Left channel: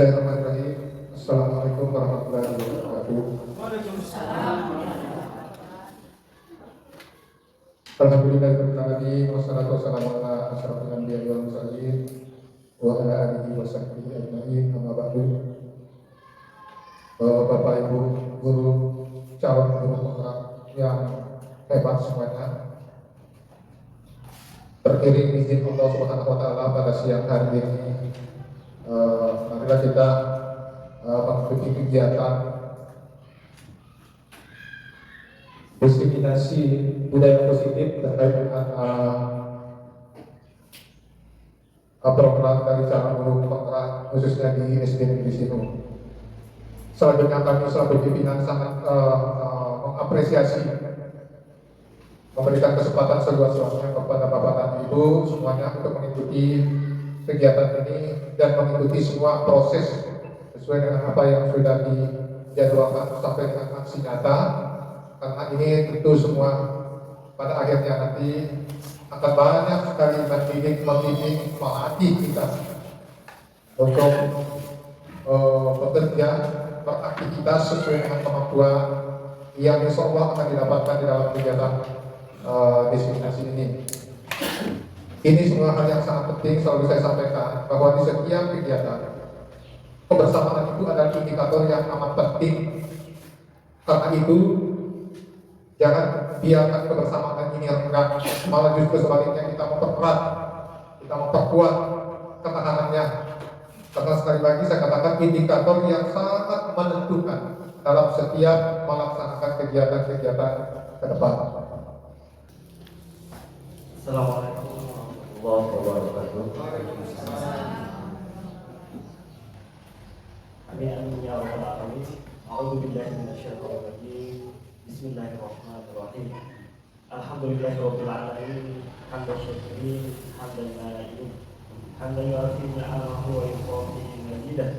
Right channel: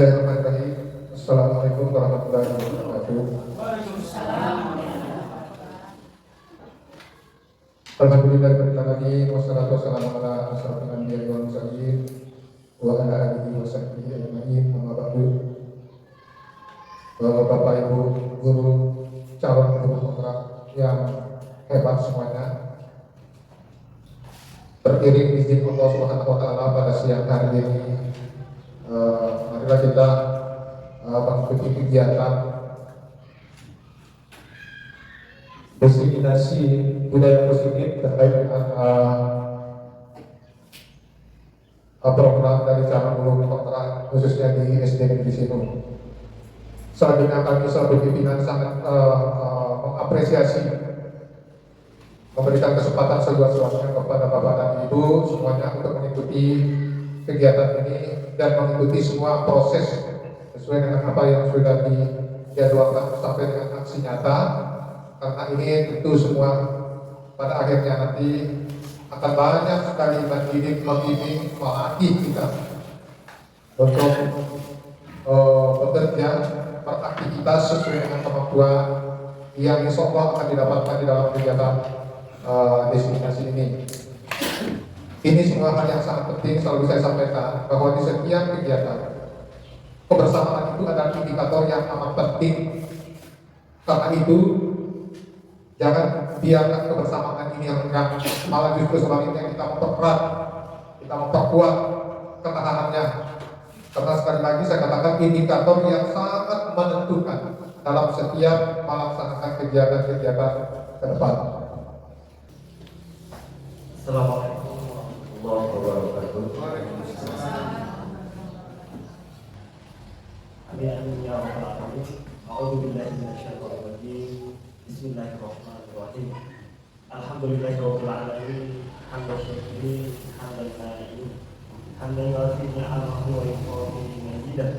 Bismillahirrahmanirrahim. Assalamualaikum warahmatullahi wabarakatuh. Alhamdulillahirrahmanirrahim. Wassalatu wassalamu ala asyrafil anbiya'i wal mursalin wa ala alihi wa sahbihi ajma'in. Amma ba'du. Bapak Ibu guru, calon guru penggerak yang hebat semuanya, beriring izin Allah Subhanahu wa taala pada siang hari ini, marilah kita mengikuti kegiatan diseminasi budaya positif terkait dengan program dari calon guru penggerak khususnya di SD Negeri Sinu. Selanjutnya kami selaku pimpinan sangat mengapresiasi, memberikan kesempatan seluas-luasnya kepada Bapak dan Ibu semuanya untuk mengikuti kegiatan ini dan mengikuti semua proses sesuai dengan apa yang sudah dijadwalkan sampai dengan aksi nyata, karena ini tentu semua pada akhirnya nanti akan banyak sekali membimbing melatih kita untuk bekerja beraktivitas sesuai dengan kemampuan yang insya Allah akan didapatkan di dalam kegiatan diseminasi ini. Ini semua hal yang sangat penting selalu saya sampaikan bahwa di setiap kegiatan kebersamaan itu adalah indikator yang amat penting. Karena itu jangan biarkan kebersamaan ini renggang, malah justru sebaliknya kita mempererat, kita memperkuat ketahanannya. Karena sekali lagi saya katakan indikator yang sangat menentukan dalam setiap melaksanakan kegiatan-kegiatan ke depan. Assalamualaikum warahmatullahi wabarakatuh. Amin ya rabbal alamin. A'udzu billahi minasyaitonir rajim. Bismillahirrahmanirrahim. Alhamdulillahirabbil alamin. Hamdan syakiri, hamdan na'imin. Hamdan yu'afi ni'amahu wa yu'afi majidah.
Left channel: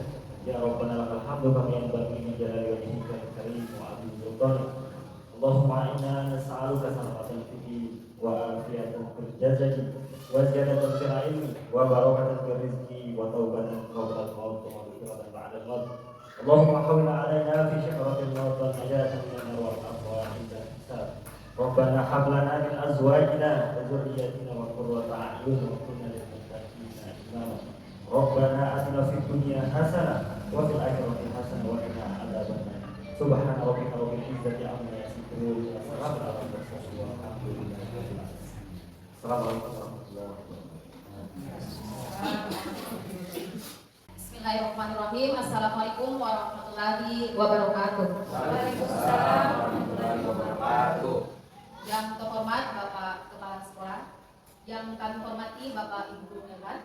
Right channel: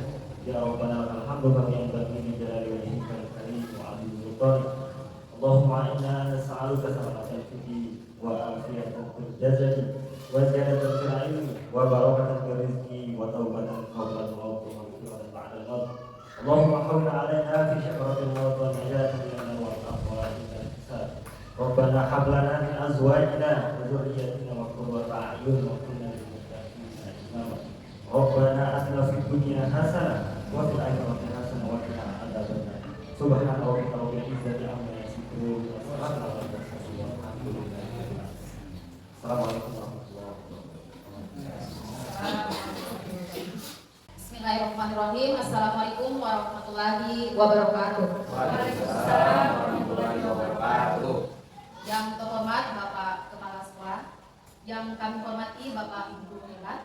Ya Rabbana lakal hamdu kama yanbaghi li jalali wajhikal karim wa 'azimi sultanik. Allahumma inna nas'aluka salamatal hudi wa afiyatal fil jasadi wa ziyadatal fil ilmi wa barakatal fil rizqi wa taubatan qabla al-maut wa maghfiratan ba'da al-maut. Allahumma hawwin 'alaina fi syakaratil maut wa najatan min an-nar wal aqwa inda al-hisab. Rabbana hab lana min azwajina wa dhurriyyatina qurrata a'yun wa qina lil muttaqina imama. Rabbana atina fid dunya hasanah wa fil akhirati hasanah wa qina adzabannar. Subhana rabbika rabbil izzati amma yasifun wa salamun 'alal mursalin walhamdulillahi rabbil alamin. Assalamualaikum warahmatullahi wabarakatuh. Bismillahirrahmanirrahim. Assalamualaikum warahmatullahi wabarakatuh. Waalaikumsalam warahmatullahi wabarakatuh. Yang terhormat Bapak Kepala Sekolah, yang kami hormati Bapak Ibu hebat.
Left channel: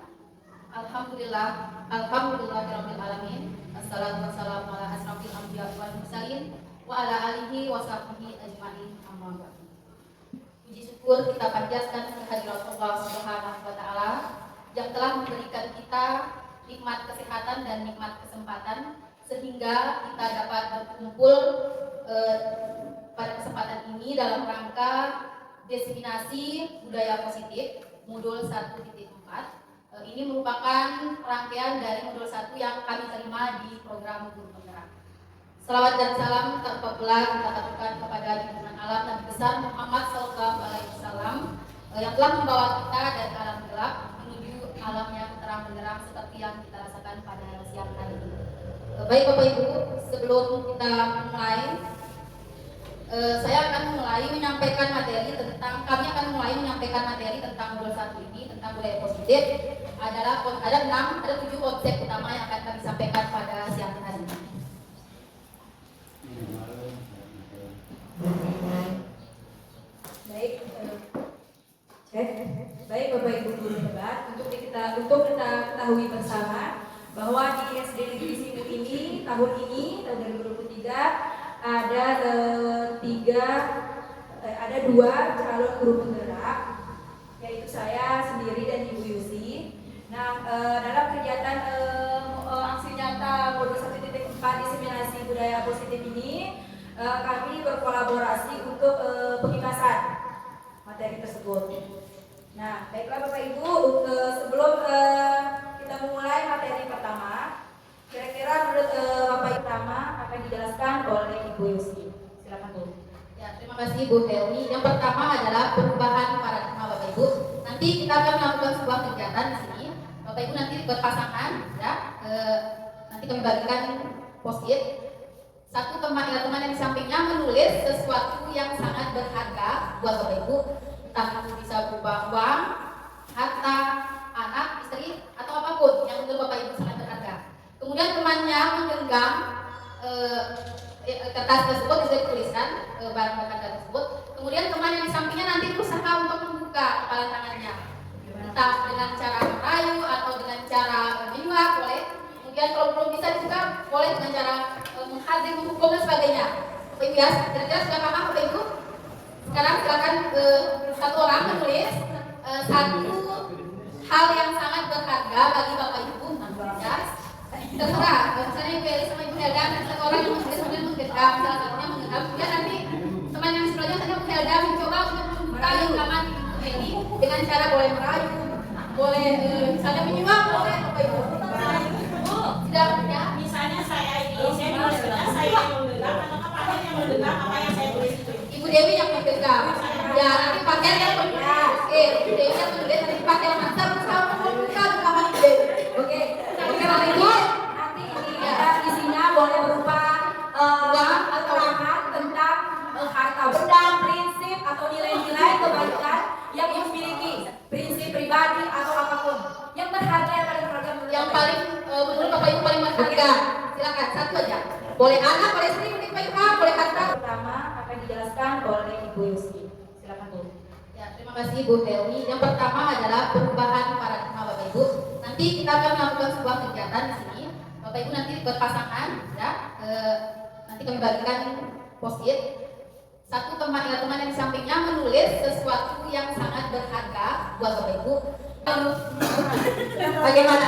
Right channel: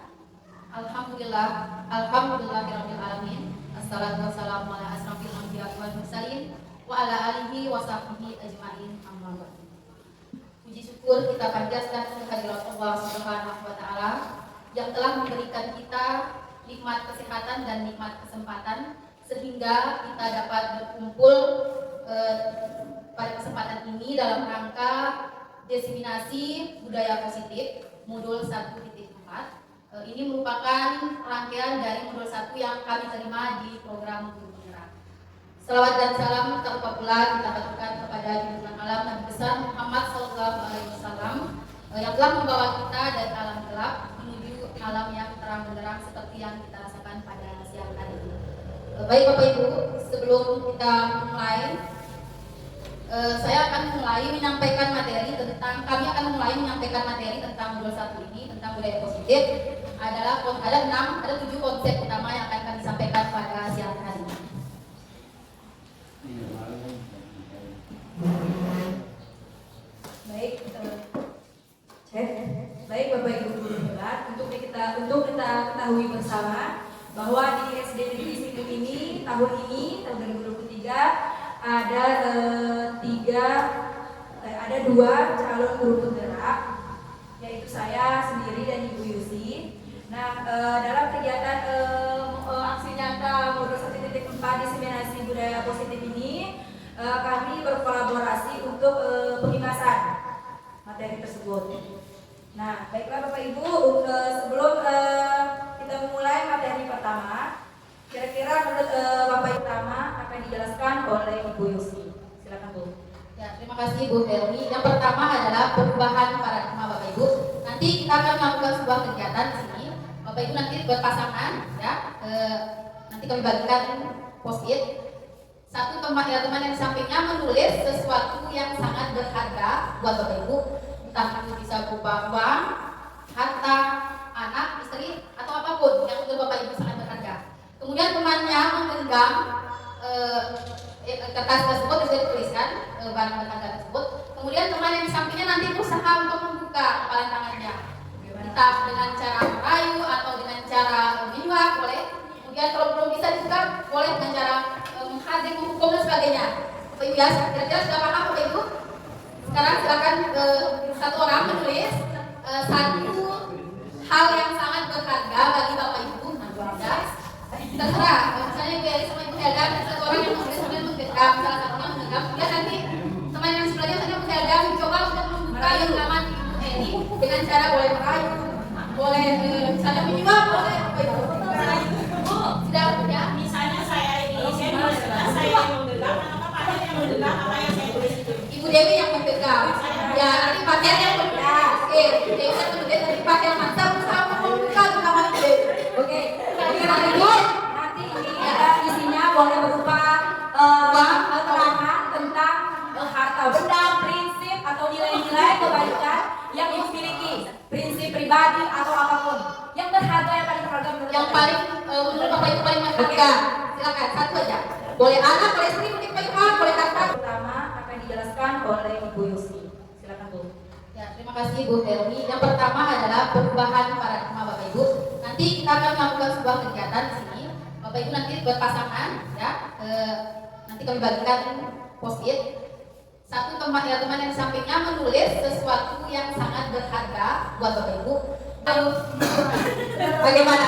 Alhamdulillahirabbil alamin. Assalatu wassalamu ala asrofil anbiya'i wal mursalin wa ala alihi wa sahbihi ajma'in. Amma ba'du. Puji syukur kita panjatkan kehadirat Allah Subhanahu wa taala yang telah memberikan kita nikmat kesehatan dan nikmat kesempatan sehingga kita dapat berkumpul pada kesempatan ini dalam rangka diseminasi budaya positif modul 1.4. Ini merupakan rangkaian dari modul 1 yang kami terima di program Guru Penggerak. Salawat dan salam tak lupa pula kita aturkan kepada junjungan alam Nabi besar Muhammad SAW yang telah membawa kita dari alam gelap menuju alam yang terang benderang seperti yang kita rasakan pada siang hari ini. Baik Bapak Ibu, sebelum kita mulai, kami akan mulai menyampaikan materi tentang modul 1 ini, tentang budaya positif. Ada 7 konsep utama yang akan kami sampaikan pada siang hari ini. Baik Bapak Ibu guru hebat, untuk kita ketahui bersama bahwa di SD Negeri Sinu ini tahun 2023 ada 2 calon guru penggerak, yaitu saya sendiri dan Ibu Yusi. Nah, dalam kegiatan aksi nyata modul 1.4 diseminasi budaya positif ini, kami berkolaborasi untuk pengitasan materi tersebut. Nah, baiklah Bapak Ibu, sebelum kita memulai materi pertama, Kira-kira menurut Bapak pertama akan dijelaskan oleh Ibu Yusi. Silakan Bu. Ya, terima kasih Bu Dewi. Yang pertama adalah perubahan paradigma Bapak Ibu. Nanti kita akan melakukan sebuah kegiatan di sini. Bapak Ibu nanti berpasangan, ya. Nanti kami bagikan post-it. Satu teman yang di sampingnya menulis sesuatu yang sangat berharga buat Bapak Ibu. Entah itu bisa berupa uang, harta, anak, istri, atau apapun yang menurut Bapak Ibu sangat berharga. Kemudian temannya menggenggam kertas tersebut, bisa dituliskan barang berharga tersebut. Kemudian teman yang di sampingnya nanti berusaha untuk membuka kepala tangannya, entah dengan cara merayu atau dengan cara menyuap, boleh. Kemudian kalau belum bisa dibuka, boleh dengan cara menghadik, menghukum dan sebagainya. Bapak Ibu ya, kira-kira sudah paham Bapak Ibu? Sekarang silakan satu orang menulis satu hal yang sangat berharga bagi Bapak Ibu, ya. Terserah, misalnya Ibu Eli sama Ibu Helda, ada satu orang yang menulis kemudian menggenggam, salah satunya menggenggam, kemudian nanti teman yang sebelahnya tadi Bu Helda mencoba untuk membuka genggaman Ibu Eli dengan cara boleh merayu, boleh misalnya menyuap, boleh Bapak Ibu. Tidak ya? Misalnya saya menulis saya yang menggenggam, atau Pak Hen yang menggenggam apa yang saya tulis itu. Ibu Dewi yang menggenggam. Ya, nanti Pak Hen yang menggenggam. Ibu Dewi yang menulis, nanti Pak Hen mantap berusaha membuka genggaman Ibu Dewi. Oke. Nanti ini ada isinya boleh berupa keterangan tentang harta benda, prinsip atau nilai-nilai kebaikan yang Ibu miliki, prinsip pribadi atau apapun yang berharga, yang paling berharga menurut Yang paling menurut Bapak Ibu paling berharga. Silakan satu aja. Boleh anak, boleh istri, boleh Pak Ibu, boleh kakak. Pertama akan dijelaskan oleh Ibu Yusi. Silakan Bu. Ya, terima kasih Bu Dewi. Yang pertama adalah perubahan paradigma Bapak Ibu. Nanti kita akan melakukan sebuah kegiatan di sini. Bapak Ibu nanti berpasangan, ya. Nanti kami bagikan post-it. Satu teman yang di sampingnya menulis sesuatu yang sangat berharga buat Bapak Ibu. Bagaimana?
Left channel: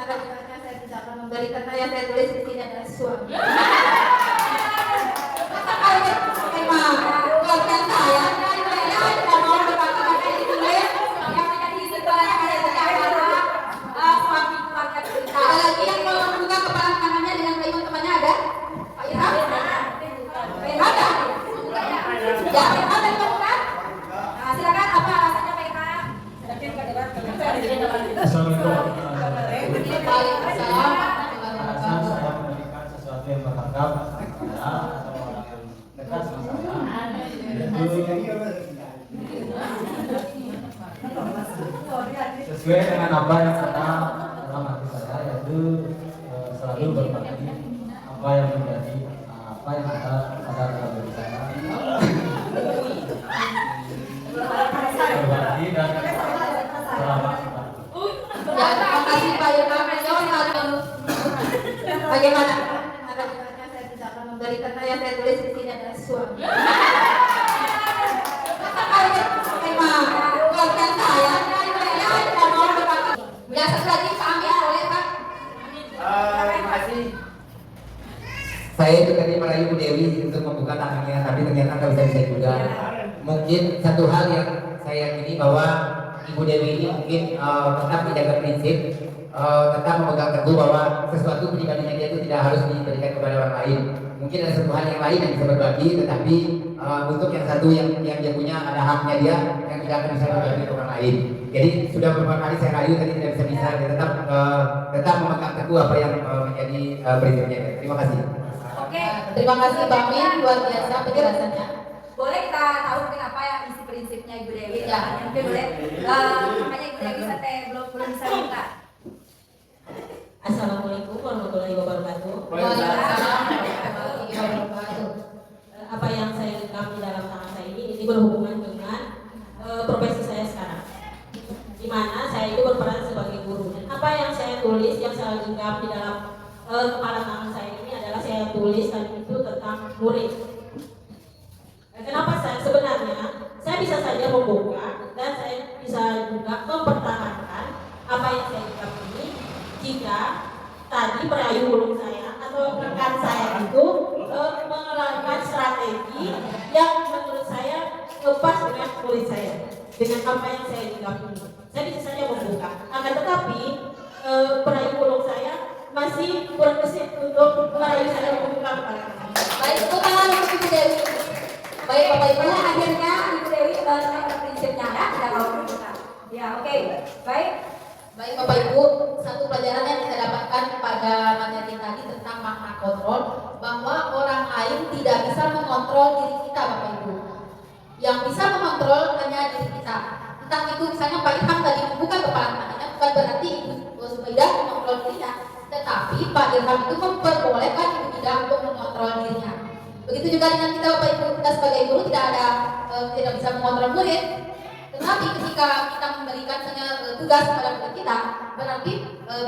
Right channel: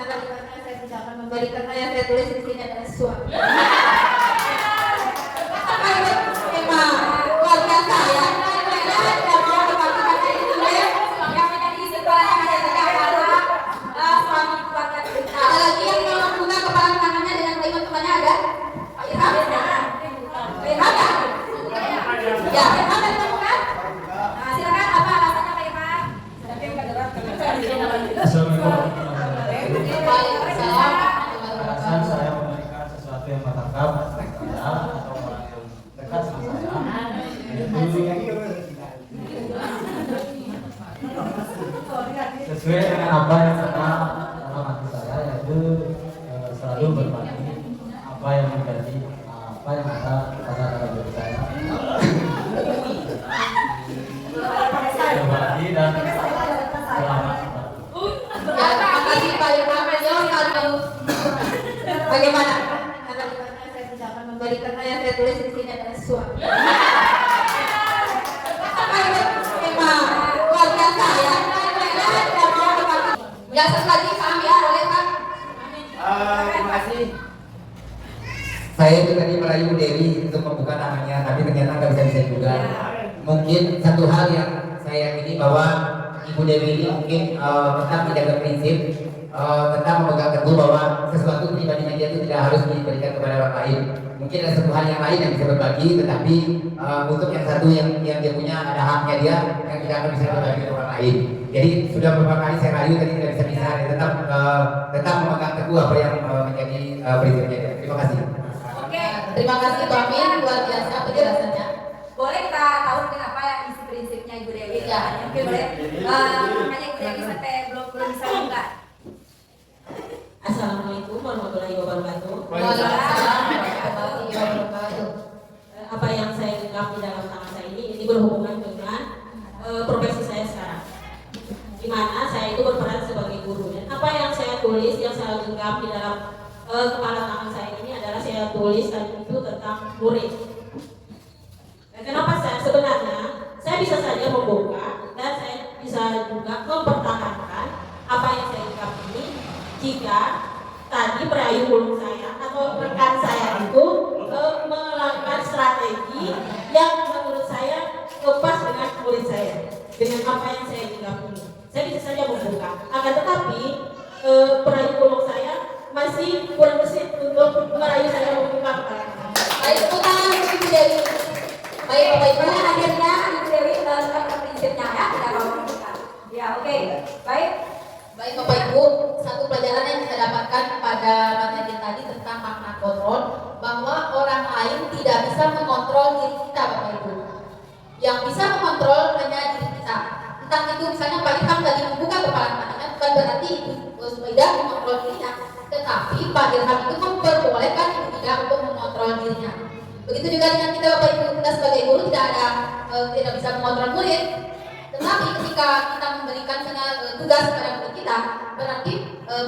Bagaimana saya tidak akan memberikan yang saya tulis di sini adalah sesuatu. Apa itu? Memang keluarga saya. Ada lagi yang mau membuka kepala tangannya dengan baik temannya ada? Pak Irham? Ada? Ya, ada yang mau buka? Nah, silakan apa alasannya Pak Irfan? Assalamualaikum. Waalaikumsalam. Alasan saya memberikan sesuatu yang berharga pada saya atau orang yang dekat sama saya, yaitu sesuai dengan apa yang ada dalam hati saya, yaitu selalu berbagi apa yang menjadi apa yang ada pada dalam diri saya, berbagi dan selamat. Ya, terima kasih Pak Irfan. Bagaimana? Bagaimana saya tidak akan memberikan yang saya tulis di sini adalah sesuatu. Apa itu? Memang keluarga saya. Ya, satu lagi kami boleh Pak. Terima kasih. Saya itu tadi merayu Bu Dewi untuk membuka tangannya, tapi ternyata nggak bisa juga. Mungkin satu hal yang saya yakini bahwa Ibu Dewi ini mungkin tetap menjaga prinsip, tetap memegang teguh bahwa sesuatu pribadinya dia itu tidak harus diberikan kepada orang lain. Mungkin ada satu hal yang lain yang bisa berbagi, tetapi untuk yang satu yang dia punya ada haknya dia yang tidak akan bisa berbagi ke orang lain. Jadi sudah beberapa kali saya rayu tadi tidak bisa, dia tetap memegang teguh apa yang menjadi prinsipnya. Terima kasih. Oke, Terima kasih Pak Min, luar biasa penjelasannya. boleh kita tahu kenapa ya isi prinsipnya Ibu Dewi? Ya. Mungkin boleh. Makanya Ibu Dewi sampai belum bisa buka. Assalamualaikum warahmatullahi wabarakatuh. Waalaikumsalam warahmatullahi wabarakatuh. Apa yang saya genggam di dalam tangan saya ini berhubungan dengan profesi saya sekarang, di mana saya itu berperan sebagai guru. Dan apa yang saya tulis, yang saya genggam di dalam kepala tangan saya ini adalah saya tulis tadi itu tentang murid. Dan kenapa saya sebenarnya saya bisa saja membuka dan saya bisa juga mempertahankan apa yang saya genggam ini jika tadi perayu guru saya atau rekan saya itu melakukan strategi yang menurut saya lepas dengan murid saya, dengan apa yang saya genggam ini. Saya bisa saja membuka, akan tetapi perayu guru saya masih kurang tadi tentang makna kontrol, bahwa orang lain tidak bisa mengontrol diri kita, Bapak Ibu. Yang bisa mengontrol hanya diri kita. Entah itu misalnya Pak Ilham tadi membuka kepala matanya, bukan berarti Ibu Sumaida mengontrol dirinya, tetapi Pak Ilham itu memperbolehkan Ibu Ida untuk mengontrol dirinya. Begitu juga dengan kita, Bapak Ibu, kita sebagai guru tidak bisa mengontrol murid. Tetapi ketika kita memberikan tugas kepada murid kita, berarti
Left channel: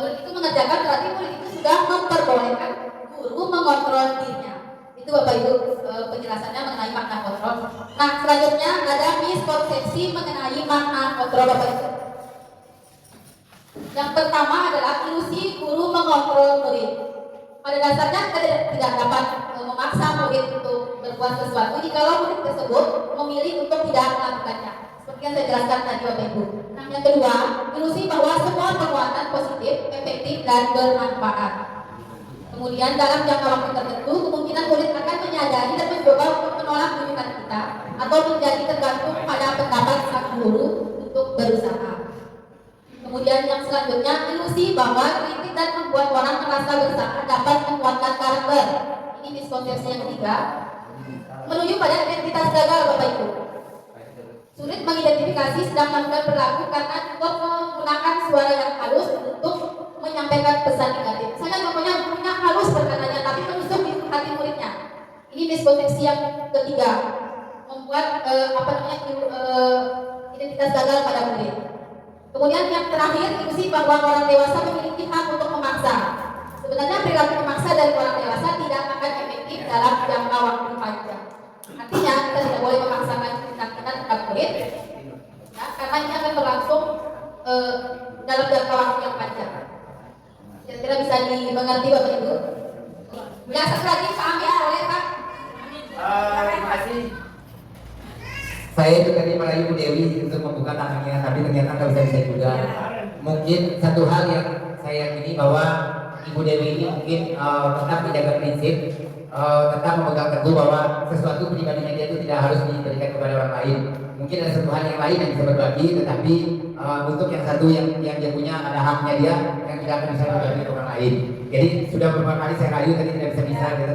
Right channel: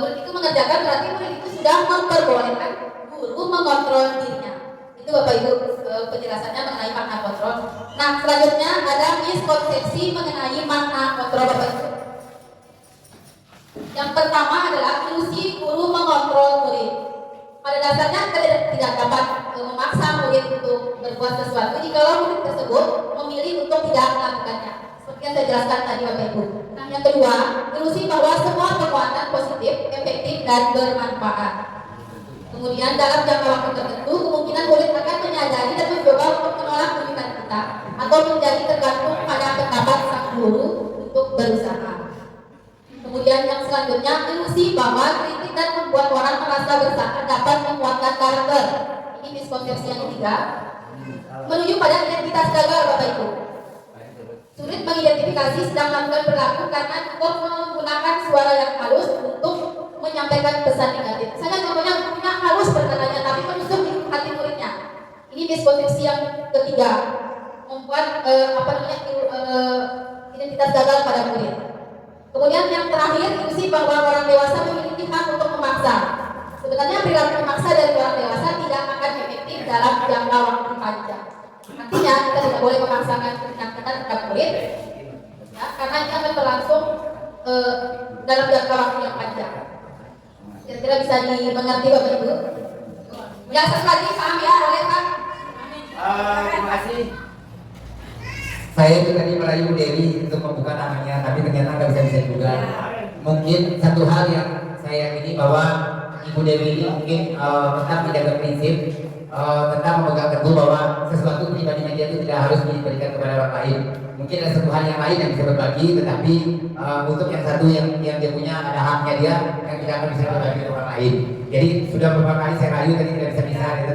murid itu mengerjakan, berarti murid itu sudah memperbolehkan guru mengontrol dirinya. Itu Bapak Ibu penjelasannya mengenai makna kontrol. Nah, selanjutnya ada miskonsepsi mengenai makna kontrol, Bapak Ibu. Yang pertama adalah ilusi guru mengontrol murid. Pada dasarnya kita tidak dapat memaksa murid untuk berbuat sesuatu jika murid tersebut memilih untuk tidak melakukannya. Seperti yang saya jelaskan tadi, Bapak Ibu. Nah, yang kedua, ilusi bahwa semua perbuatan positif, efektif, dan bermanfaat. Kemudian dalam jangka waktu tertentu, kemungkinan murid akan menyadari dan mencoba untuk menolak rujukan kita atau menjadi tergantung pada pendapat sang guru untuk berusaha. Kemudian yang selanjutnya, ilusi bahwa kritik dan membuat orang merasa bersalah dapat menguatkan karakter. Ini miskonsepsi yang ketiga, menuju pada identitas gagal, Bapak Ibu. Sulit mengidentifikasi sedang melakukan perilaku karena cukup menggunakan suara yang halus untuk menyampaikan pesan negatif. Saya contohnya gurunya halus berkatanya, tapi menusuk di hati muridnya. Ini miskonsepsi yang ketiga, membuat identitas gagal pada murid. Kemudian yang terakhir, ilusi bahwa orang dewasa memiliki hak untuk memaksa. Sebenarnya perilaku memaksa dari orang dewasa tidak akan efektif dalam jangka waktu panjang. Artinya kita tidak boleh memaksakan kehendak kita terhadap murid, ya, karena ini akan berlangsung dalam jangka waktu yang panjang. Kira-kira bisa dimengerti, Bapak Ibu? Ya, satu lagi Pak Amir, boleh Pak? Terima kasih. Saya itu tadi merayu Dewi untuk membuka tangannya, tapi ternyata nggak bisa juga. Mungkin satu hal yang saya yakini bahwa Ibu Dewi ini mungkin tetap menjaga prinsip, tetap memegang teguh bahwa sesuatu pribadinya dia itu tidak harus diberikan kepada orang lain. Mungkin ada satu hal yang lain yang bisa berbagi, tetapi untuk yang satu yang dia punya ada haknya dia yang tidak akan bisa berbagi ke orang lain. Jadi sudah beberapa kali saya rayu tadi tidak bisa, dia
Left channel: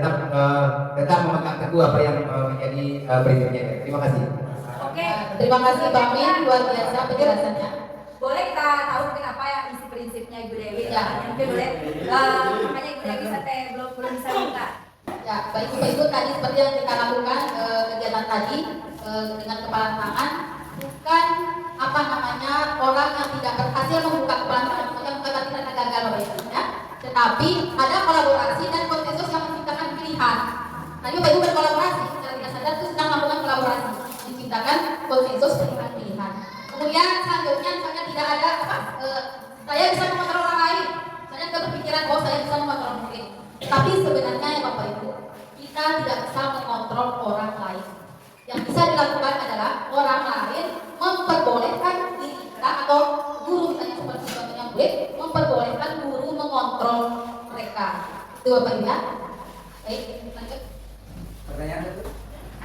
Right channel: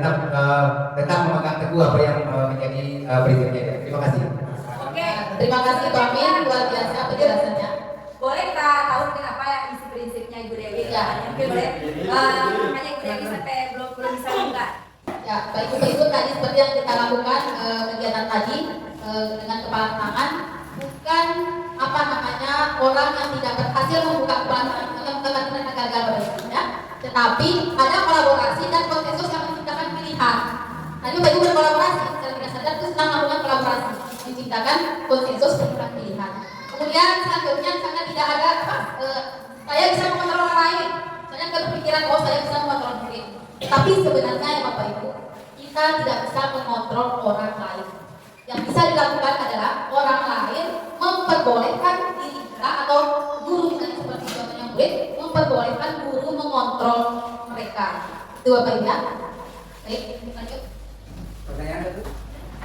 tetap memegang teguh apa yang menjadi prinsipnya. Terima kasih. Oke, Terima kasih Pak Amin, luar biasa penjelasannya. boleh kita tahu kenapa ya isi prinsipnya Ibu Dewi? Ya. Mungkin boleh. Makanya Ibu Dewi sampai belum bisa buka. Ya, baik Bapak Ibu, tadi seperti yang kita lakukan kegiatan tadi dengan kepala tangan, bukan orang yang tidak berhasil membuka kepala tangan, bukan kita gagal, Bapak Ibu, ya. Tetapi ada kolaborasi dan konsensus yang menciptakan pilihan. Tadi Bapak Ibu berkolaborasi, secara tidak sadar itu sedang melakukan kolaborasi, menciptakan konsensus pilihan. Kemudian selanjutnya misalnya tidak ada saya bisa mengontrol orang lain. Saya berpikiran saya bisa mengontrol murid. Tapi sebenarnya ya Bapak Ibu, kita tidak bisa mengontrol orang lain. Yang bisa dilakukan adalah orang lain memperbolehkan diri kita atau guru misalnya seperti contohnya murid memperbolehkan guru mengontrol mereka. Itu Bapak Ibu ya. Baik, lanjut. Pertanyaan satu.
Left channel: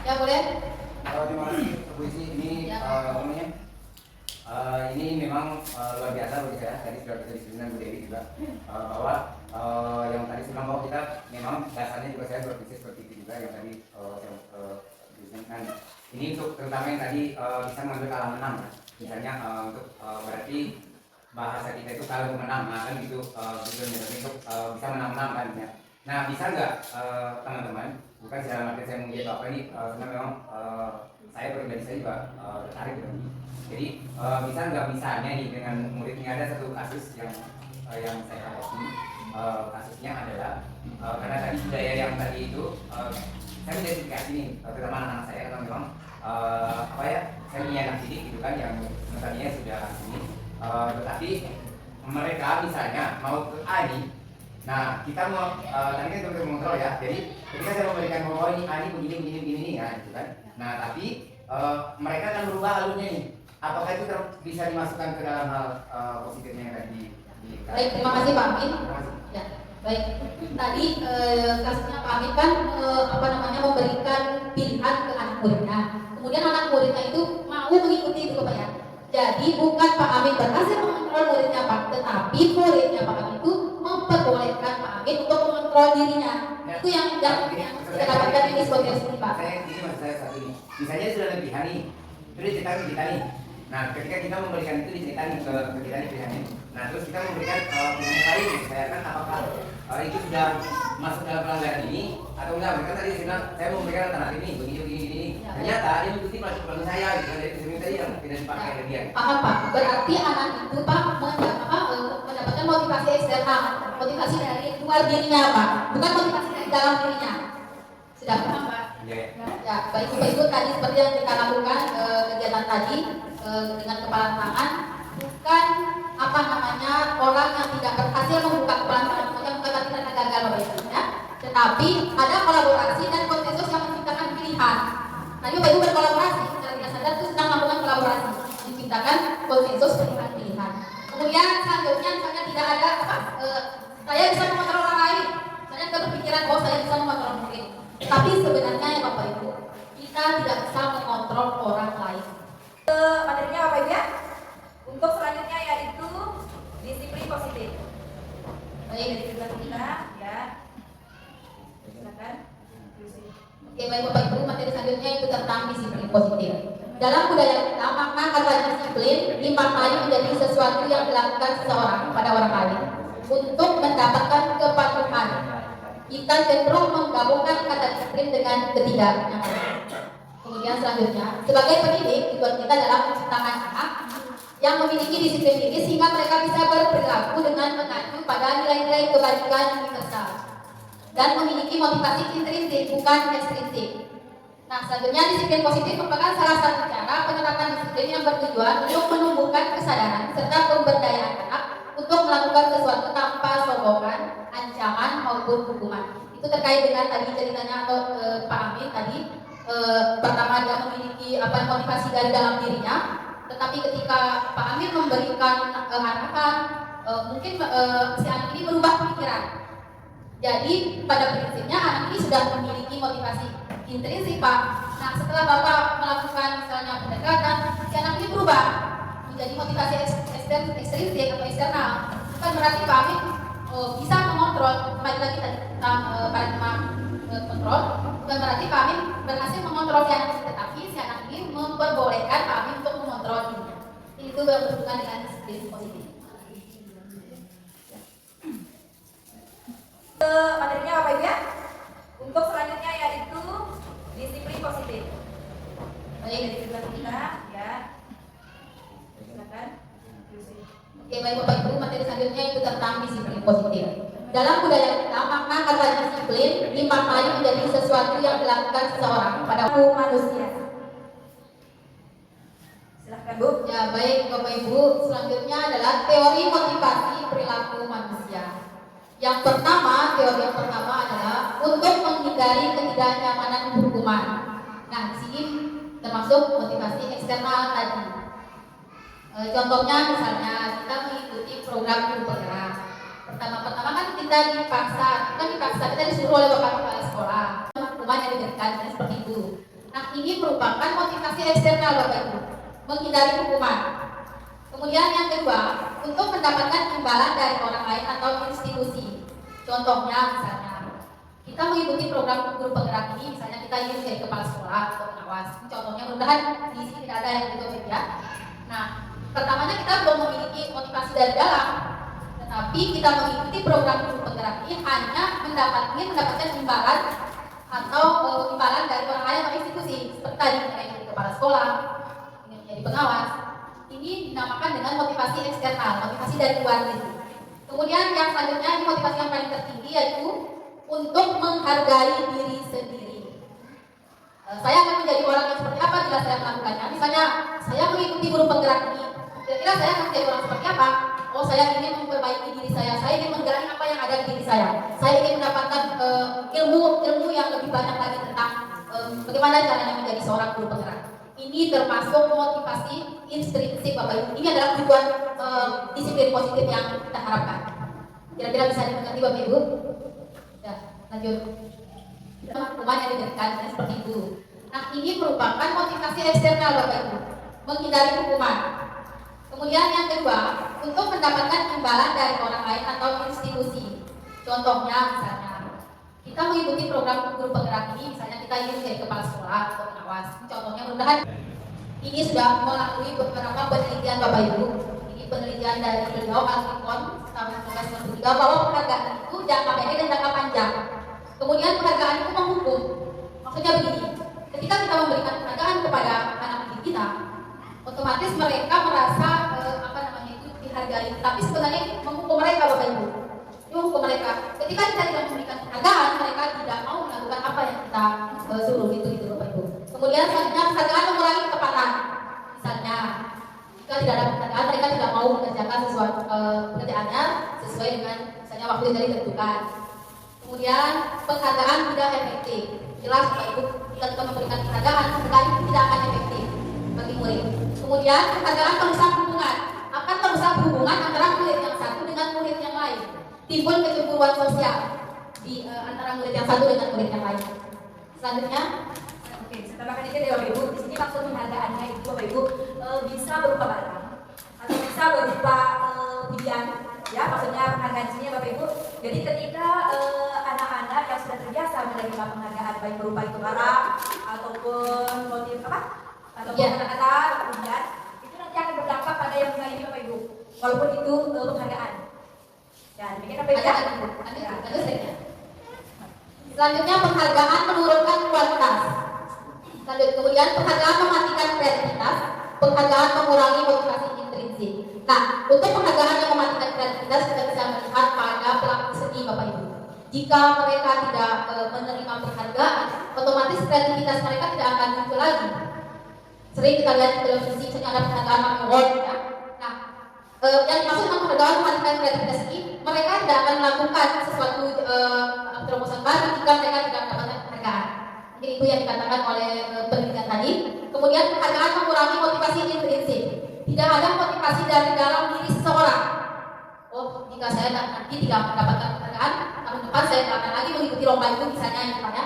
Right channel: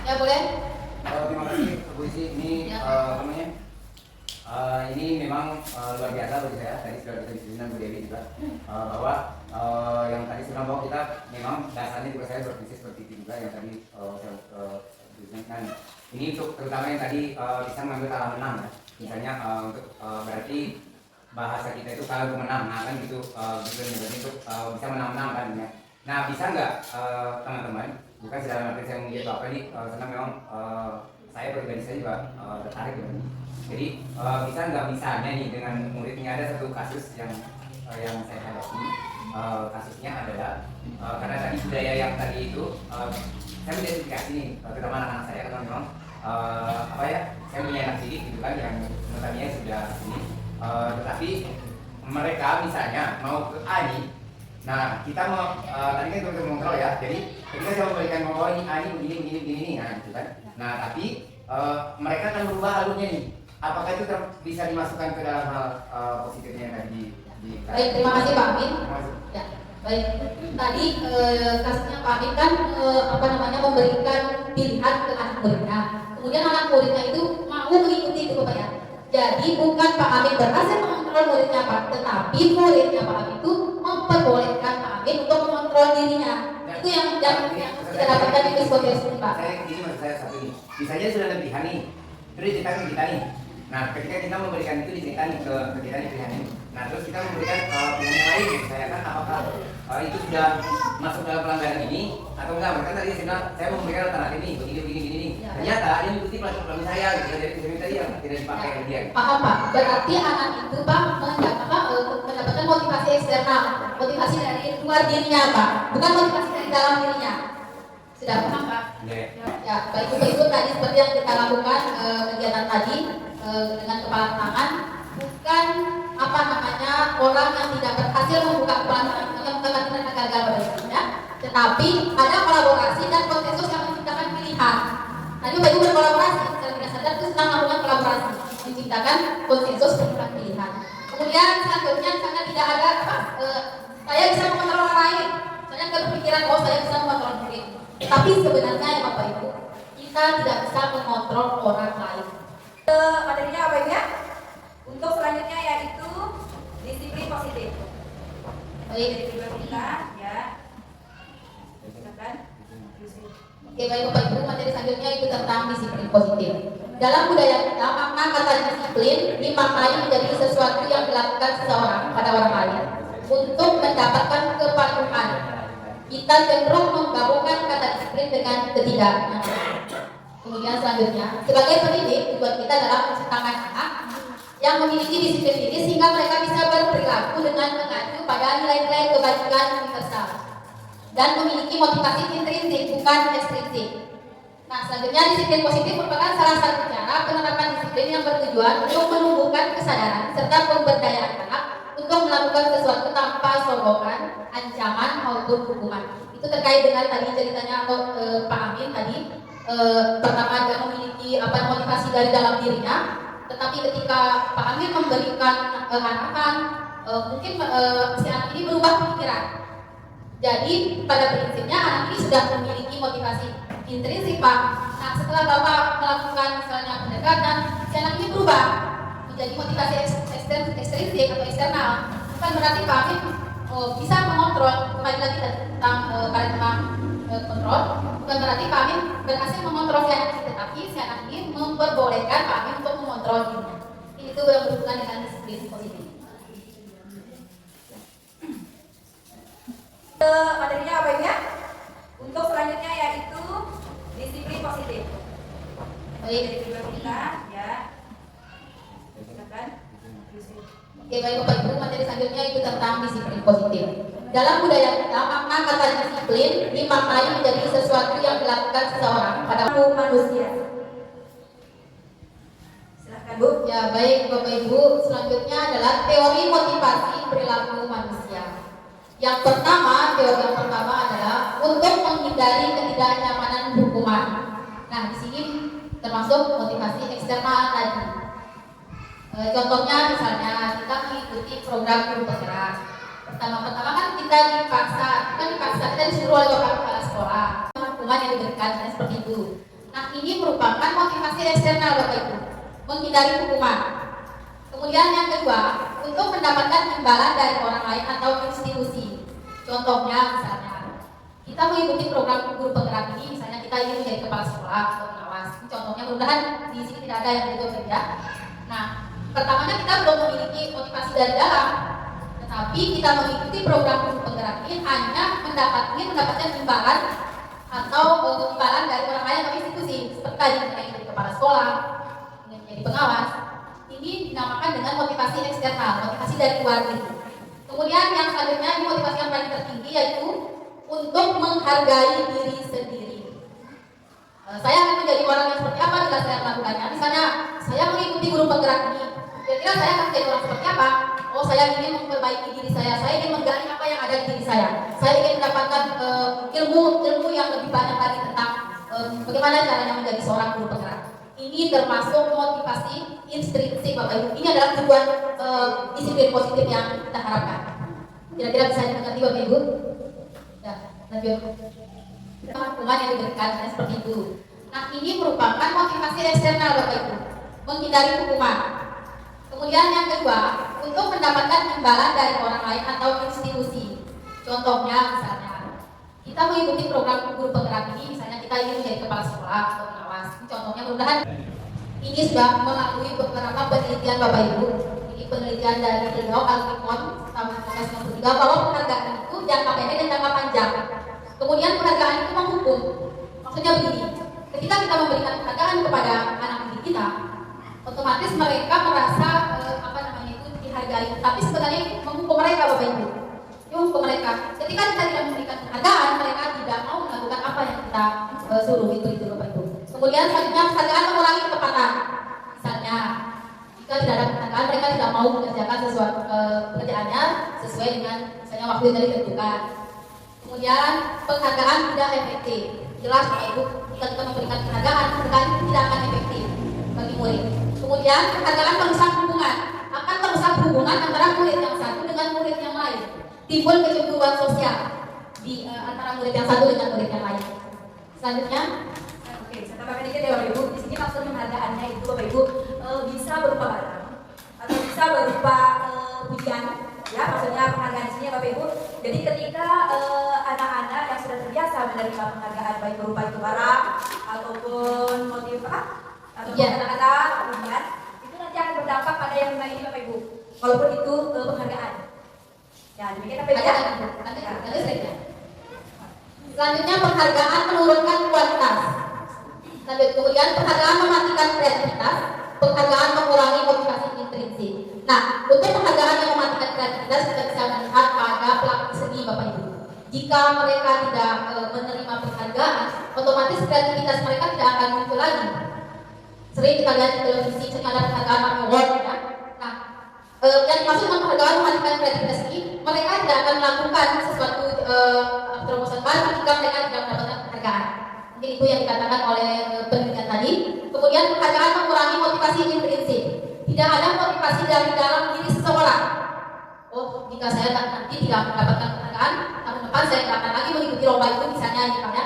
Ya boleh. Terima kasih Bu Isi. Ini Ya. ini memang luar biasa bagi saya. Tadi sudah kita diskusi dengan Bu Dewi juga bahwa yang tadi sudah mau kita memang dasarnya juga saya berprinsip seperti itu juga yang tadi saya ini untuk terutama yang tadi bisa mengambil kalah menang ya. Misalnya untuk berarti bahasa kita itu kalah menang, nah kan gitu untuk bisa menang-menang kan ya. Nah bisa nggak teman-teman, bukan secara arti saya menggiat apa ini karena memang saya pribadi saya juga tertarik dengan ini. Jadi bisa nggak misalnya nih dengan muridnya ada satu kasus yang saya hadapi, kasusnya adalah karena tadi budaya yang tadi itu saya mengidentifikasi nih terutama anak-anak saya karena memang saya punya anak didik gitu kan yang misalnya sudah ini tetapi mereka misalnya mau ke Ani. Nah, kita mau tadi kan kita mengontrol ya. Jadi ketika saya memberikan bahwa ini Ani begini nah gitu kan. Nah, tapi mereka akan berubah alurnya nih. Apakah itu bisa dimasukkan ke dalam hal positifnya tadi di Baik, terima kasih Pak Amin. Ya, baik. Tadi kasusnya Pak Amin kan memberikan pilihan ke anak muridnya. Kemudian anak muridnya itu mau mengikuti itu Bapak ya. Jadi bukan Pak Amin berhasil mengontrol muridnya Pak, tetapi muridnya Pak Amin itu memperbolehkan Pak Amin untuk mengontrol mengontrol dirinya. Itu yang kita dapatkan di psikotes ini, Pak. Saya gini maksud saya satu ini. Misalnya sudah lebih hari, terus diceritakan ke kita nih. Nah, ketika kita memberikan itu diceritakan ke kita nih pilihan ini. Nah, terus kita memberikan pilihan yang lain, saya kan apakah itu sudah masuk dalam pelanggaran ini atau enggak? Mereka tadi saya bilang saya memberikan alternatif ini, begini. Ternyata dia mengikuti pelanggaran saya, gitu. Jadi saya tadi yang tidak dipakai oleh dia. Paham, Pak? Berarti anak itu, Pak, mendapatkan motivasi eksternal, motivasi dari luar dirinya, Pak, bukan motivasi dari dalam dirinya. Sudah paham, Pak? Ya, baik Ibu tadi seperti yang kita lakukan kegiatan tadi dengan kepala tangan, bukan orang yang tidak berhasil membuka kepala tangan, bukan berarti mereka gagal belajarnya, tetapi ada kolaborasi dan konsensus yang menciptakan pilihan. Tadi Ibu berkolaborasi, secara tidak sadar itu sedang melakukan kolaborasi, menciptakan konsensus pilihan. Kemudian selanjutnya misalnya tidak ada saya bisa mengontrol orang lain, saya berpikiran bahwa saya bisa mengontrol murid. Tapi sebenarnya ya Bapak Ibu, kita tidak bisa mengontrol orang lain. Materinya apa ya? Untuk selanjutnya yaitu disiplin positif. Jadi kita ya. Silakan. Oke, baik Bapak Ibu, materi selanjutnya itu tentang disiplin positif. Dalam budaya kita, makna kata disiplin dimaknai menjadi sesuatu yang dilakukan seseorang pada orang lain untuk mendapatkan kepatuhan. Kita cenderung menggabungkan kata disiplin dengan ketidakmengertian. Kemudian selanjutnya, sebagai pendidik, tujuan kita adalah menciptakan anak yang memiliki disiplin diri sehingga mereka bisa berperilaku dengan mengacu pada nilai-nilai kebajikan universal dan memiliki motivasi intrinsik bukan ekstrinsik. Nah, selanjutnya disiplin positif merupakan salah satu cara penerapan disiplin yang bertujuan untuk menumbuhkan kesadaran serta pemberdayaan anak untuk melakukan sesuatu tanpa sombongan, ancaman maupun hukuman. Itu terkait dengan tadi ceritanya atau Pak Amin tadi. Pertama dia memiliki motivasi dari dalam dirinya, tetapi ketika Pak Amir memberikan arahan, mungkin si anak ini berubah pikiran. Jadi pada prinsipnya anak ini sudah memiliki motivasi intrinsik, Pak. Nah, setelah Bapak melakukan misalnya pendekatan, si anak ini berubah menjadi motivasi ekstrinsik atau eksternal. Bukan berarti Pak Amir bisa mengontrol, kembali lagi tentang paradigma kontrol. Bukan berarti Pak Amin berhasil mengontrol si anak ini, tetapi si anak ini memperbolehkan Pak Amin untuk mengontrol dirinya. Itu berhubungan dengan disiplin positif. Materinya apa ya? Untuk selanjutnya yaitu disiplin positif. Jadi kedua kita ya. Silakan. Oke, baik Bapak Ibu, materi selanjutnya itu tentang disiplin positif. Dalam budaya kita, makna kata disiplin dimaknai menjadi sesuatu yang dilakukan seseorang pada manusia. Silahkan Bu. Ya, baik Bapak Ibu, selanjutnya adalah teori motivasi perilaku manusia. Yang pertama, teori yang pertama adalah untuk menghindari ketidaknyamanan hukuman. Nah, di sini termasuk motivasi eksternal tadi. Contohnya misalnya kita mengikuti program guru penggerak. Pertama-tama kan kita dipaksa, kita disuruh oleh bapak kepala sekolah, hukuman yang diberikan dan seperti itu. Nah, ini merupakan motivasi eksternal Bapak Ibu, menghindari hukuman. Kemudian yang kedua, untuk mendapatkan imbalan dari orang lain atau institusi. Contohnya misalnya kita mengikuti program guru penggerak ini, misalnya kita ingin menjadi kepala sekolah atau pengawas. Ini contohnya, mudah-mudahan di sini tidak ada yang begitu ya. Nah, pertamanya kita belum memiliki motivasi dari dalam, tetapi kita mengikuti program guru penggerak ini hanya mendapatkan imbalan atau imbalan dari orang lain atau institusi, seperti tadi kita menjadi kepala sekolah, menjadi pengawas. Ini dinamakan dengan motivasi eksternal, motivasi dari luar diri. Kemudian yang selanjutnya, ini motivasi yang paling tertinggi yaitu untuk menghargai diri sendiri. Saya akan menjadi orang yang seperti apa jika saya melakukannya. Misalnya saya mengikuti guru penggerak ini, kira-kira saya akan menjadi orang seperti apa? Oh, saya ingin memperbaiki diri saya ingin menggali apa yang ada di diri saya ingin mendapatkan ilmu yang lebih banyak lagi tentang bagaimana caranya menjadi seorang guru penggerak. Ini termasuk motivasi intrinsik Bapak Ibu. Ini adalah tujuan disiplin positif yang kita harapkan. Kira-kira bisa dimengerti Bapak Ibu? Ya, lanjut. Hukuman yang diberikan dan seperti itu. Nah, ini merupakan motivasi eksternal Bapak Ibu, menghindari hukuman. Kemudian yang kedua, untuk mendapatkan imbalan dari orang lain atau institusi. Contohnya misalnya Kita mengikuti program guru penggerak ini, misalnya kita ingin menjadi kepala sekolah atau pengawas. Ini contohnya mudah-mudahan ini sudah melalui beberapa penelitian Bapak Ibu. Ini penelitian dari beliau Alkikon tahun 1993 bahwa penghargaan itu jangka pendek dan jangka panjang. Kemudian penghargaan itu menghukum. Maksudnya begini, ketika kita memberikan penghargaan kepada anak didik kita, otomatis mereka merasa itu dihargai. Tapi sebenarnya menghukum mereka Bapak Ibu. Menghukum mereka. Ketika kita tidak memberikan penghargaan, mereka tidak mau melakukan apa yang kita suruh itu Bapak Ibu. Kemudian selanjutnya penghargaan mengurangi ketepatan. Misalnya, jika tidak ada penghargaan, mereka tidak mau mengerjakan sesuatu pekerjaannya sesuai dengan misalnya waktu yang ditentukan. Kemudian penghargaan tidak efektif. Jelas Bapak Ibu, jika kita memberikan penghargaan itu tidak akan efektif bagi murid. Kemudian penghargaan merusak hubungan. Akan merusak hubungan antara murid yang satu dengan murid yang lain. Timbul kecemburuan sosial di antara murid yang satu dengan murid yang lain. Selanjutnya, oke, saya tambahkan dikit ya Bapak Ibu. Di sini maksud penghargaannya itu Bapak Ibu bisa berupa barang atau bisa berupa pujian. Ya, maksudnya penghargaan di sini ya Bapak Ibu. Jadi ketika anak-anak yang sudah terbiasa menerima penghargaan baik berupa itu barang ataupun motif ataupun kata-kata pujian, itu nanti akan berdampak pada yang lima ini Bapak Ibu. Walaupun itu penghargaan. Ya, demikian apa ya? Selanjutnya penghargaan menurunkan kualitas. Kemudian penghargaan mematikan kreativitas. Penghargaan mengurangi motivasi intrinsik. Nah, untuk penghargaan yang mematikan kreativitas kita bisa melihat pada pelaku seni Bapak Ibu. Jika mereka tidak menerima penghargaan, otomatis kreativitas mereka tidak akan muncul lagi. Sering kita lihat di televisi misalnya ada penghargaan award. Ya? Nah, yang dimaksud dengan penghargaan mematikan kreativitas ini, mereka tidak akan melakukan sesuatu terobosan baru jika mereka tidak mendapatkan penghargaan. Mungkin itu yang dikatakan oleh penelitian tadi. Kemudian penghargaan mengurangi motivasi intrinsik. Tidak ada motivasi dari dalam diri seseorang. Oh, jika saya nanti tidak mendapatkan penghargaan, tahun depan saya tidak akan lagi mengikuti lomba itu misalnya ya.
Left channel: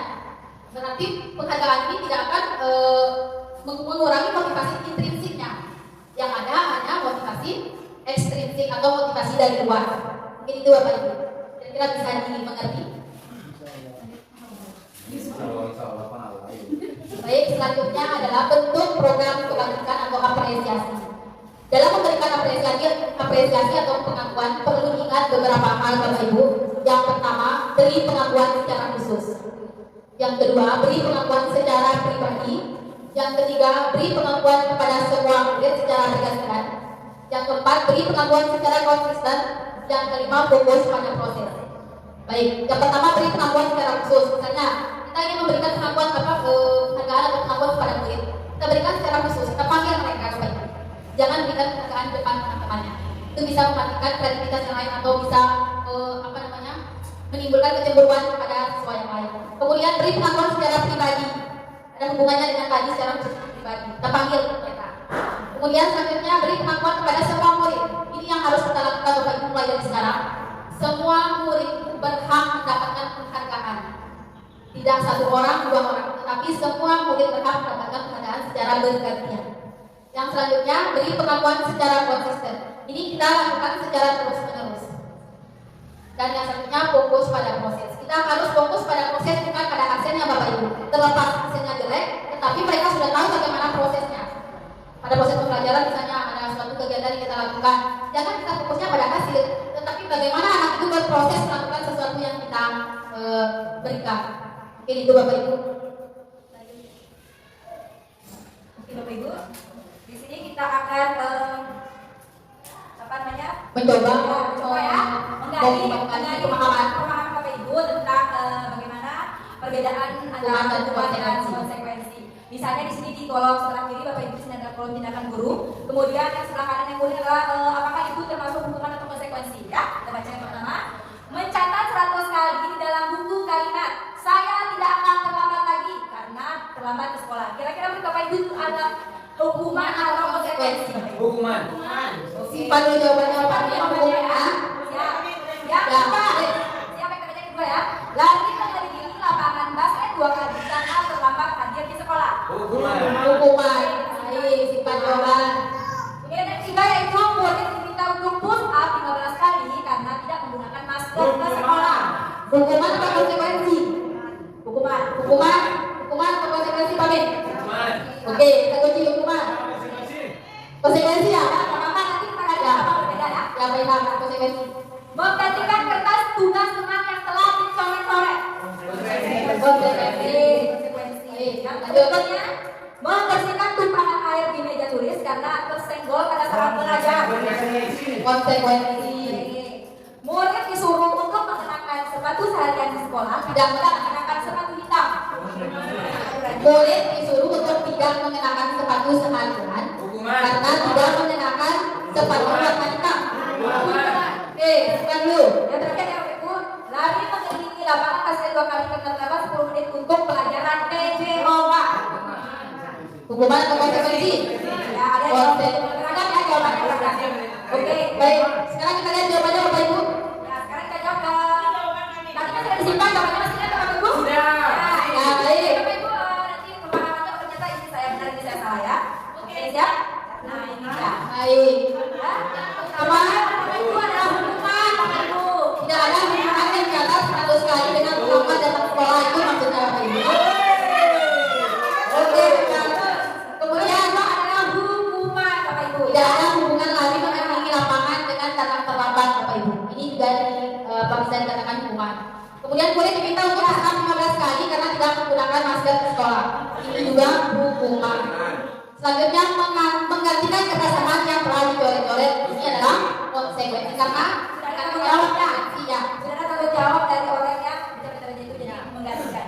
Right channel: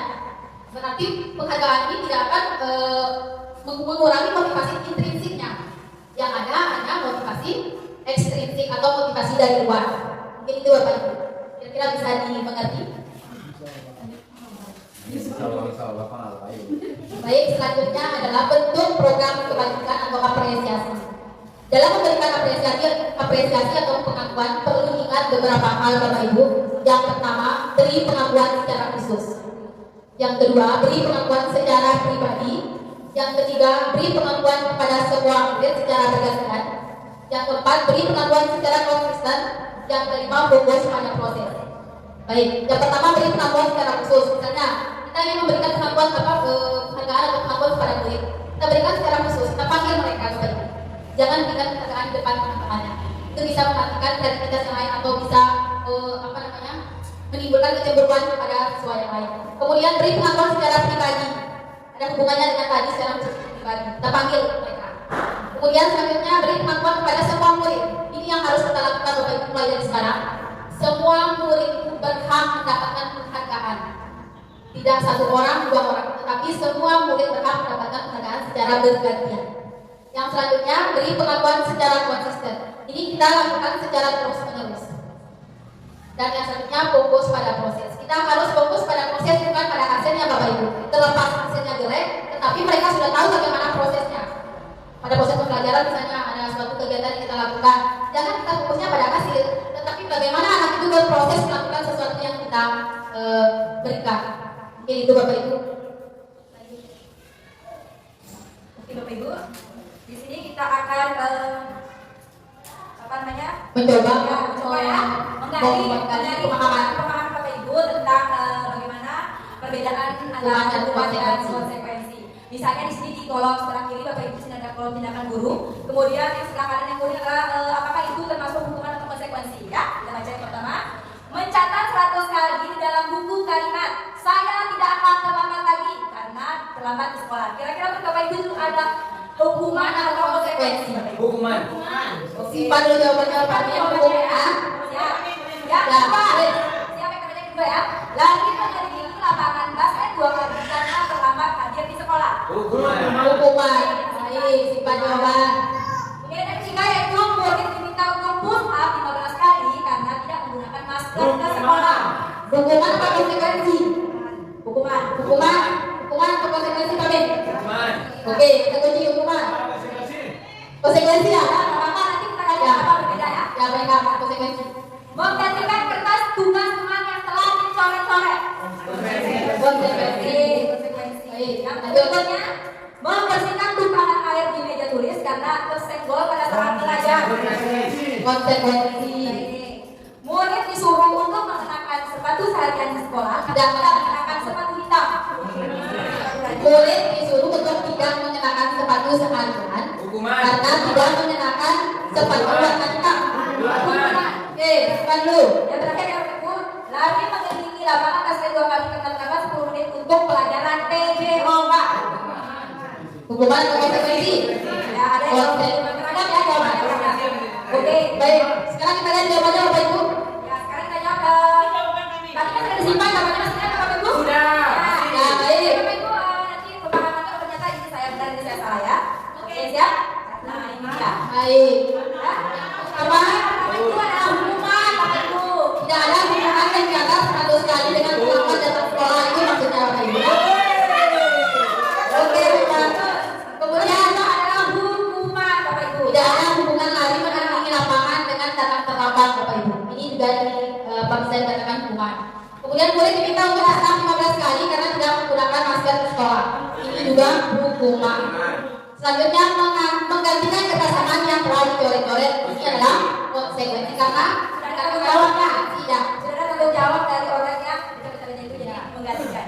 Berarti penghargaan ini tidak akan mengurangi motivasi intrinsiknya. Yang ada hanya motivasi ekstrinsik atau motivasi dari luar. Mungkin itu Bapak Ibu. Kira-kira bisa dimengerti? Baik, selanjutnya adalah bentuk program kebajikan atau apresiasi. Dalam memberikan apresiasi atau pengakuan perlu diingat beberapa hal Bapak Ibu. Yang pertama, beri pengakuan secara khusus. Yang kedua, beri pengakuan secara pribadi. Yang ketiga, beri pengakuan kepada semua murid secara bergantian. Yang keempat, beri pengakuan secara konsisten. Yang kelima, fokus pada proses. Baik, yang pertama beri pengakuan secara khusus. Misalnya, kita ingin memberikan pengakuan penghargaan atau pengakuan kepada murid. Kita berikan secara khusus, kita panggil mereka baik. Jangan berikan penghargaan di depan teman-temannya. Itu bisa mematikan kreativitas yang lain atau bisa menimbulkan kecemburuan pada siswa yang lain. Kemudian beri pengakuan secara pribadi. Ada hubungannya dengan tadi secara pribadi. Kita panggil mereka. Kemudian selanjutnya beri pengakuan kepada semua murid. Ini yang harus kita lakukan Bapak Ibu mulai dari sekarang. Semua murid itu berhak mendapatkan penghargaan. Tidak satu orang, dua orang, tetapi semua murid berhak mendapatkan penghargaan secara bergantian. Yang selanjutnya beri pengakuan secara konsisten. Ini kita lakukan secara terus-menerus. Dan yang selanjutnya fokus pada proses. Kita harus fokus pada proses bukan pada hasilnya Bapak Ibu. Terlepas hasilnya jelek, tetapi mereka sudah tahu bagaimana prosesnya. Pada proses pembelajaran misalnya ada suatu kegiatan yang kita lakukan, jangan kita fokusnya pada hasil, tetapi bagaimana anak itu berproses melakukan sesuatu yang kita berikan. Mungkin itu Bapak Ibu. Oke Bapak Ibu, di sini kita akan mencoba ya menggali pemahaman Bapak Ibu tentang bagaimana perbedaan antara hukuman dan konsekuensi. Misalnya di sini di kolom sebelah kiri Bapak Ibu sudah ada kolom tindakan guru. Kemudian yang sebelah kanan yang mulia adalah apakah itu termasuk hukuman atau konsekuensi? Ya, kita baca yang pertama. Mencatat 100 kali di dalam buku kalimat saya tidak akan terlambat lagi karena terlambat ke sekolah. Kira-kira menurut Bapak Ibu itu ada hukuman atau konsekuensi? Hukuman. Simpan dulu jawabannya apa? Yang kedua, siapa yang kerja kedua ya? Lagi menghadiri lapangan basket 2 kali karena terlambat hadir di sekolah. Hukuman. Baik, simpan jawaban. Kemudian yang ketiga yaitu murid diminta untuk push up 15 kali karena tidak menggunakan masker ke sekolah. Hukuman apa konsekuensi? Hukuman atau konsekuensi Pak Ben? Oke, kita kunci hukuman. Konsekuensi ya? Nanti kita lihat apa berbeda ya. Ya baiklah, konsekuensi. Menggantikan kertas tugas teman yang telah dicoret-coret. Konsekuensi. Yang berikutnya, membersihkan tumpahan air di meja tulis karena tersenggol pada saat belajar. Konsekuensi. Murid disuruh untuk mengenakan sepatu seharian di sekolah, tidak mengenakan sepatu hitam. Murid disuruh untuk tidak mengenakan sepatu seharian karena tidak mengenakan sepatu warna hitam. Oke, bukan dulu. Yang terakhir yang berikut, lari mengelilingi lapangan sekali 2 kali dengan tambah 10 menit untuk pelajaran PJO. Hukuman atau konsekuensi? Ya, ada yang masyarakat ya jawabannya. Oke, Baik, sekarang kita lihat jawabannya Bapak Ibu. ya sekarang kita jawab. Tadi kan sudah disimpan jawabannya, masih ingat Bapak Ibu? Ya, baik. Bapak Ibu nanti pemahamannya ternyata ini saya benar ini saya salah ya. Oke siap? Nah ini dia. Baik. Apa? Itu adalah hukuman Bapak Ibu. Tidak ada hukuman yang di atas 100 kali dengan melakukan datang sekolah, itu maksudnya Bapak Ibu. Oke, baik. Kemudian Itu adalah hukuman Bapak Ibu. tidak ada hubungan lagi mengelilingi lapangan dengan datang terlambat Bapak Ibu. Ini juga bisa dikatakan hukuman. Kemudian murid diminta untuk diserap 15 kali karena tidak menggunakan masker di sekolah. Ini juga hukuman. Selanjutnya menggantikan kertas teman yang telah dicoret-coret. Ini adalah konsekuensi karena tanggung jawabnya tidak. Sudah ada tanggung jawab dari orang yang benar-benarnya itu jadi menggantikan.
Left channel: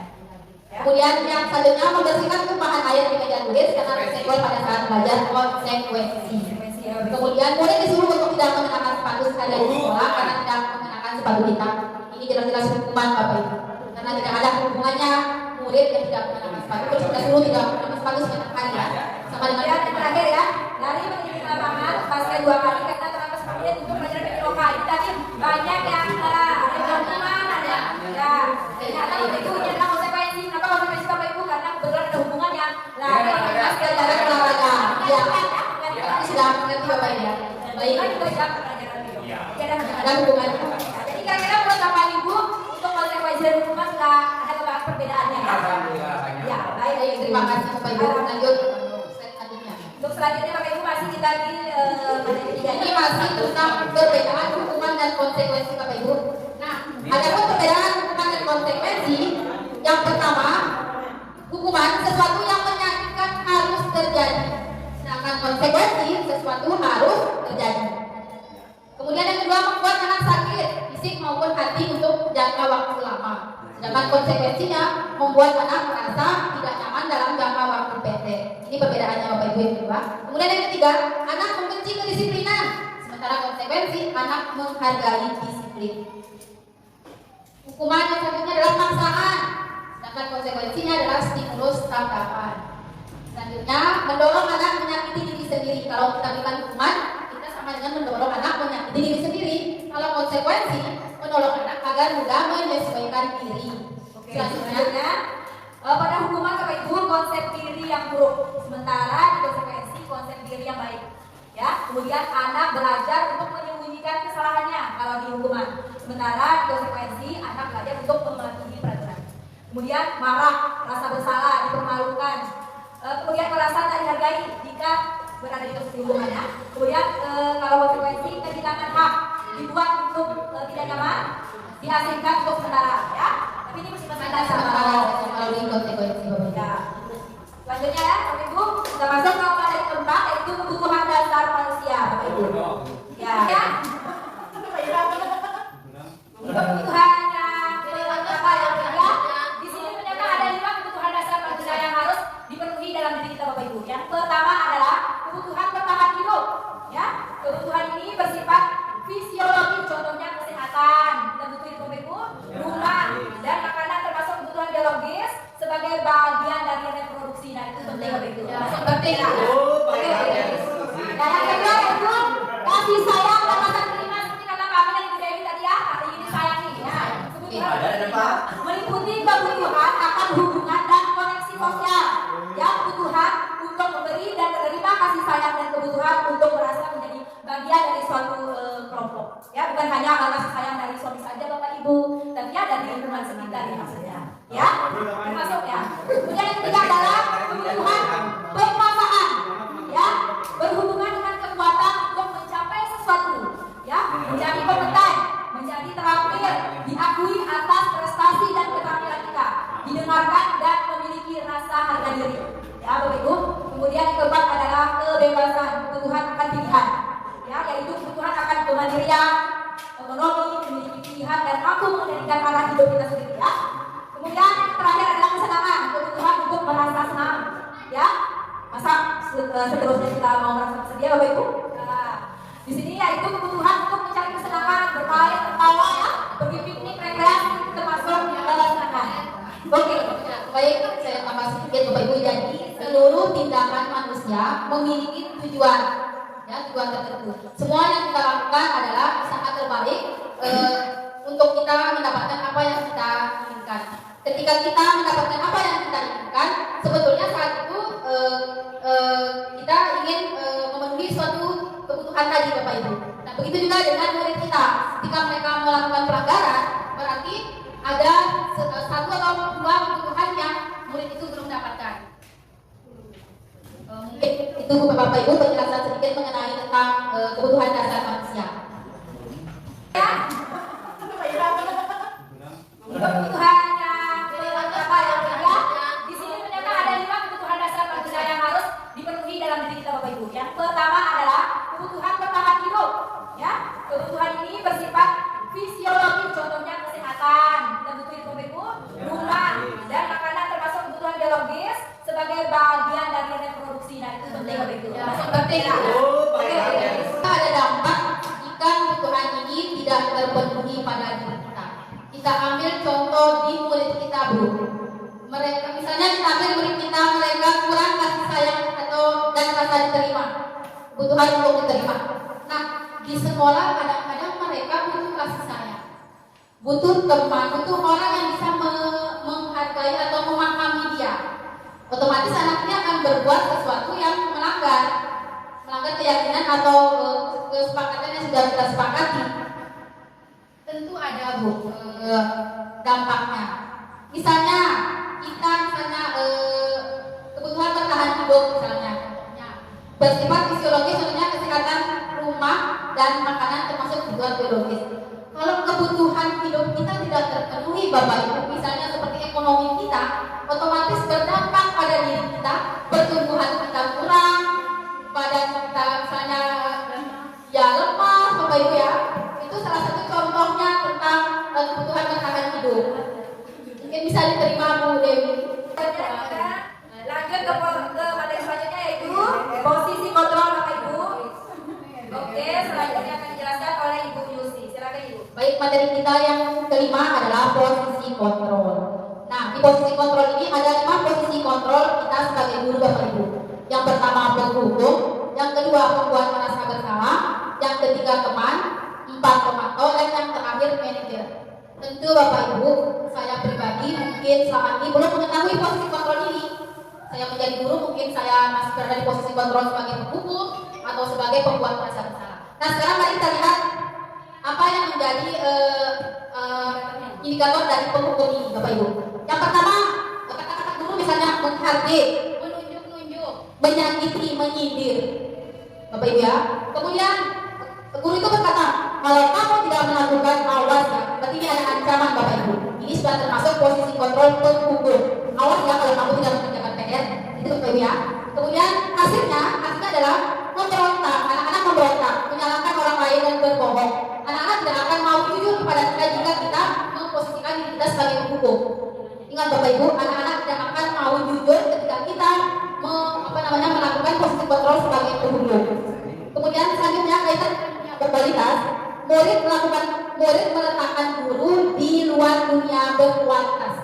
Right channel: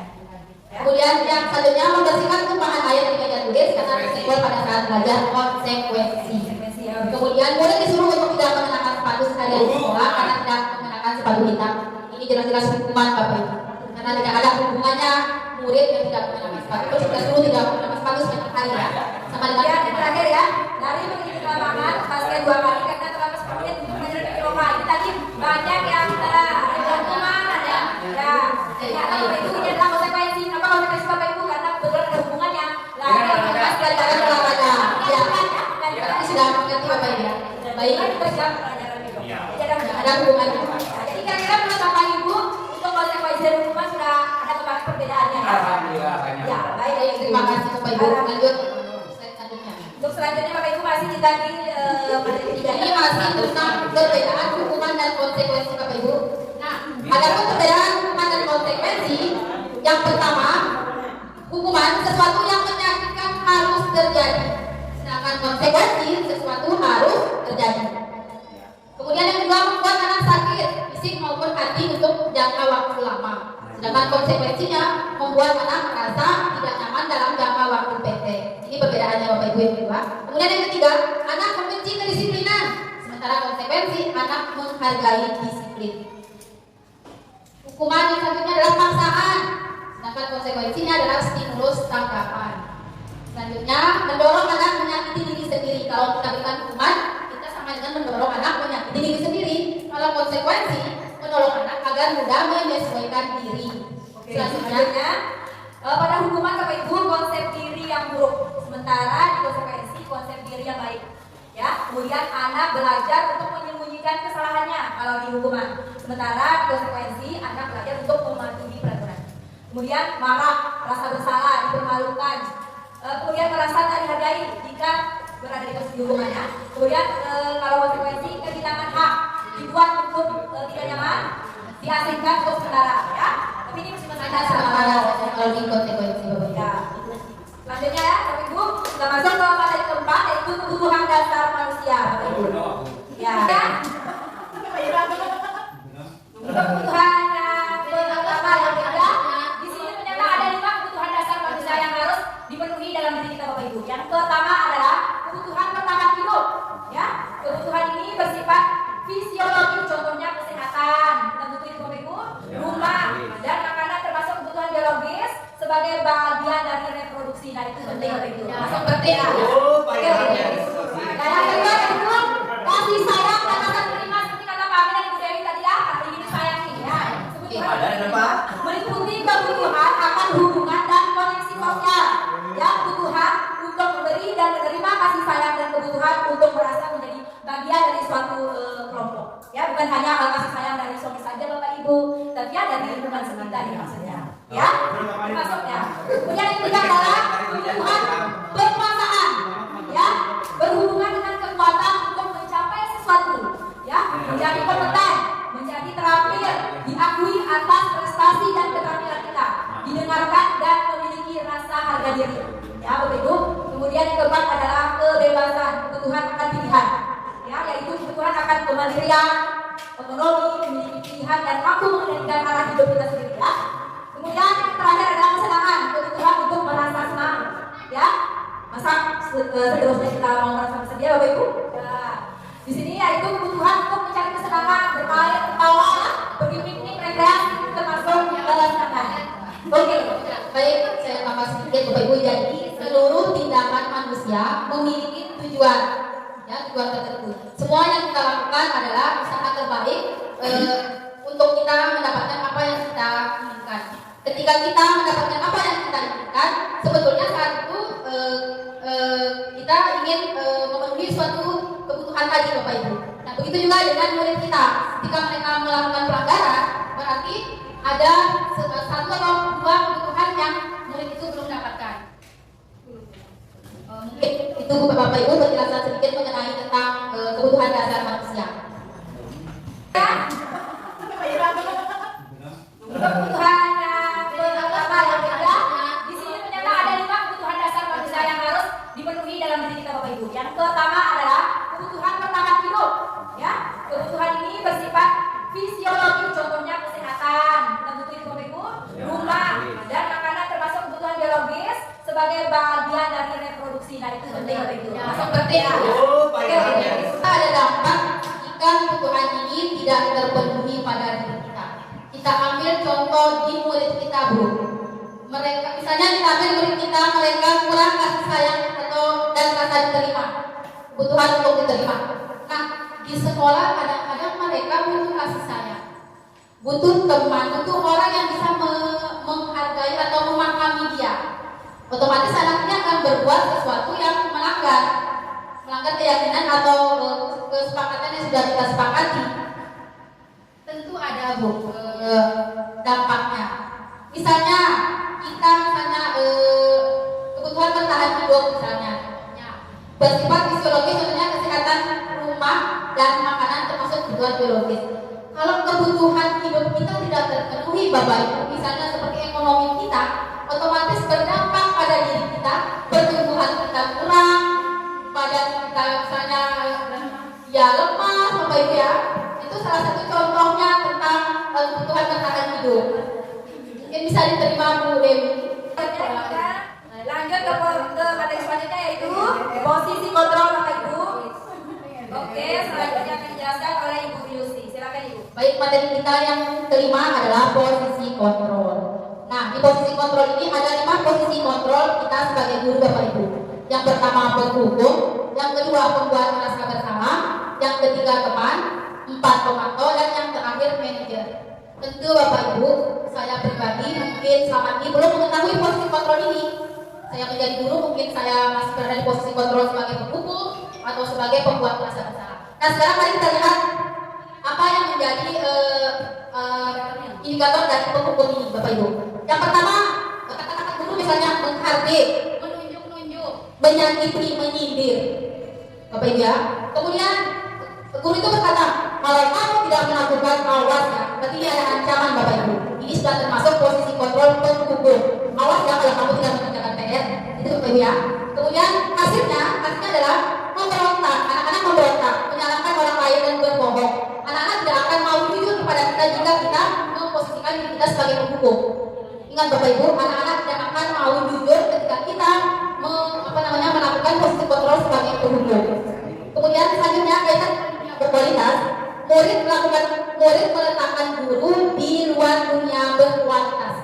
Ya. Kemudian yang selanjutnya membersihkan tumpahan air di meja tulis karena tersenggol pada saat belajar, konsekuensi. Kemudian murid disuruh untuk tidak mengenakan sepatu seharian di sekolah karena tidak mengenakan sepatu hitam. Ini jelas-jelas hukuman Bapak Ibu. Karena tidak ada hubungannya murid yang tidak mengenakan sepatu. Terus kita suruh tidak mengenakan sepatu setiap hari ya. Sama dengan Kemudian yang terakhir ya, dari mengikuti lapangan pasca 2 kali karena terlalu seperti untuk belajar PJOK. Ini tadi banyak yang ada hukuman ada. Ya, ternyata Bapak Ibu ini adalah konsekuensi. Apa konsekuensi Bapak Ibu? Karena kebetulan ada hubungannya. Lari Mas pelajaran olahraga. Ya, ini sudah mengerti Bapak Ibu. Baik, Baik, kita jam pelajaran PJOK. Jadi ada hubungannya. Ya, jadi kira-kira menurut Bapak Ibu untuk konsekuensi dan hukuman sudah ada perbedaannya ya? Ya, baik. Baik, terima kasih Bapak Ibu. Lanjut selanjutnya. Untuk selanjutnya Bapak Ibu masih kita di materi ketiga Ini masih tentang perbedaan hukuman dan konsekuensi Bapak Ibu. Nah, adapun perbedaan hukuman dan konsekuensi, yang pertama, hukuman sesuatu yang menyakitkan harus terjadi, sedangkan konsekuensi sesuatu harus terjadi. Kemudian yang kedua, membuat anak sakit fisik maupun hati untuk jangka waktu lama. Sedangkan konsekuensinya membuat anak merasa tidak nyaman dalam jangka waktu pendek. Ini perbedaannya Bapak Ibu yang kedua. Kemudian yang ketiga, anak membenci kedisiplinan. Sementara konsekuensi anak menghargai disiplin. Hukuman yang selanjutnya adalah paksaan. Sedangkan konsekuensinya adalah stimulus tanggapan. Selanjutnya, mendorong anak menyakiti diri sendiri. Kalau kita berikan hukuman, kita sama dengan mendorong anak menyakiti diri sendiri. Kalau konsekuensi, menolong anak agar mudah menyesuaikan diri. Selanjutnya, pada hukuman Bapak Ibu konsep diri yang buruk, sementara di konsekuensi konsep diri yang baik. Ya, kemudian anak belajar untuk menyembunyikan kesalahannya kalau di hukuman, sementara di konsekuensi anak belajar untuk mematuhi peraturan. Kemudian marah, rasa bersalah, dipermalukan, kemudian merasa tak dihargai jika berada di posisi hukumannya. Kemudian kalau konsekuensi kehilangan hak, dibuat untuk tidak nyaman, diasingkan untuk sementara, ya. Tapi ini masih Kalau di konsekuensi Bapak Ibu. ya. Selanjutnya ya, Bapak Ibu, kita masuk ke materi keempat yaitu kebutuhan dasar manusia, Bapak Ibu. Ya. Kebutuhan yang pertama yang ketiga, di sini ternyata ada 5 kebutuhan dasar manusia yang harus dipenuhi dalam diri kita, Bapak Ibu. Yang pertama adalah kebutuhan bertahan hidup. Ya, kebutuhan ini bersifat fisiologis, contohnya kesehatan, kita butuhin Bapak Ibu, rumah, dan makanan termasuk kebutuhan biologis sebagai bagian dari reproduksi. Nah itu penting Bapak Ibu. Masuk penting. Oke. Nah yang kedua itu kasih sayang dan rasa terima seperti kata Kak Amin dan Ibu Dewi tadi ya. Hari ini sayang nih ya. Kebutuhan meliputi kebutuhan akan hubungan dan koneksi sosial. Ya, kebutuhan untuk memberi dan menerima kasih sayang dan kebutuhan untuk merasa menjadi bagian dari suatu kelompok. Ya, bukan hanya kasih sayang dari suami saja Bapak Ibu, tapi ya dari lingkungan sekitar ya maksudnya. Ya. mandiri. Ya, Bapak Ibu. Kemudian yang keempat adalah kebebasan, kebutuhan akan pilihan. Ya, yaitu kebutuhan akan kemandirian, otonomi, memiliki pilihan dan mampu mengendalikan arah hidup kita sendiri. Ya. Kemudian yang terakhir adalah kesenangan, kebutuhan untuk merasa senang. Ya, masa seterusnya kita mau merasa bersedia, Bapak Ibu? Ya. Di sini yaitu kebutuhan untuk mencari kesenangan, bermain, tertawa, ya, pergi piknik, rekreasi, termasuk kesenangan. Oke, baik, saya tambah sedikit Bapak Ibu. Jadi seluruh tindakan manusia memiliki tujuan, ya, tujuan tertentu. Semua yang kita lakukan adalah usaha terbaik untuk kita mendapatkan apa yang kita inginkan. Ketika kita mendapatkan apa yang kita inginkan, sebetulnya saat itu kita ingin memenuhi suatu kebutuhan tadi, Bapak Ibu. Nah, begitu juga dengan murid kita. Ketika mereka melakukan pelanggaran, berarti ada satu atau dua kebutuhan yang murid itu belum dapatkan. Mungkin itu Bapak Ibu penjelasan sedikit mengenai tentang kebutuhan dasar manusia. Kebutuhan yang pertama yang ketiga, di sini ternyata ada 5 kebutuhan dasar manusia yang harus dipenuhi dalam diri kita, Bapak Ibu. Yang pertama adalah kebutuhan bertahan hidup. Ya, kebutuhan ini bersifat fisiologis, contohnya kesehatan, kita butuh itu, Bapak Ibu, rumah dan makanan termasuk kebutuhan biologis sebagai bagian dari reproduksi. Nah, itu penting, Bapak Ibu. Masuk penting. Ada dampak jika kebutuhan ini tidak terpenuhi pada diri kita. Kita ambil contoh di murid kita, Bu. Mereka, misalnya kita ambil murid kita, mereka kurang kasih sayang atau dan kata diterima, kebutuhan untuk diterima. Nah, di sekolah kadang-kadang mereka butuh kasih sayang, butuh teman, butuh orang yang bisa menghargai atau memahami dia. Otomatis anaknya akan berbuat sesuatu yang melanggar keyakinan atau kesepakatan yang sudah kita sepakati. Tentu ada, Bu, dampaknya. Misalnya kita kebutuhan bertahan hidup misalnya bersifat fisiologis, contohnya kesehatan rumah dan makanan termasuk kebutuhan biologis. Kalau kebutuhan hidup kita tidak terpenuhi, Bapak Ibu, misalnya seperti ekonomi kita, otomatis berdampak pada diri kita, pertumbuhan kita kurang, badan kita misalnya ya lemas, Bapak Ibu ya. Itu salah satu contohnya tentang kebutuhan bertahan hidup. Mungkin bisa diterima, Bu Dewi. Lanjut ke materi selanjutnya, yaitu posisi kontrol, Bapak Ibu. Oke, selanjutnya akan dijelaskan oleh Ibu Yusi. Silakan, Ibu. Baik, materi kita yang kelima adalah posisi kontrol. Nah, di posisi kontrol ini ada 5 posisi kontrol kita sebagai guru, Bapak Ibu. Yang pertama penghukum, yang kedua pembuat rasa bersalah, yang ketiga teman, 4 pemantau, dan yang terakhir manajer. Tentu Bapak Ibu, saya pribadi mungkin selama ini belum mengetahui posisi kontrol ini. Saya menjadi guru, mungkin saya masih berada di posisi kontrol sebagai penghukum atau sebagai pembuat rasa bersalah. Nah, sekarang mari kita lihat apa yang menjadi indikator dari penghukum ini, Bapak Ibu. Yang pertama, kata-kata guru misalnya menghardik, menunjuk, menyakiti, menyindir, Bapak Ibu ya. Kemudian guru itu berkata, kalau kamu tidak melakukan awas ya, berarti ini ada ancaman, Bapak Ibu. Ini sudah termasuk posisi kontrol penghukum. Awas ya kalau kamu tidak mengerjakan PR, itu Bapak Ibu ya. Kemudian hasilnya adalah memberontak, anak-anak memberontak, menyalahkan orang lain dan berbohong. Anak-anak tidak akan mau jujur kepada kita jika kita memposisikan diri kita sebagai penghukum. Ingat Bapak Ibu, anak-anak tidak akan mau jujur ketika kita melakukan posisi kontrol sebagai penghukum. Kemudian selanjutnya kaitan dengan berkualitas, murid meletakkan guru di luar dunia berkualitas.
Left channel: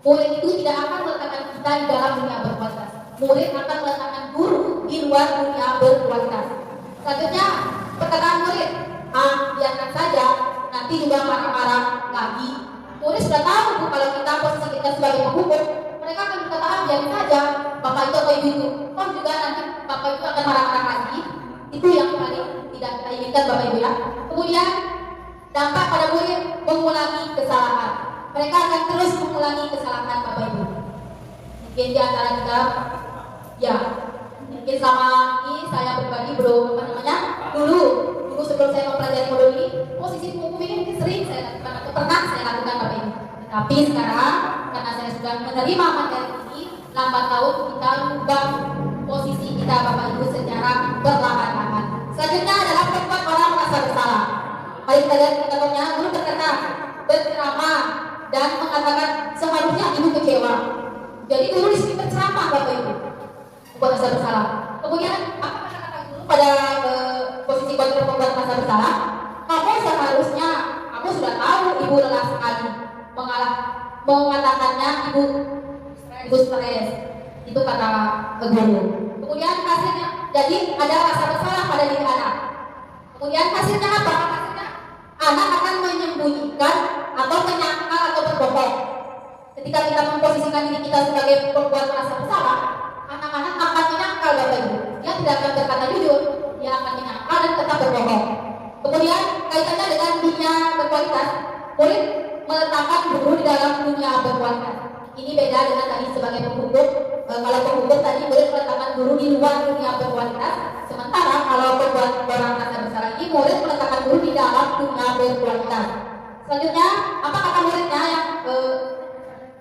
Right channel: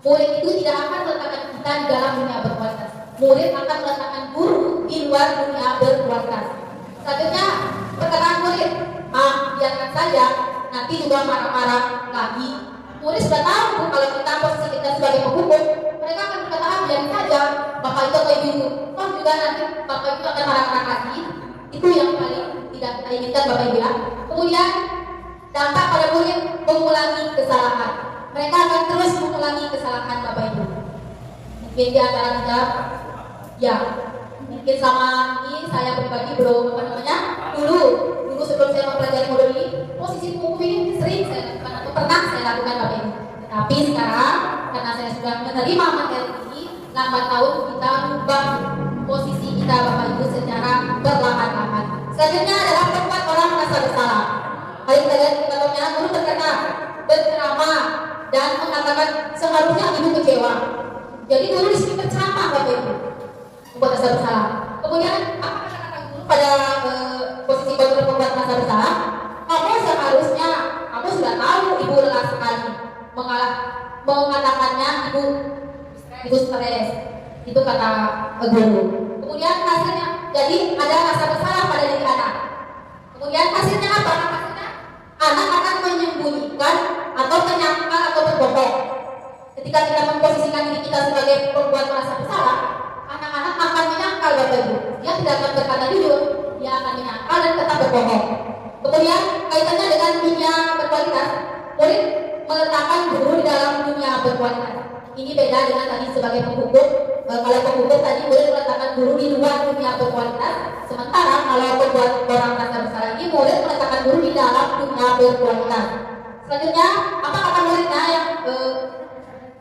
Murid itu tidak akan meletakkan kita di dalam dunia berkualitas. Murid akan meletakkan guru di luar dunia berkualitas. Selanjutnya perkataan murid, biarkan saja, nanti juga marah-marah lagi. Murid sudah tahu, Bu, kalau kita posisi kita sebagai penghukum, mereka akan berkata, biarkan saja, Bapak itu atau Ibu itu. Oh juga nanti Bapak itu akan marah-marah lagi. Itu yang paling tidak kita inginkan, Bapak Ibu ya. Kemudian dampak pada murid mengulangi kesalahan. Mereka akan terus mengulangi kesalahan, Bapak Ibu. Mungkin di antara kita, ya, mungkin selama ini saya pribadi belum dulu sebelum saya mempelajari modul ini, posisi penghukum ini sering saya lakukan atau pernah saya lakukan, Bapak Ibu. Tapi sekarang karena saya sudah menerima materi ini, lambat laun kita ubah posisi kita Bapak Ibu secara perlahan-lahan. Selanjutnya adalah membuat orang merasa bersalah. Hari kalian contohnya guru berkata, berceramah dan mengatakan seharusnya ibu kecewa. Jadi guru di sini berceramah Bapak Ibu, membuat rasa bersalah. Kemudian apa kata-kata guru pada posisi kontrol membuat rasa bersalah? Kamu seharusnya, kamu sudah tahu ibu lelah sekali, mengatakannya ibu stres. Itu kata guru. Kemudian hasilnya, jadi ada rasa bersalah pada diri anak. Kemudian hasilnya apa? Hasilnya anak akan menyembunyikan atau menyangkal atau berbohong. Ketika kita memposisikan diri kita sebagai pembuat merasa bersalah, anak-anak akan menyangkal Bapak Ibu. Dia tidak akan berkata jujur, dia akan menyangkal dan tetap berbohong. Kemudian kaitannya dengan dunia berkualitas, murid meletakkan guru di dalam dunia berkualitas. Ini beda dengan tadi sebagai penghukum. Kalau penghukum tadi murid meletakkan guru di luar dunia berkualitas, sementara kalau pembuat orang merasa bersalah ini murid meletakkan guru di dalam dunia berkualitas. Selanjutnya, apa kata muridnya yang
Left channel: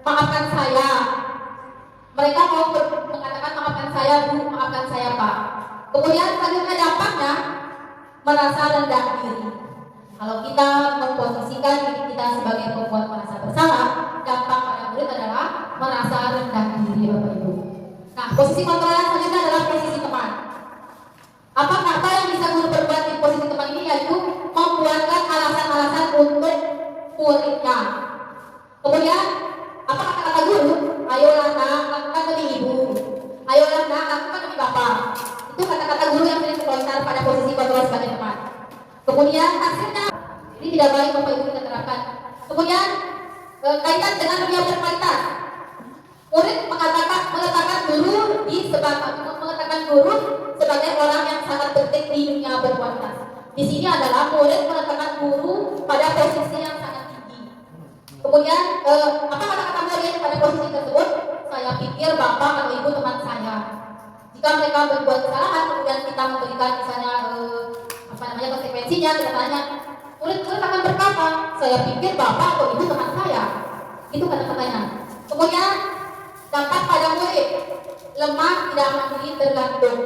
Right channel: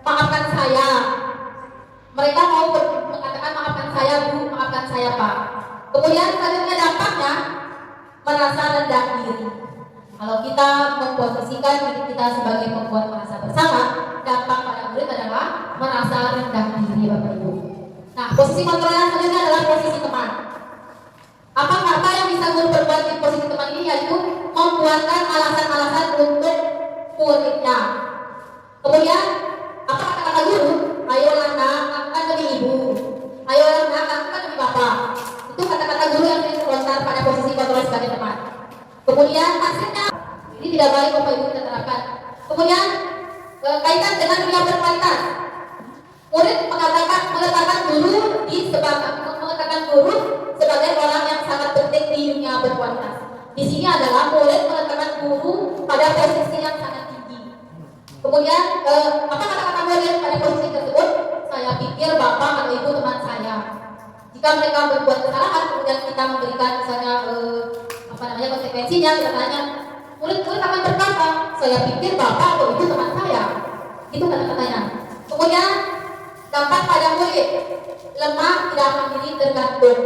maafkan saya? Mereka mau mengatakan maafkan saya Bu, maafkan saya Pak. Kemudian selanjutnya dampaknya merasa rendah diri. Kalau kita memposisikan diri kita sebagai pembuat merasa bersalah, dampak pada murid adalah merasa rendah diri Bapak Ibu. Nah, posisi kontrol yang selanjutnya adalah posisi teman. Apa yang bisa guru perbuat di posisi teman ini, yaitu membuatkan alasan-alasan untuk muridnya. Kemudian apa kata guru? Ayolah nak, lakukan demi ibu. Ayolah nak, lakukan demi bapak. Itu kata-kata guru yang sering terlontar pada posisi kontrol sebagai teman. Kemudian hasilnya ini tidak baik Bapak Ibu kita terapkan. Kemudian kaitan dengan dunia berkualitas. Murid meletakkan guru sebagai orang yang sangat penting di dunia berkualitas. Di sini adalah murid meletakkan guru pada posisi yang sangat tinggi. Kemudian apa kata-kata murid pada posisi tersebut? Saya pikir bapak atau ibu teman saya. Jika mereka berbuat kesalahan, kemudian kita memberikan misalnya konsekuensinya, kita tanya, murid akan berkata, saya pikir bapak atau ibu teman saya. Itu kata-katanya. Kemudian dapat pada murid, lemah, tidak mandiri, tergantung.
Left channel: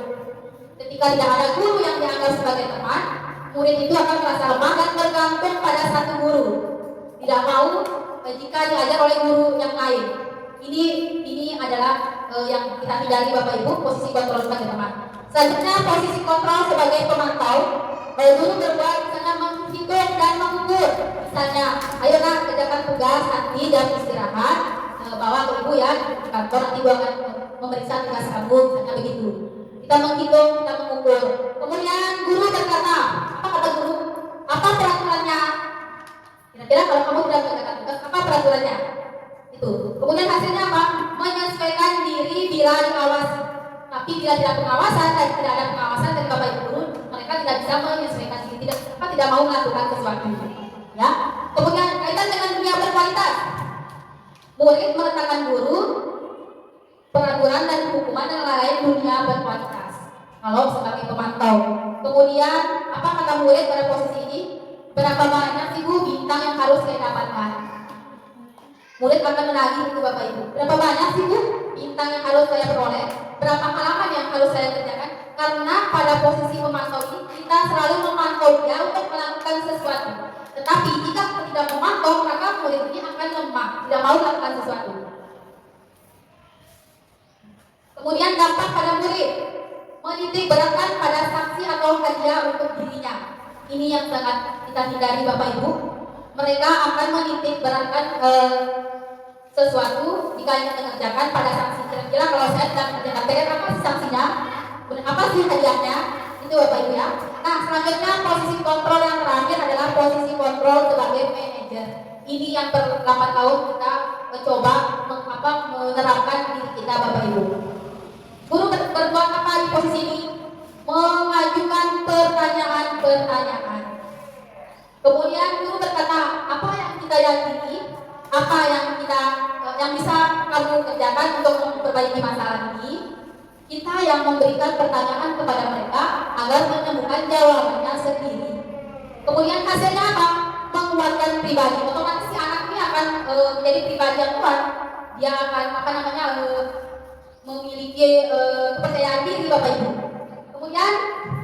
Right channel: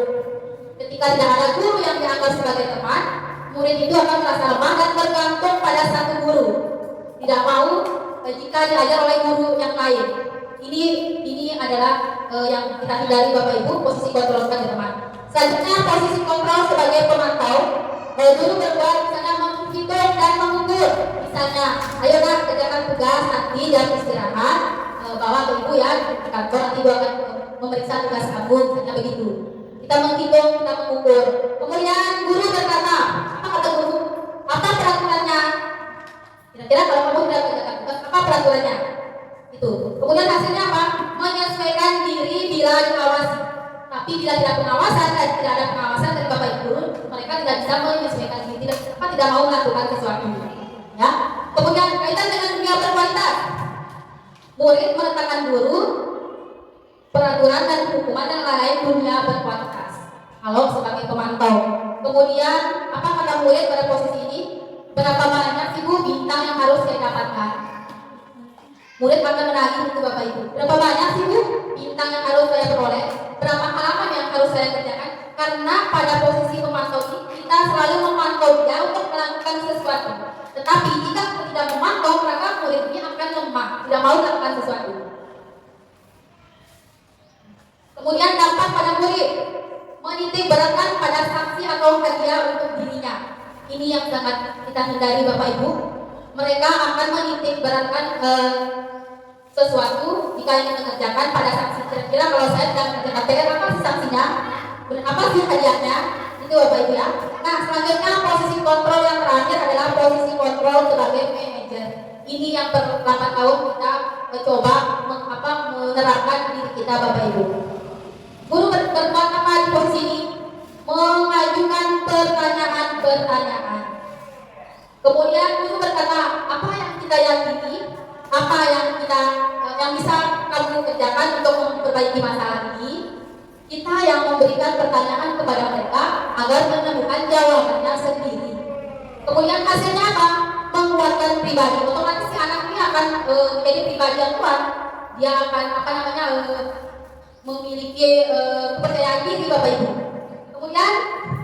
Ketika tidak ada guru yang dianggap sebagai teman, murid itu akan merasa lemah dan tergantung pada satu guru. Tidak mau jika diajar oleh guru yang lain. Ini adalah yang kita hindari Bapak Ibu, posisi kontrol sebagai teman. Selanjutnya posisi kontrol sebagai pemantau. Guru berbuat misalnya menghitung dan mengukur. Misalnya, ayo nak kerjakan tugas nanti dan istirahat. Bawa ke ibu ya di kantor, nanti ibu akan memeriksa tugas kamu, misalnya begitu. Kita menghitung, kita mengukur. Kemudian guru berkata, apa kata guru? Apa peraturannya? Kira-kira kalau kamu tidak kerjakan tugas, apa peraturannya? Itu. Kemudian hasilnya apa? Menyesuaikan diri bila diawasi. Tapi bila tidak pengawasan dan tidak ada pengawasan dari Bapak Ibu guru, mereka tidak bisa menyesuaikan diri, tidak mau melakukan sesuatu. Ya. Kemudian kaitan dengan dunia berkualitas. Murid meletakkan guru, peraturan dan hukuman yang lain dunia berkualitas. Kalau sebagai pemantau. Kemudian apa kata murid pada posisi ini? Berapa banyak sih Bu bintang yang harus saya dapatkan? Murid akan menagih itu Bapak Ibu. Berapa banyak sih Bu bintang yang harus saya peroleh? Berapa halaman yang harus saya kerjakan? Karena pada posisi pemantau ini kita selalu memantau dia untuk melakukan sesuatu. Tetapi jika kita tidak memantau, maka murid ini akan lemah, tidak mau melakukan sesuatu. Kemudian dampak pada murid, menitik beratkan pada sanksi atau hadiah untuk dirinya. Ini yang sangat kita hindari Bapak Ibu. Mereka akan menitik beratkan sesuatu jika ingin mengerjakan pada sanksi. Kira-kira kalau saya tidak mengerjakan PR, apa sih sanksinya? Apa sih hadiahnya? Itu Bapak Ibu ya. Nah, selanjutnya posisi kontrol yang terakhir adalah posisi kontrol sebagai manajer. Ini yang per 8 tahun kita mencoba menerapkan diri kita Bapak Ibu. Guru berbuat apa di posisi ini? Mengajukan pertanyaan-pertanyaan. Kemudian guru berkata, apa yang kita yakini, apa yang bisa kamu kerjakan untuk memperbaiki masalah ini. Kita yang memberikan pertanyaan kepada mereka agar menemukan jawabannya sendiri. Kemudian hasilnya apa? Menguatkan pribadi. Otomatis si anak ini akan menjadi pribadi yang kuat. Dia akan memiliki kepercayaan diri Bapak Ibu. Kemudian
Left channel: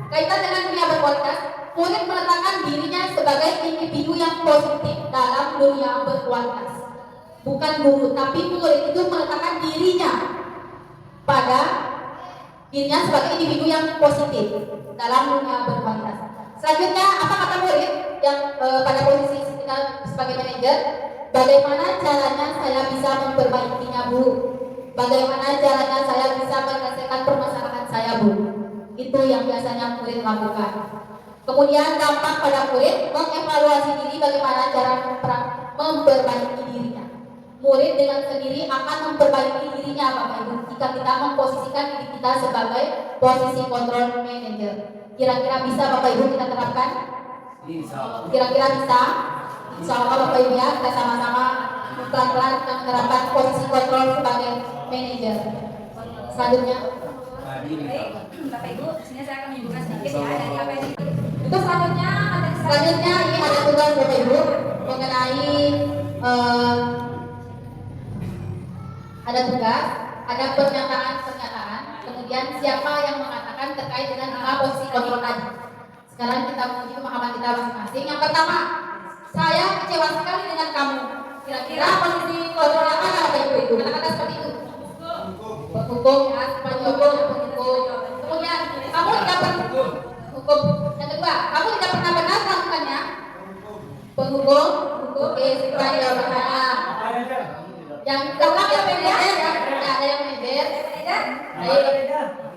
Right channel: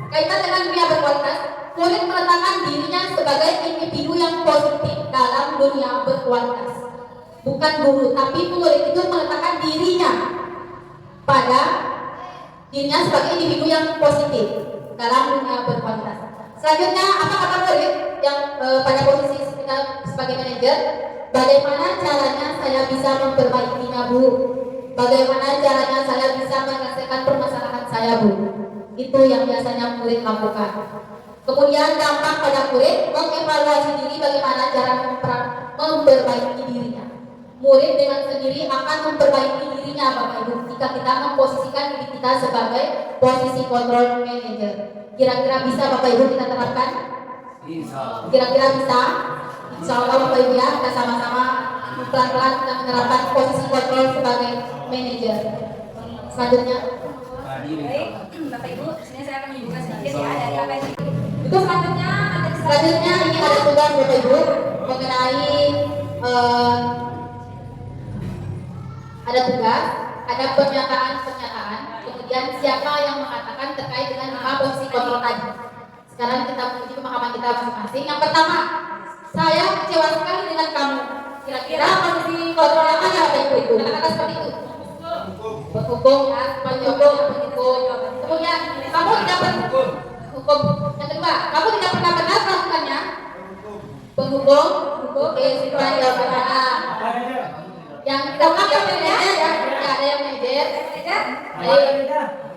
kaitan dengan dunia berkualitas, murid meletakkan dirinya sebagai individu yang positif dalam dunia berkualitas. Bukan guru, tapi murid itu meletakkan dirinya sebagai individu yang positif dalam dunia berkualitas. Selanjutnya, apa kata murid yang pada posisi kita sebagai manajer? Bagaimana caranya saya bisa memperbaikinya, Bu? Bagaimana caranya saya bisa menyelesaikan permasalahan saya, Bu? Itu yang biasanya murid lakukan. Kemudian dampak pada murid mengevaluasi diri, bagaimana cara memperbaiki dirinya. Murid dengan sendiri akan memperbaiki dirinya, Bapak Ibu, jika kita memposisikan diri kita sebagai posisi control manager. Kira-kira bisa Bapak Ibu kita terapkan? Kira-kira bisa? Insya Allah Bapak Ibu ya, kita sama-sama pelan-pelan kita menerapkan posisi kontrol sebagai manajer. Selanjutnya, Baik, Bapak Ibu, sini saya akan menyebutkan sedikit ya dari apa yang itu selanjutnya ini ada tugas Bapak Ibu mengenai ada pernyataan, kemudian siapa yang mengatakan terkait dengan 5 posisi kontrol tadi. Sekarang kita menuju pemahaman kita masing-masing. Yang pertama, saya kecewa sekali dengan kamu. Kira-kira posisi kontrol apa Bapak Ibu itu? Kata-kata seperti itu. Penghukum, ya, penyokong, penghukum. Kemudian, kamu tidak pernah hukum. Yang kedua, kamu tidak pernah benar melakukannya. Penghukum, oke, sesuai jawabannya. Yang keempat yang manajer, ya, tidak ada yang manajer. Baik.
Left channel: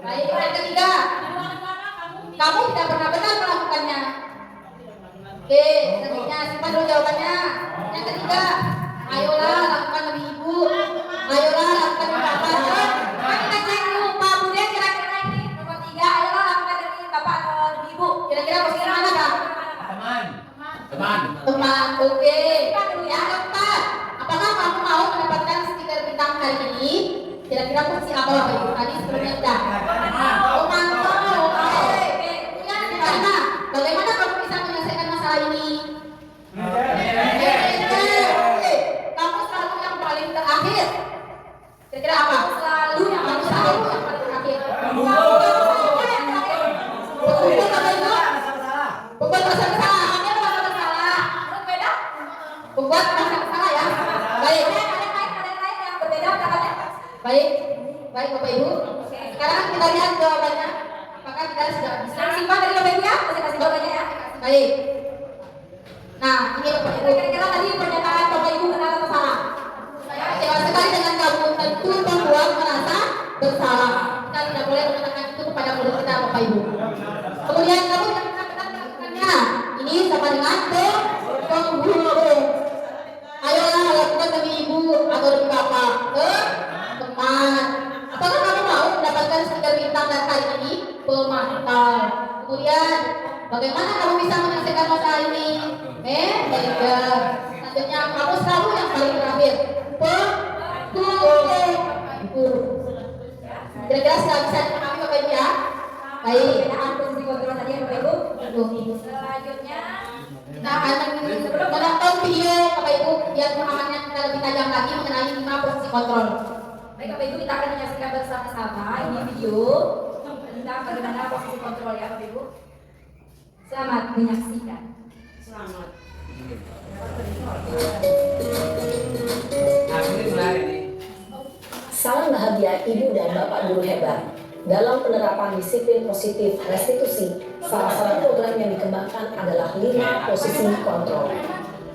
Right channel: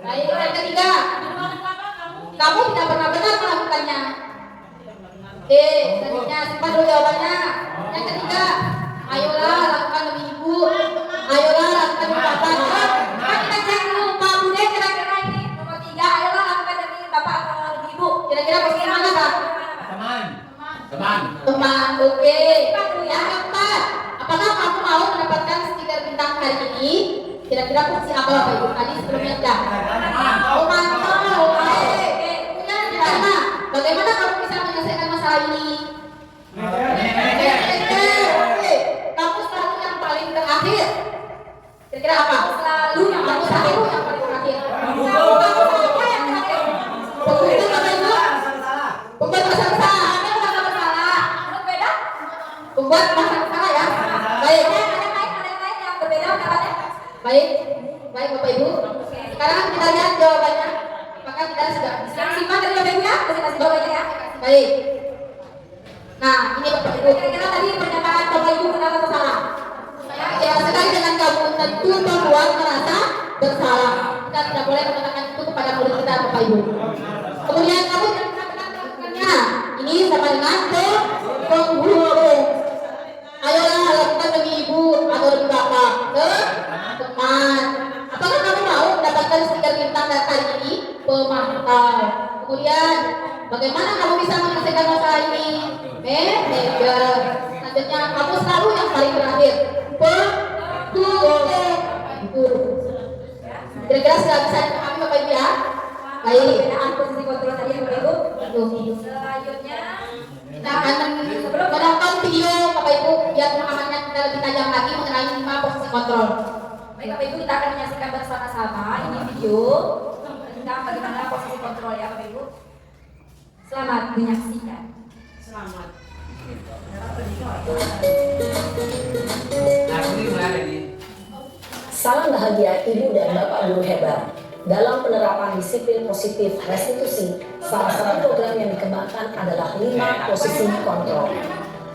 Yang ketiga, kamu tidak pernah benar melakukannya. Oke, selanjutnya simpan dulu jawabannya. Yang ketiga, ayolah lakukan demi ibu, ayolah lakukan demi bapak. Kita cek dulu Pak Bude, kira-kira ini nomor 3, ayolah lakukan demi bapak atau demi ibu. Kira-kira posisi mana Pak? Teman, oke. Yang keempat, apakah kamu mau mendapatkan stiker bintang hari ini? Kira-kira posisi apa Bapak Ibu? Tadi sebelumnya sudah. Mantap, oke. Gimana? Bagaimana kamu bisa menyelesaikan masalah ini? Kamu selalu yang paling terakhir. Kira-kira apa? Kamu selalu yang paling terakhir. Betul Bapak Ibu? Pembuat masalah. Pembuat masalah ya. Baik. Baik Bapak Ibu. Sekarang kita lihat jawabannya. Apakah kita sudah bisa simpan dari Bapak Ibu ya? Kasih jawabannya ya. Baik. Nah, ini Bapak Ibu. Kira-kira tadi pernyataan Bapak Ibu benar atau salah? Saya kecewa sekali dengan kamu, tentu membuat merasa bersalah. Kita tidak boleh mengatakan itu kepada murid kita Bapak Ibu. Kemudian kamu tidak bisa benar melakukannya. Ini sama dengan penghulu. Ayolah lakukan demi ibu atau demi bapak. Teman. Apakah kamu mau mendapatkan stiker bintang kali ini? Pemantau. Kemudian, bagaimana kamu bisa menyelesaikan masalah ini? Manajer. Selanjutnya, kamu selalu yang paling terakhir. Guru. Kira-kira sudah bisa dipahami Bapak Ibu ya? Baik. perbedaan posisi kontrol tadi ya Bapak Ibu. Selanjutnya Kita akan menonton video Bapak Ibu biar pemahamannya kita lebih tajam lagi mengenai 5 posisi kontrol. baik Bapak Ibu, kita akan menyaksikan bersama-sama ini video tentang bagaimana posisi kontrol ya Bapak Ibu. Selamat menyaksikan. Selamat. Salam bahagia Ibu dan Bapak Guru hebat. Dalam penerapan disiplin positif restitusi, salah satu program yang dikembangkan adalah 5 posisi kontrol.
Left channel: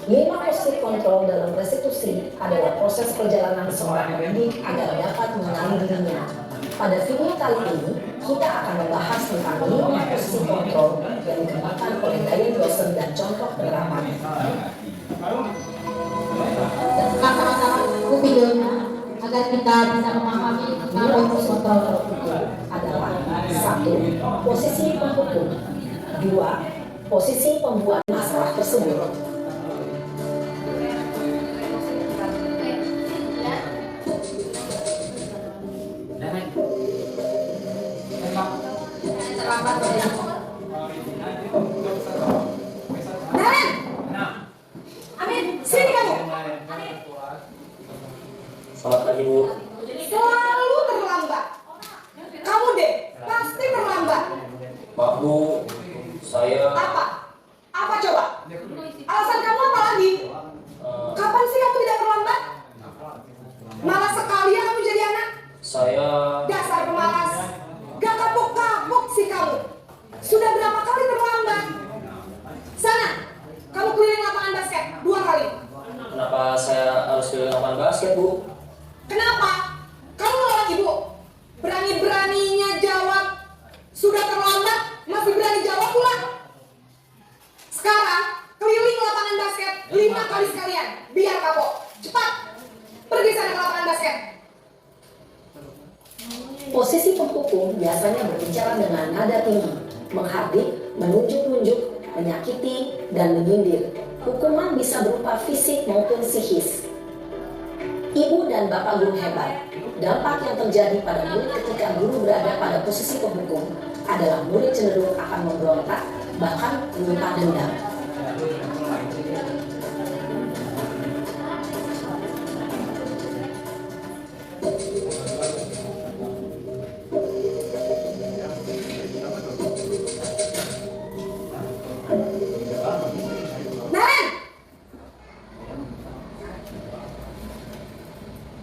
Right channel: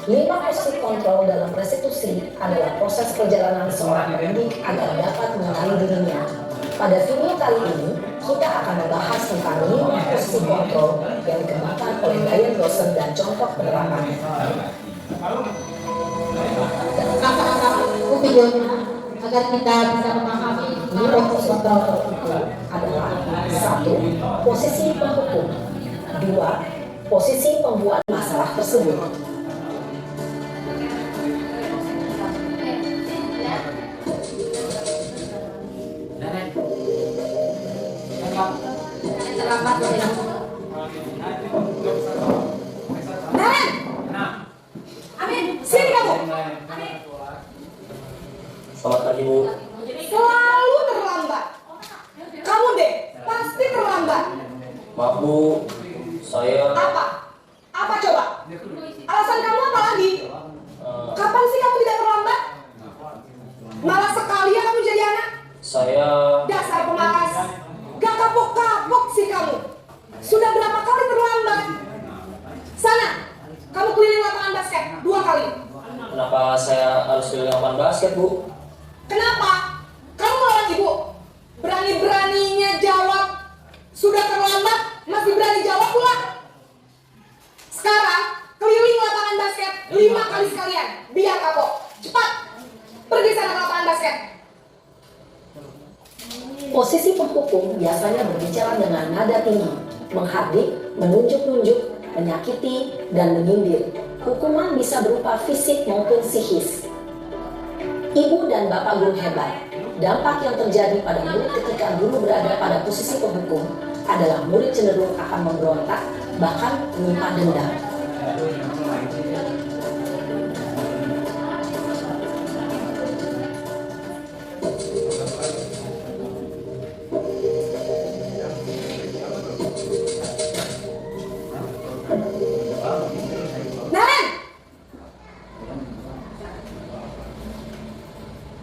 5 posisi kontrol dalam restitusi adalah proses perjalanan seorang pendidik agar dapat mengenali dirinya. Pada video kali ini, kita akan membahas tentang 5 posisi kontrol yang dikembangkan oleh Dian Rosen dan contoh penerapannya. Sama-sama itu videonya agar kita bisa memahami 5 posisi kontrol itu Adalah 1. Posisi penghukum. 2. Posisi pembuat masalah tersebut. Amin. Sini kamu. Selamat pagi Bu. Selalu terlambat. Maaf Bu, saya Apa coba? Alasan kamu apa lagi? Kapan sih kamu tidak terlambat? Malas sekali ya kamu jadi anak. Saya Dasar pemalas. Gak kapok-kapok sih kamu. Sudah berapa kali terlambat? Sana, kamu keliling lapangan basket 2 kali. kenapa saya harus keliling lapangan basket Bu? Kenapa? Kamu melawan ibu. Berani-beraninya jawab. Sudah terlambat, masih berani jawab pula. Sekarang, keliling lapangan basket 5 kali sekalian. Biar kapok. Cepat. Pergi sana ke lapangan basket. Posisi penghukum biasanya berbicara dengan nada tinggi, menghardik, menunjuk-nunjuk, menyakiti, dan menyindir. Hukuman bisa berupa fisik maupun psikis. Ibu dan bapak guru hebat. Dampak yang terjadi pada murid ketika guru berada pada posisi penghukum adalah murid cenderung akan memberontak, bahkan menyimpan dendam.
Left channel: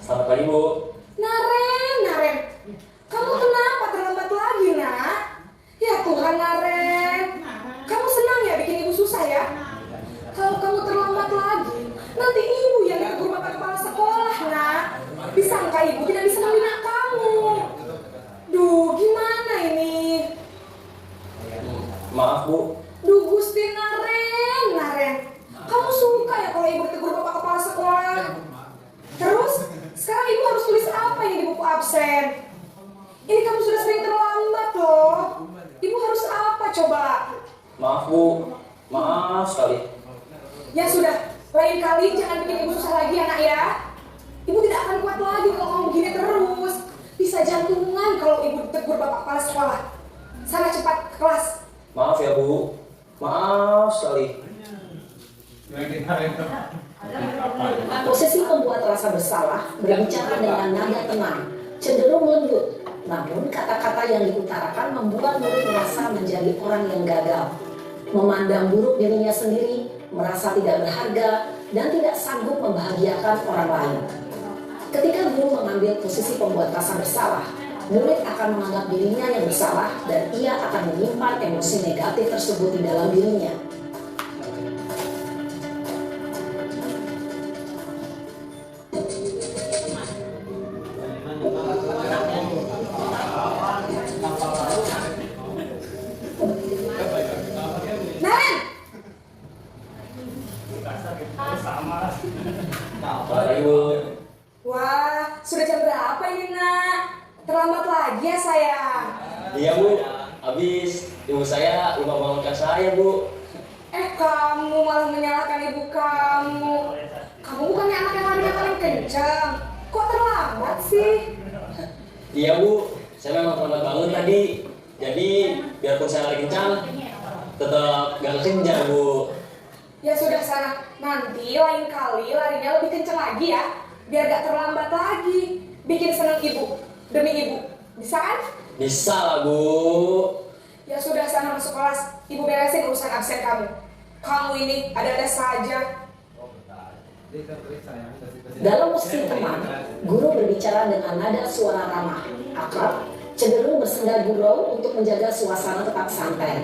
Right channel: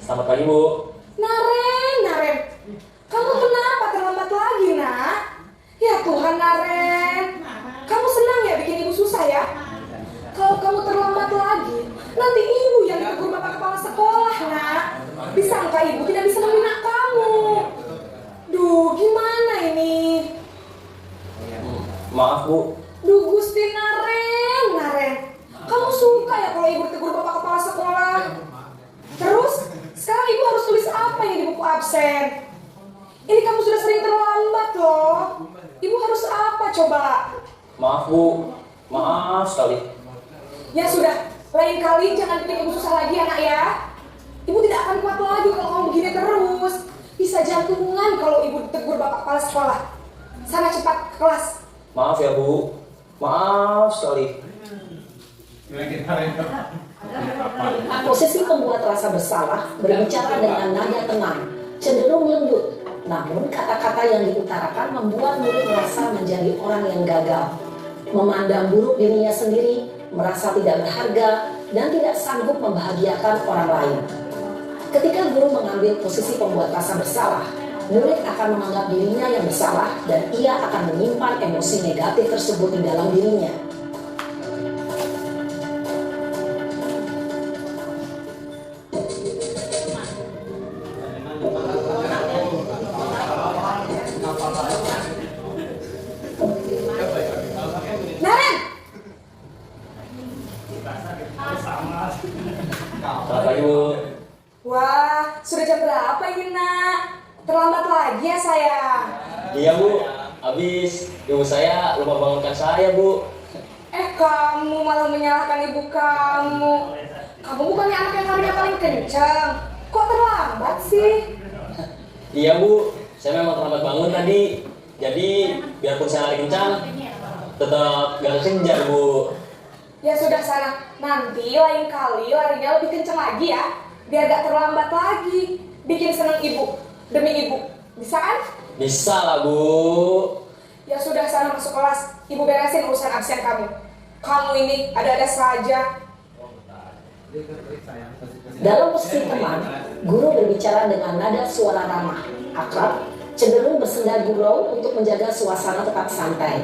Selamat pagi Bu. Naren, kamu kenapa terlambat lagi, nak? Ya Tuhan, Naren, kamu senang ya bikin ibu susah ya? Kalau kamu terlambat lagi, nanti ibu yang ditegur bapak kepala sekolah, nak. Disangka ibu tidak bisa membina kamu. Duh, gimana ini? Maaf Bu. Duh, Gusti Naren, kamu suka ya kalau ibu ditegur bapak kepala sekolah? Terus, sekarang ibu harus tulis apa ini di buku absen? Ini kamu sudah sering terlambat loh. Ibu harus apa coba? Maaf Bu. Maaf sekali. Ya sudah, lain kali jangan bikin ibu susah lagi ya nak ya. Ibu tidak akan kuat lagi kalau kamu begini terus. Bisa jantungan kalau ibu ditegur bapak kepala sekolah. Sana cepat ke kelas. Maaf ya Bu. Maaf sekali. Posisi pembuat rasa bersalah berbicara dengan nada tenang, cenderung lembut. Namun kata-kata yang diutarakan membuat murid merasa menjadi orang yang gagal, memandang buruk dirinya sendiri, merasa tidak berharga, dan tidak sanggup membahagiakan orang lain. Ketika guru mengambil posisi pembuat rasa bersalah, murid akan menganggap dirinya yang bersalah dan ia akan menyimpan emosi negatif tersebut di dalam dirinya. Selamat pagi Bu. Wah, sudah jam berapa ini nak? Terlambat lagi ya sayang. Iya Bu. Habis ibu saya lupa bangunkan saya Bu. Kamu malah menyalahkan ibu kamu. Kamu bukannya anak yang larinya paling kencang. Kok terlambat sih? Iya Bu. Saya memang terlambat bangun tadi. Jadi biarpun saya lari kencang, tetap gak kejar Bu. Ya sudah sana, nanti lain kali larinya lebih kencang lagi ya. Biar gak terlambat lagi. Bikin seneng ibu, demi ibu. Bisa kan? Bisa lah Bu. Ya sudah sana masuk kelas. Ibu beresin urusan absen kamu. Kamu ini ada-ada saja. Dalam posisi teman, guru berbicara dengan nada suara ramah, akrab, cenderung bersenda gurau untuk menjaga suasana tetap santai.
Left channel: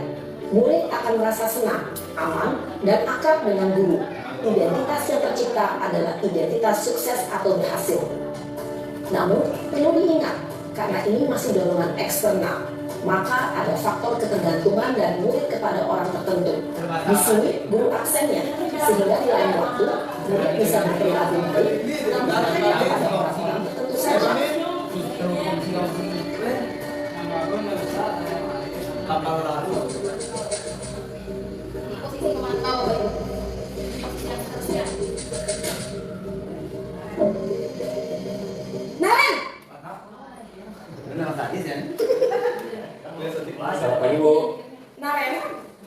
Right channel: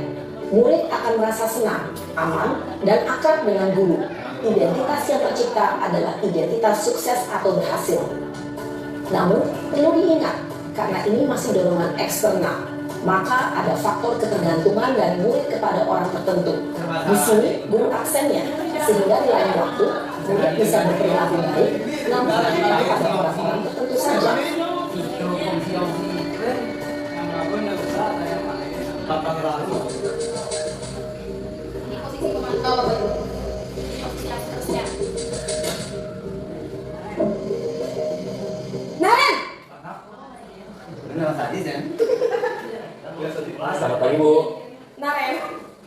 Murid akan merasa senang, aman, dan akrab dengan guru. Identitas yang tercipta adalah identitas sukses atau berhasil. Namun, perlu diingat, karena ini masih dorongan eksternal, maka ada faktor ketergantungan dari murid kepada orang tertentu. Di sini, guru aksennya, sehingga di lain waktu, murid bisa berperilaku baik, namun hanya kepada orang-orang tertentu saja. Posisi pemantau Bapak Ibu. Posisi yang seterusnya. Naren! Selamat pagi Bu. Naren,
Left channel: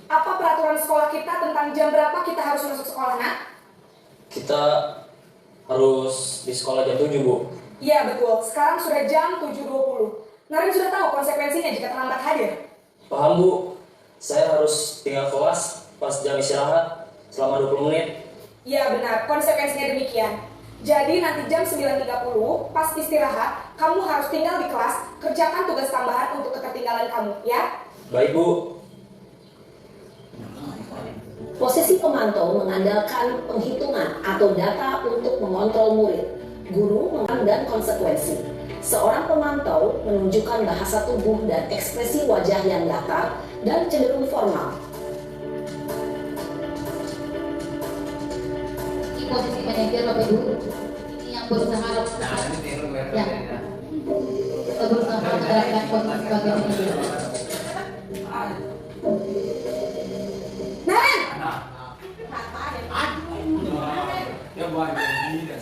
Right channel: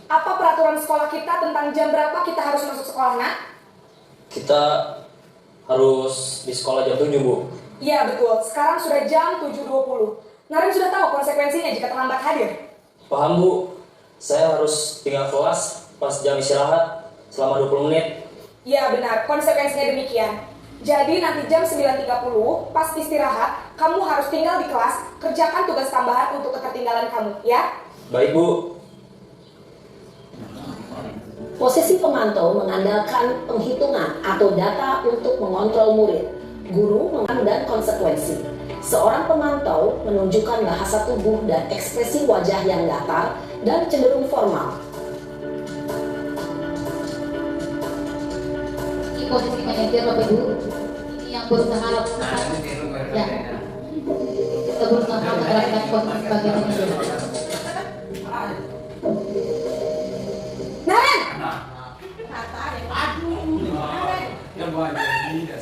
apa peraturan sekolah kita tentang jam berapa kita harus masuk sekolah, nak? Kita harus di sekolah jam 7 Bu. Iya betul, sekarang sudah jam 7.20. Naren sudah tahu konsekuensinya jika terlambat hadir. Paham Bu. saya harus tinggal kelas pas jam istirahat selama 20 menit. Ya benar, konsekuensinya demikian. Jadi nanti jam 9.30 pas istirahat, kamu harus tinggal di kelas, kerjakan tugas tambahan untuk ketertinggalan kamu, ya? Baik, Bu. Posisi pemantau mengandalkan penghitungan atau data untuk mengontrol murid, guru, dan konsekuensi. Seorang pemantau menunjukkan bahasa tubuh dan ekspresi wajah yang datar dan cenderung formal. Ini posisi manajer Bapak Ibu, ini yang berusaha ya. Kita berusaha menerapkan posisi sebagai manajer.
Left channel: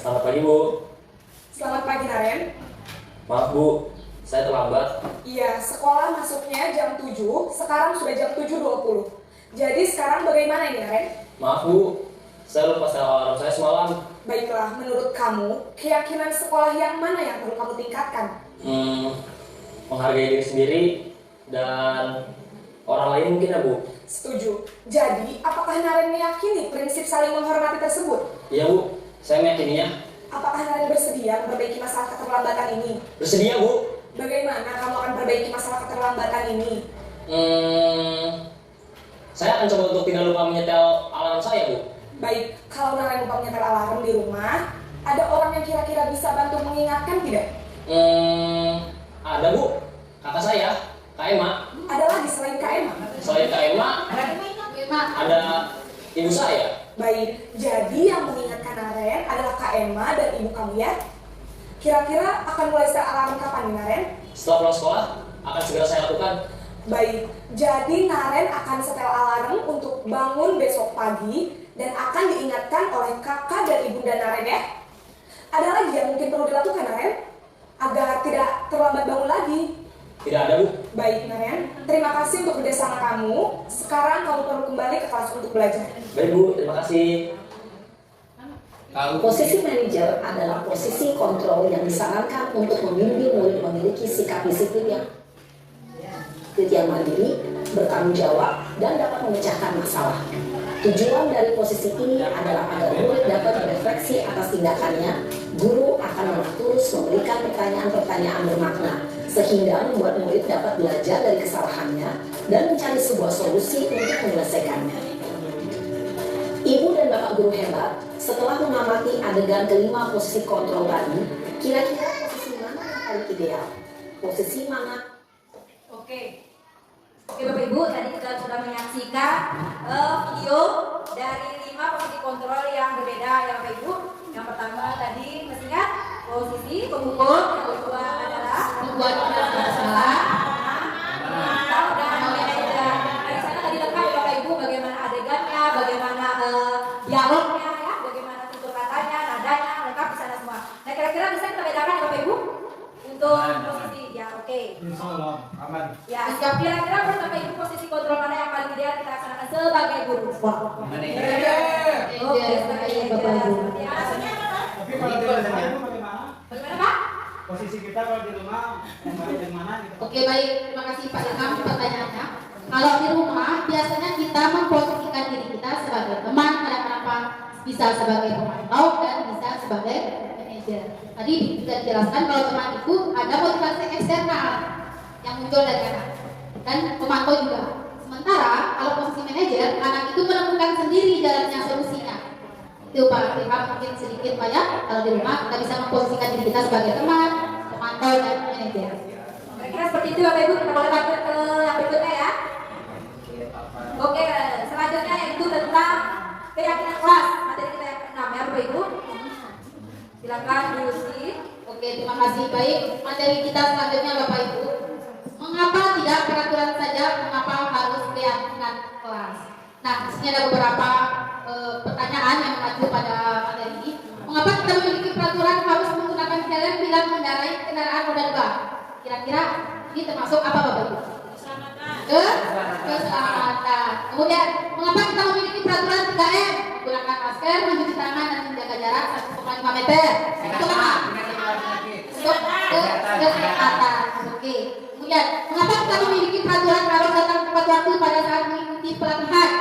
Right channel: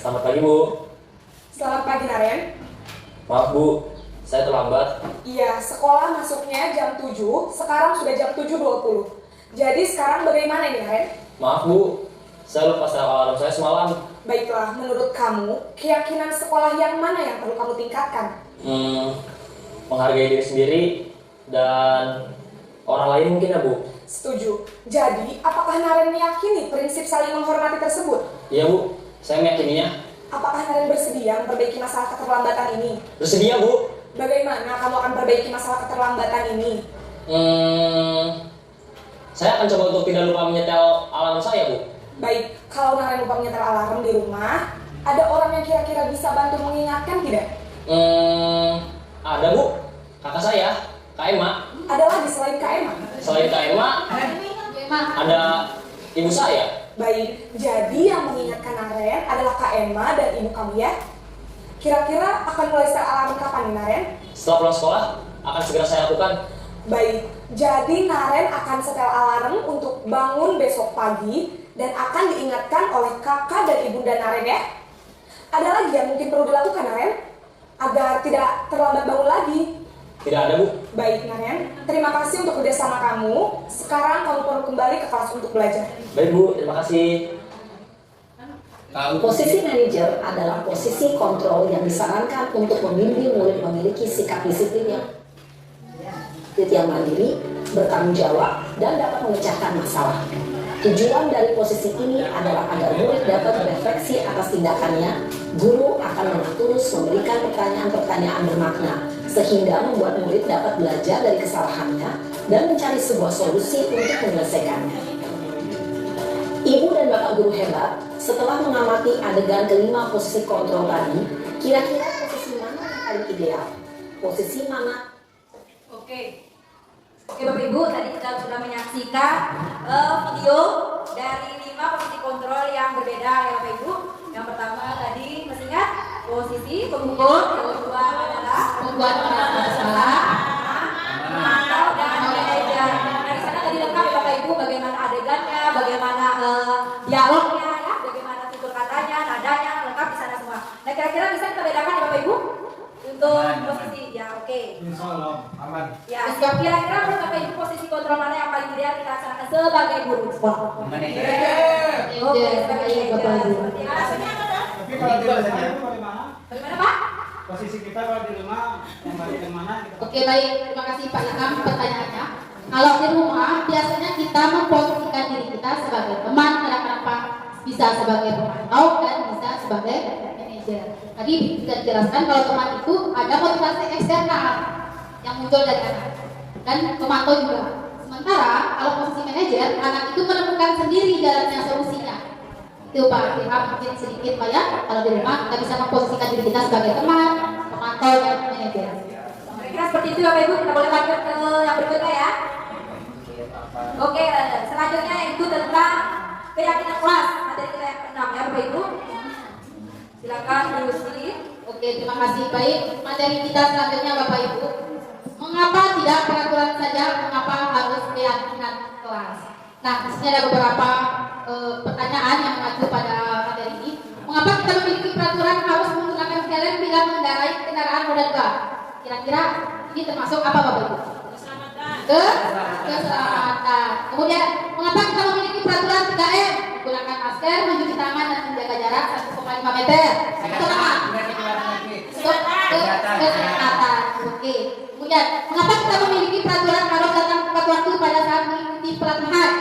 Selamat pagi, Bu. Selamat pagi, Naren. Maaf, Bu. Saya terlambat. Iya, sekolah masuknya jam 7, sekarang sudah jam 7.20. Jadi sekarang bagaimana ini, Naren? Maaf, Bu. Saya lupa setel alarm saya semalam. Baiklah, menurut kamu, keyakinan sekolah yang mana yang perlu kamu tingkatkan? Menghargai diri sendiri dan orang lain mungkin ya, Bu. Setuju. Jadi, apakah Naren meyakini prinsip saling menghormati tersebut? Iya, Bu. Saya meyakininya. Apakah Naren bersedia memperbaiki masalah keterlambatan ini? Bersedia, Bu. Bagaimana kamu akan perbaiki masalah keterlambatan ini? Saya akan coba untuk tidak lupa menyetel alarm saya, Bu. Baik, kalau Naren lupa menyetel alarm di rumah, ada orang yang kira-kira bisa bantu mengingatkan tidak? Ada, Bu. Kakak saya, Kak Emma. Ada lagi selain Kak Emma? Selain Kak Emma, ada ibu saya. Baik, jadi yang mengingatkan Naren adalah Kak Emma dan ibu kamu ya? Kira-kira akan mulai setel alarm kapan nih, Naren? Setelah pulang sekolah, akan segera saya lakukan. Baik, jadi Naren akan setel alarm untuk bangun besok pagi dan akan diingatkan oleh kakak dan ibunda Naren ya. Ada lagi yang mungkin perlu dilakukan, Naren? Agar tidak terlambat bangun lagi. Tidak ada, Bu. Baik, Naren. Terima kasih untuk kerjasama kamu. Sekarang kamu perlu kembali ke kelas untuk belajar. Baik, Bu. Terima kasih. Posisi manajer adalah posisi kontrol yang disarankan untuk membimbing murid memiliki sikap disiplin yang mandiri, bertanggung jawab, dan dapat memecahkan masalah. Tujuan dari posisi ini adalah agar murid dapat berefleksi atas tindakannya. Guru akan terus memberikan pertanyaan-pertanyaan bermakna, sehingga membuat murid dapat belajar dari kesalahannya dan mencari sebuah solusi untuk menyelesaikannya. Ibu dan Bapak guru hebat, setelah mengamati adegan kelima posisi kontrol tadi, kira-kira posisi mana yang paling ideal? Posisi mana? Oke, Bapak Ibu, tadi kita sudah menyaksikan video dari 5 posisi kontrol yang berbeda ya Bapak Ibu. Yang pertama tadi masih ingat posisi pemukul, yang kedua adalah Membuat masalah. memantau dan manajer. Nah, di sana tadi lengkap ya Bapak Ibu bagaimana adegannya, bagaimana dialognya ya, bagaimana tutur katanya, nadanya, lengkap di sana semua. Nah, kira-kira bisa kita bedakan ya Bapak Ibu untuk posisi ya, oke. Insyaallah aman. Ya, kira-kira menurut Bapak Ibu posisi kontrol mana yang paling ideal kita laksanakan sebagai guru sekolah? Manajer. Oke, sebagai Bapak Ibu. Tapi kalau di rumah Bagaimana Pak? posisi kita kalau di rumah yang mana gitu. Oke, baik. Terima kasih Pak Ilham pertanyaannya. Kalau di rumah biasanya kita memposisikan diri kita sebagai teman, kenapa bisa sebagai pemantau dan bisa sebagai manajer. Tadi bisa dijelaskan kalau teman itu ada motivasi eksternal yang muncul dari anak dan pemantau juga. Sementara kalau posisi manajer, anak itu menemukan sendiri jalannya solusinya. Itu Pak Ilham mungkin sedikit Pak ya. Kalau di rumah kita bisa memposisikan diri kita sebagai teman, pemantau dan manajer. Kira-kira seperti itu Bapak Ibu, kita boleh lanjut ke yang berikutnya ya. Oke, selanjutnya itu tentang keyakinan kelas. Materi kita yang ke-6 ya Bapak Ibu. Silakan Bu Yusi. Oke, terima kasih. Baik, materi kita selanjutnya Bapak Ibu. Mengapa tidak peraturan saja, mengapa harus keyakinan kelas? Nah, di sini ada beberapa pertanyaan yang mengacu pada materi ini. Mengapa kita memiliki peraturan harus menggunakan helm bila mengendarai kendaraan roda 2? Kira-kira ini termasuk apa Bapak Ibu? Keselamatan. Kemudian, mengapa kita memiliki peraturan 3M? Menggunakan masker, mencuci tangan, dan menjaga jarak 1,5 meter. Itu apa? Untuk kesehatan. Oke. Kemudian, mengapa kita memiliki peraturan harus datang tepat waktu pada saat mengikuti pelatihan.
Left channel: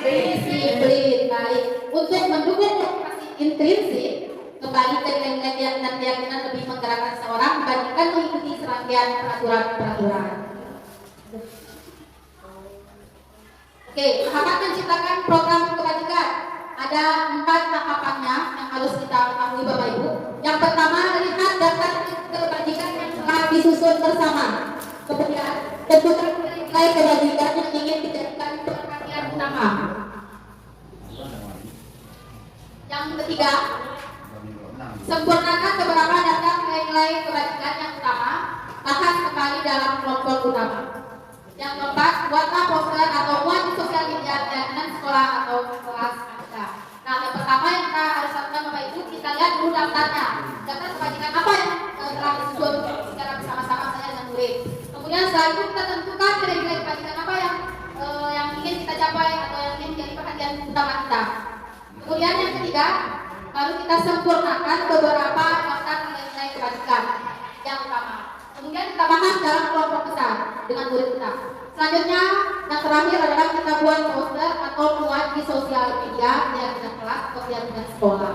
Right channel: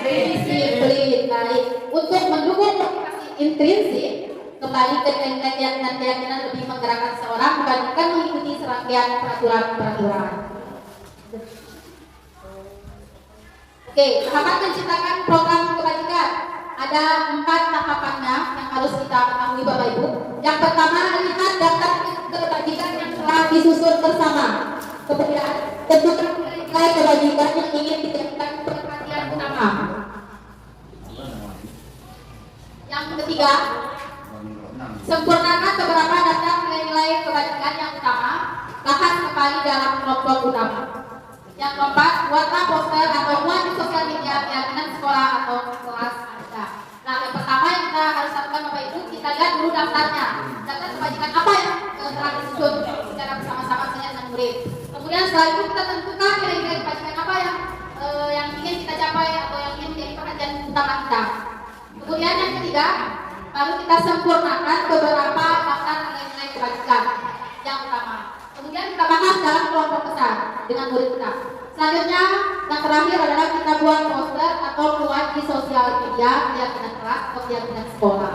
Disiplin, baik. Untuk mendukung motivasi intrinsik, kembali ke keyakinan lebih menggerakkan seorang dibandingkan mengikuti serangkaian peraturan-peraturan. Oke, tahapan menciptakan program kebajikan. Ada 4 tahapannya yang harus kita ketahui Bapak Ibu. Yang pertama, lihat daftar kebajikan yang telah disusun bersama. Kemudian, tentukan nilai kebajikan yang ingin dijadikan perhatian utama. Yang ketiga, sempurnakan beberapa daftar nilai-nilai kebajikan yang utama, bahas kembali dalam kelompok utama. Yang keempat, buatlah poster atau muat di sosial media keyakinan sekolah atau kelas Anda. Nah, yang pertama yang kita harus lakukan Bapak Ibu, kita lihat dulu daftarnya. Daftar kebajikan apa yang telah disusun secara bersama-sama dengan murid. Kemudian setelah itu kita tentukan kira-kira kebajikan apa yang ingin kita capai atau yang ingin menjadi perhatian utama kita. Kemudian yang ketiga, baru kita sempurnakan beberapa daftar nilai-nilai kebajikan yang utama. Kemudian kita bahas dalam kelompok besar dengan murid kita. Selanjutnya, yang terakhir adalah kita buat poster atau muat di sosial media keyakinan kelas atau keyakinan sekolah.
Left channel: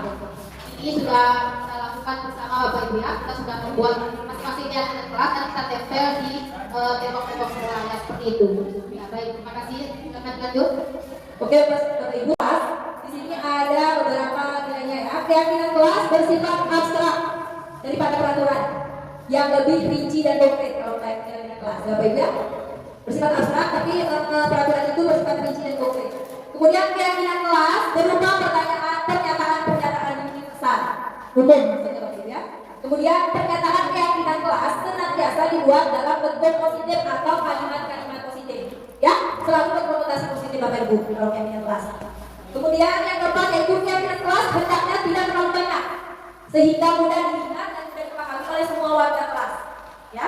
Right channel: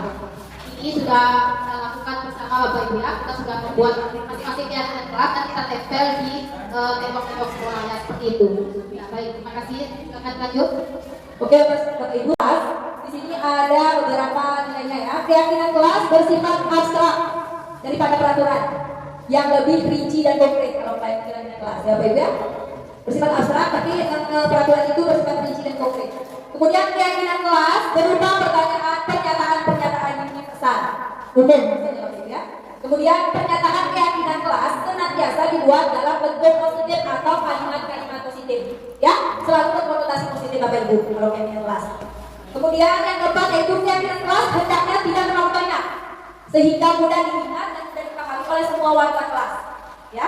Ini sudah kita lakukan bersama Bapak Ibu ya. Kita sudah membuat masing-masing keyakinan kelas dan kita tempel di tembok-tembok sekolah ya, seperti itu. Ya, baik, terima kasih. Silakan lanjut. Oke, Bapak Ibu, di sini ada beberapa nilainya ya. Keyakinan kelas bersifat abstrak daripada peraturan yang lebih rinci dan konkret kalau keyakinan kelas. Ya, Bapak Ibu ya. Bersifat abstrak tapi peraturan itu bersifat rinci dan konkret. Kemudian keyakinan kelas berupa pernyataan-pernyataan yang besar umum ya. Kemudian pernyataan keyakinan kelas senantiasa dibuat dalam bentuk positif atau kalimat-kalimat positif ya, selalu berkonotasi positif Bapak Ibu kalau keyakinan kelas. Kemudian yang keempat yaitu keyakinan kelas hendaknya tidak terlalu banyak sehingga mudah diingat dan mudah dipahami oleh semua warga kelas ya.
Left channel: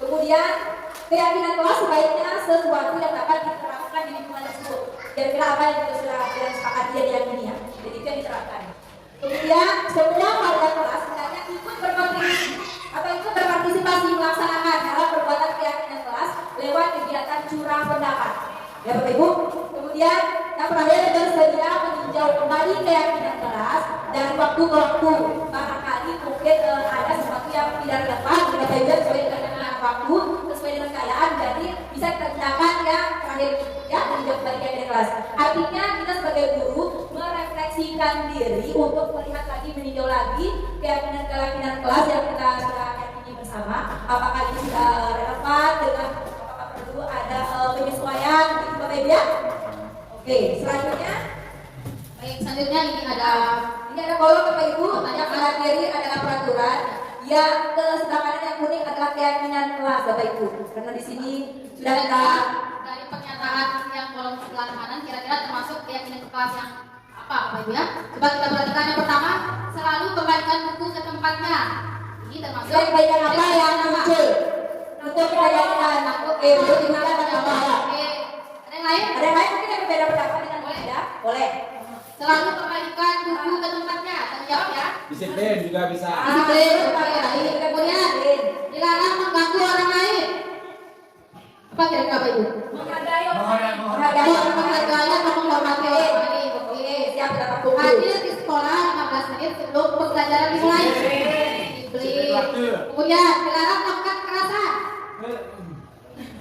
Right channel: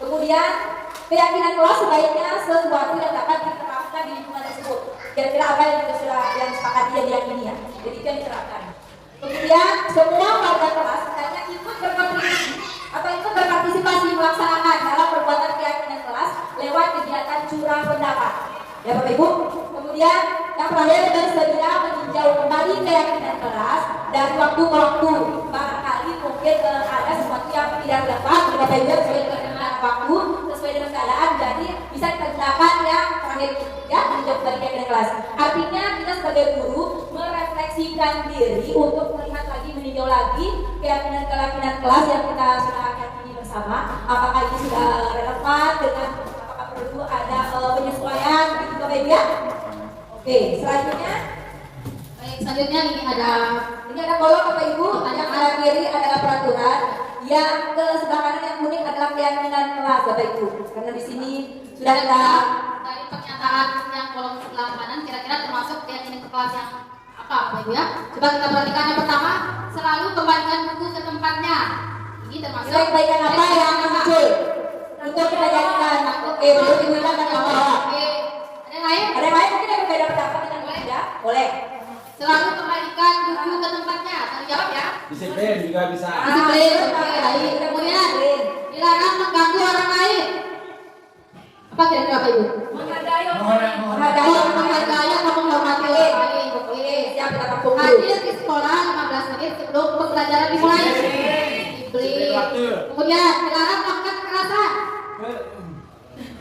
Kemudian keyakinan kelas sebaiknya sesuatu yang dapat diterapkan di lingkungan tersebut. Kira-kira apa yang sudah disepakati dan diyakini ya. Jadi itu yang diterapkan. Kemudian semua warga kelas hendaknya ikut berkontribusi atau ikut berpartisipasi melaksanakan dalam perbuatan keyakinan kelas lewat kegiatan curah pendapat. Ya Bapak Ibu. Kemudian yang terakhir bersedia meninjau kembali keyakinan kelas dari waktu ke waktu. Barangkali mungkin ada sesuatu yang tidak tepat Bapak Ibu sesuai dengan waktu, sesuai dengan keadaan, jadi bisa kita gunakan yang terakhir ya, meninjau kembali keyakinan kelas. Artinya kita sebagai guru merefleksikan diri untuk melihat lagi, meninjau lagi keyakinan kelas yang kita sudah yakini bersama. Apakah ini sudah relevan dengan apakah perlu ada penyesuaian gitu Bapak Ibu ya. Oke, selanjutnya. Baik, selanjutnya ini ada kolom Bapak Ibu, yang ada kiri adalah peraturan, yang ke sebelah kanan yang kuning adalah keyakinan kelas Bapak Ibu. Karena di sini sudah ada dari pernyataan yang kolom sebelah kanan kira-kira termasuk keyakinan kelas yang apa Bapak Ibu ya? Coba kita perhatikan yang pertama, selalu kembalikan buku ke tempatnya. Ini termasuk kebaikan apa yang muncul untuk keyakinan. Oke, baru digunakan dari bawah. Oke, ada yang lain? Ada yang lain mungkin yang berbeda pendapat dengan Anda? Boleh. Selalu kembalikan buku ke tempatnya. Tanggung jawab ya. Disiplin juga bisa. Disiplin. Baik. Kemudian dilarang mengganggu orang lain. Apa kira-kira Bapak Ibu? Menghargai atau menghormati orang lain. Oke. Siap dapat buku. Hadir di sekolah 15 menit sebelum pembelajaran dimulai. Disiplin. Kemudian dilarang melakukan kekerasan.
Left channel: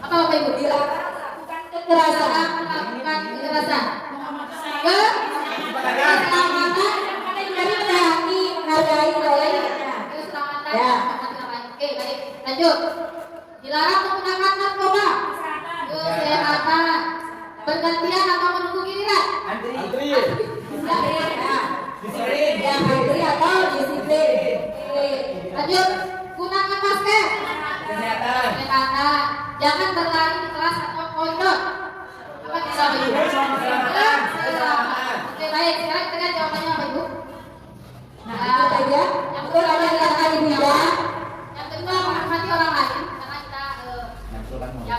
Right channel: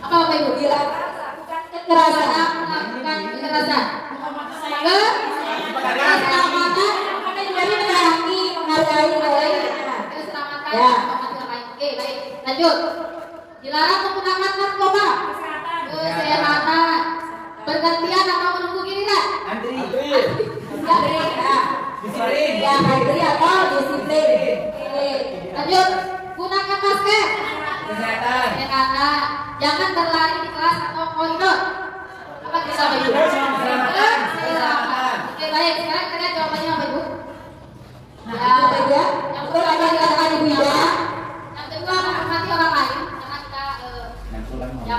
Apa Bapak Ibu? Dilarang melakukan kekerasan. Keselamatan dari menyayangi, menghargai orang lain. Keselamatan ya. Oke, baik. Lanjut. Dilarang menggunakan narkoba. Kesehatan. Bergantian atau menunggu giliran. Antri. Disiplin. Ya, antri atau disiplin. Lanjut. Gunakan masker. Kesehatan. Jangan berlari di kelas atau koridor. Apa kita Ibu? Oke baik, sekarang kita lihat jawabannya apa Ibu? Nah, itu saja. Yang kedua dikatakan Ibu ya. Yang kedua menghormati orang lain karena kita yang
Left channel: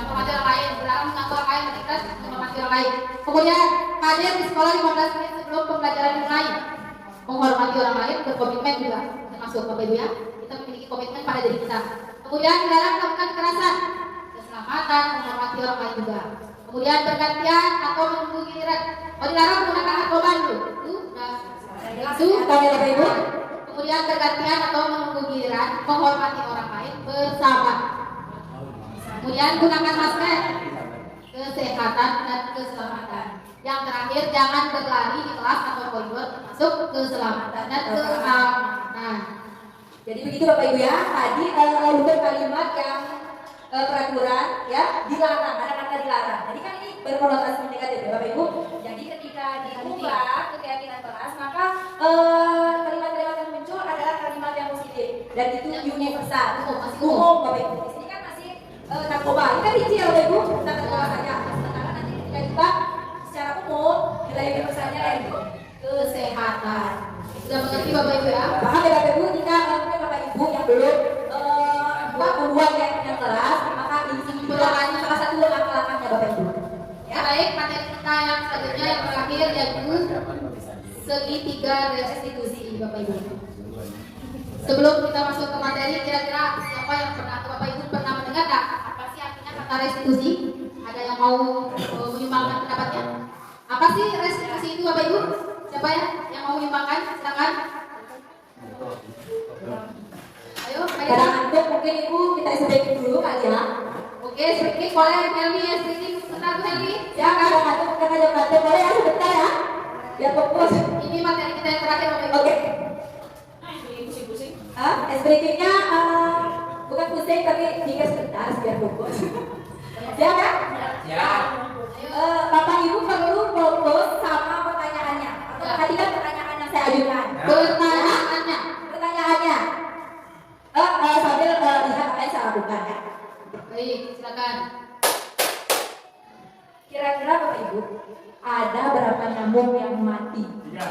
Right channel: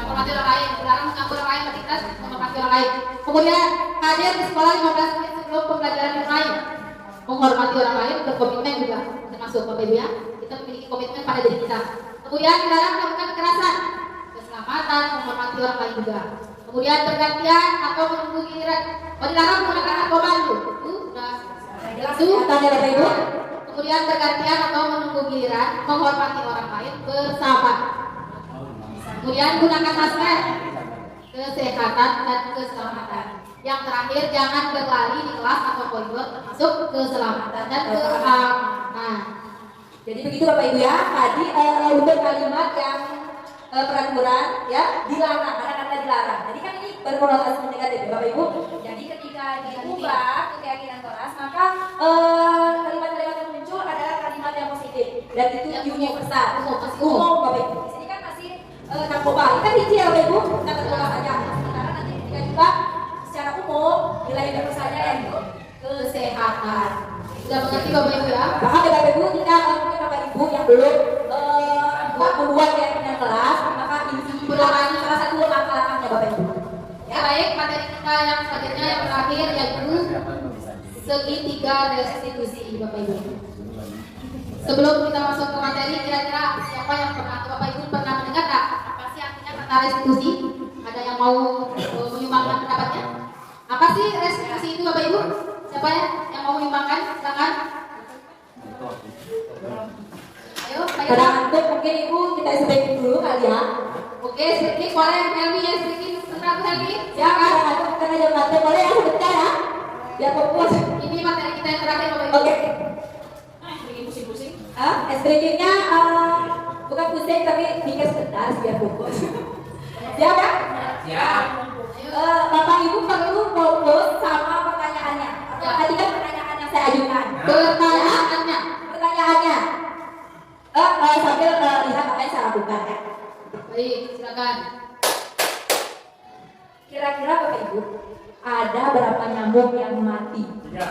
menghormati orang lain, dilarang mengganggu orang lain, kita menghormati orang lain. Kemudian hadir di sekolah 15 menit sebelum pembelajaran dimulai. Menghormati orang lain, berkomitmen juga termasuk Bapak Ibu ya. Kita memiliki komitmen pada diri kita. Kemudian dilarang melakukan kekerasan, keselamatan, menghormati orang lain juga. Kemudian bergantian atau menunggu giliran. Dilarang menggunakan narkoba itu sudah jelas tanya Bapak Ibu. Kemudian bergantian atau menunggu giliran, menghormati orang lain, bersahabat. Kemudian gunakan masker, kesehatan dan keselamatan. Yang terakhir, jangan berlari di kelas atau koridor, termasuk keselamatan dan keamanan. Jadi begitu Bapak Ibu ya. Tadi untuk kalimat yang peraturan ya dilarang, kata-kata dilarang. Jadi kan ini berkonotasi negatif ya Bapak Ibu. Jadi ketika diubah ke keyakinan keras, maka kalimat-kalimat yang muncul adalah kalimat yang positif dan itu universal, umum Bapak Ibu. Di sini kan masih narkoba. Kita rinci ya Bapak Ibu, kita keluar saja. Karena nanti ketika juga secara umum nilai universalnya yang kesehatan. Sudah mengerti Bapak Ibu ya? Bahkan Bapak Ibu tidak mungkin Bapak Ibu yang belum membuat keyakinan keras, maka ini merupakan salah satu langkah-langkahnya Bapak Ibu. Ya, baik, materi kita yang selanjutnya yang terakhir yaitu segitiga restitusi Bapak Ibu. Sebelum kita masuk ke materi, kira-kira siapa yang pernah atau Bapak Ibu pernah mendengar nggak apa sih artinya kata restitusi? Ada yang mau menyumbangkan pendapatnya? Apa sih restitusi itu Bapak Ibu? Siapa ya yang mau menyumbangkan? Silakan. Ayo, pada untuk mungkin Ibu kita speaking dulu kali ya. Oke, speaking boleh Helmi ya, speaking sebentar Helmi. Silakan, karena ada materi boleh ya sebentar ya. Biar fokus. Ini materi kita yang terakhir Bapak Ibu. Oke. Pusing-pusing. Speakingnya bukan pusing tapi pikir sebentar biar fokus. Siap ya? Siap. Bapak Ibu perlu fokus sama pertanyaannya. Tadi kan pertanyaan yang saya ajukan. Pertanyaannya. Sambil lihat apa yang saya lakukan. Baik, silakan. Kira-kira Bapak Ibu ada berapa nyamuk yang mati? Ya,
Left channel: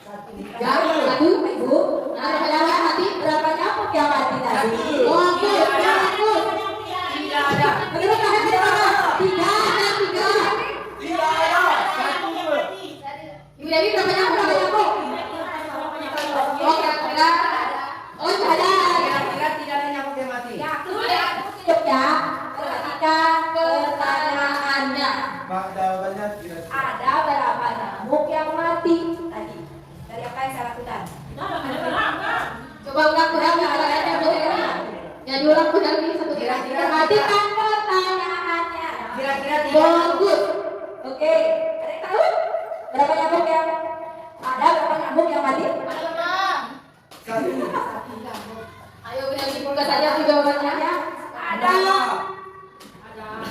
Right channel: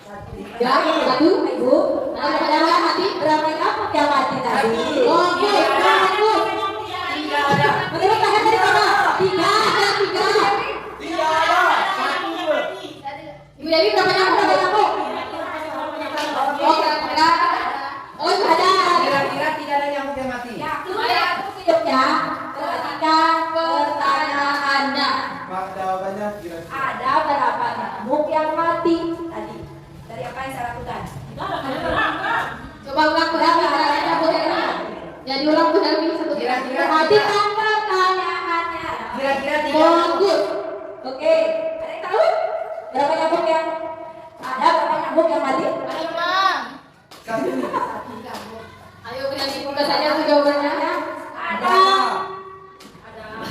satu, Ibu. berapa nyamuk mati? Berapa nyamuk yang mati tadi? Oke, Tidak ada. Menurut kalian ada berapa? Tiga. Ibu Dewi berapa nyamuk? Oh, kira-kira. Oh, ada. Kira-kira tidak ada nyamuk yang mati. Ya, hidupnya. Ketika pertanyaannya. Jawabannya Ada berapa nyamuk yang mati tadi? Dari apa yang saya lakukan? Coba ulang pertanyaannya Bu Dewi. Jadi ulang Bu Dewi satu Kira-kira Perhatikan pertanyaannya. Kira-kira bagus. Oke, ada yang tahu? Berapa nyamuk yang ada? Berapa nyamuk yang mati? Ayo Bu Dewi buka saja tuh jawabannya.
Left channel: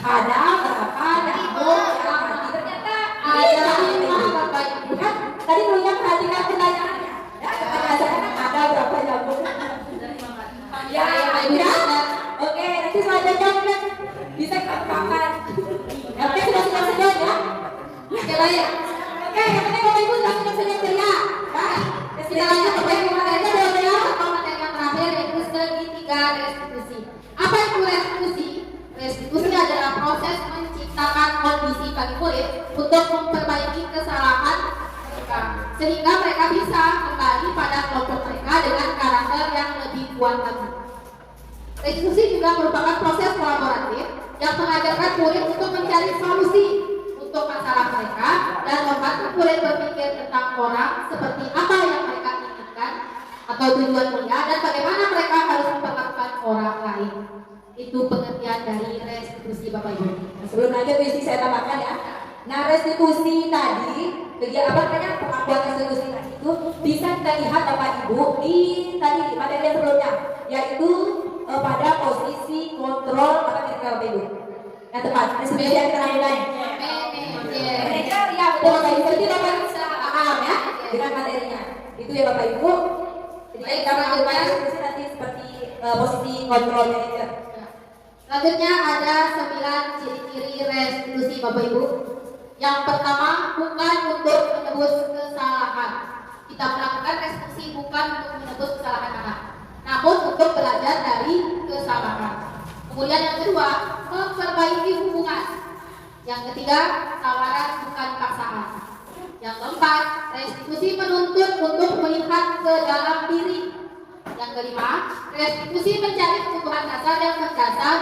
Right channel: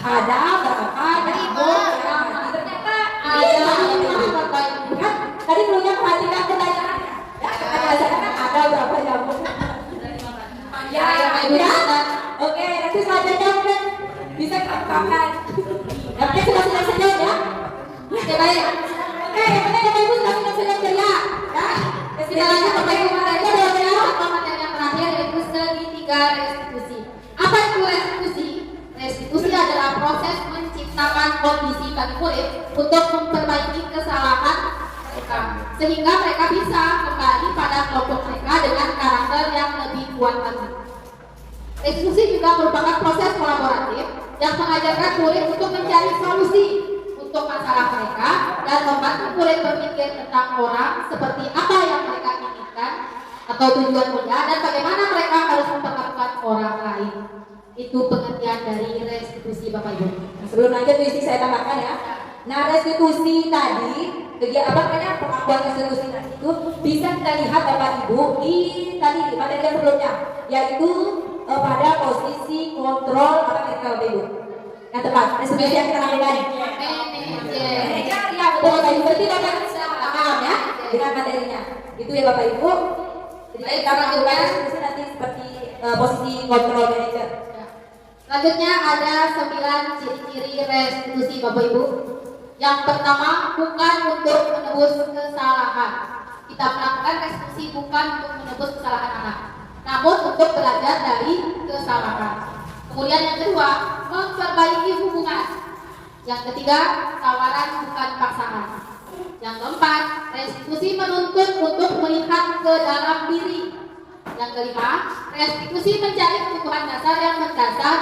Ada berapa nyamuk yang mati? Ternyata Ada 5 Bapak Ibu. kan tadi dulunya perhatikan pertanyaannya. Ya, pertanyaan saya kan ada berapa nyamuk? Ya, ya. Oke, nanti selanjutnya mungkin bisa katakan. Nanti sudah senyum ya. Oke, baik. Oke, yang penting Bapak Ibu sudah senyum ceria. Ya, Kita lanjut ke materi yang terakhir yaitu segitiga restitusi. Apa itu restitusi? Restitusi adalah proses menciptakan kondisi bagi murid untuk memperbaiki kesalahan mereka sehingga mereka bisa kembali pada kelompok mereka dengan karakter yang lebih kuat lagi. Restitusi juga merupakan proses kolaboratif yang mengajarkan murid untuk mencari solusi untuk masalah mereka dan membantu murid berpikir tentang orang seperti apa yang mereka inginkan atau tujuan mulia dan bagaimana mereka harus memperlakukan orang lain. Itu pengertian dari restitusi Bapak Ibu. Sebelum lanjut isi saya tambahkan ya. Nah, restitusi tadi, kegiatan apa namanya pengakuan restitusi tadi itu bisa kita lihat Bapak Ibu di tadi materi yang sebelumnya, yaitu pada posisi kontrol apa Bapak Ibu. Yang tepat, restitusi yang kita lakukan. Manajer, ya betul Bapak Ibu. Berarti Bapak Ibu bisa paham ya dengan materinya. Itu ya Bapak Ibu. Jadi kita lakukan restitusi nanti seperti posisi kontrol manajer. Selanjutnya ada 9 ciri-ciri restitusi Bapak Ibu. Yang pertama, bukan untuk menebus kesalahan. Kita melakukan restitusi bukan untuk menebus kesalahan anak, namun untuk belajar dari kesalahan. Kemudian yang kedua, memperbaiki hubungan. Yang ketiga, tawaran bukan paksaan. Yang keempat, restitusi menuntut untuk melihat ke dalam diri. Yang kelima, restitusi mencari kebutuhan dasar yang mendasar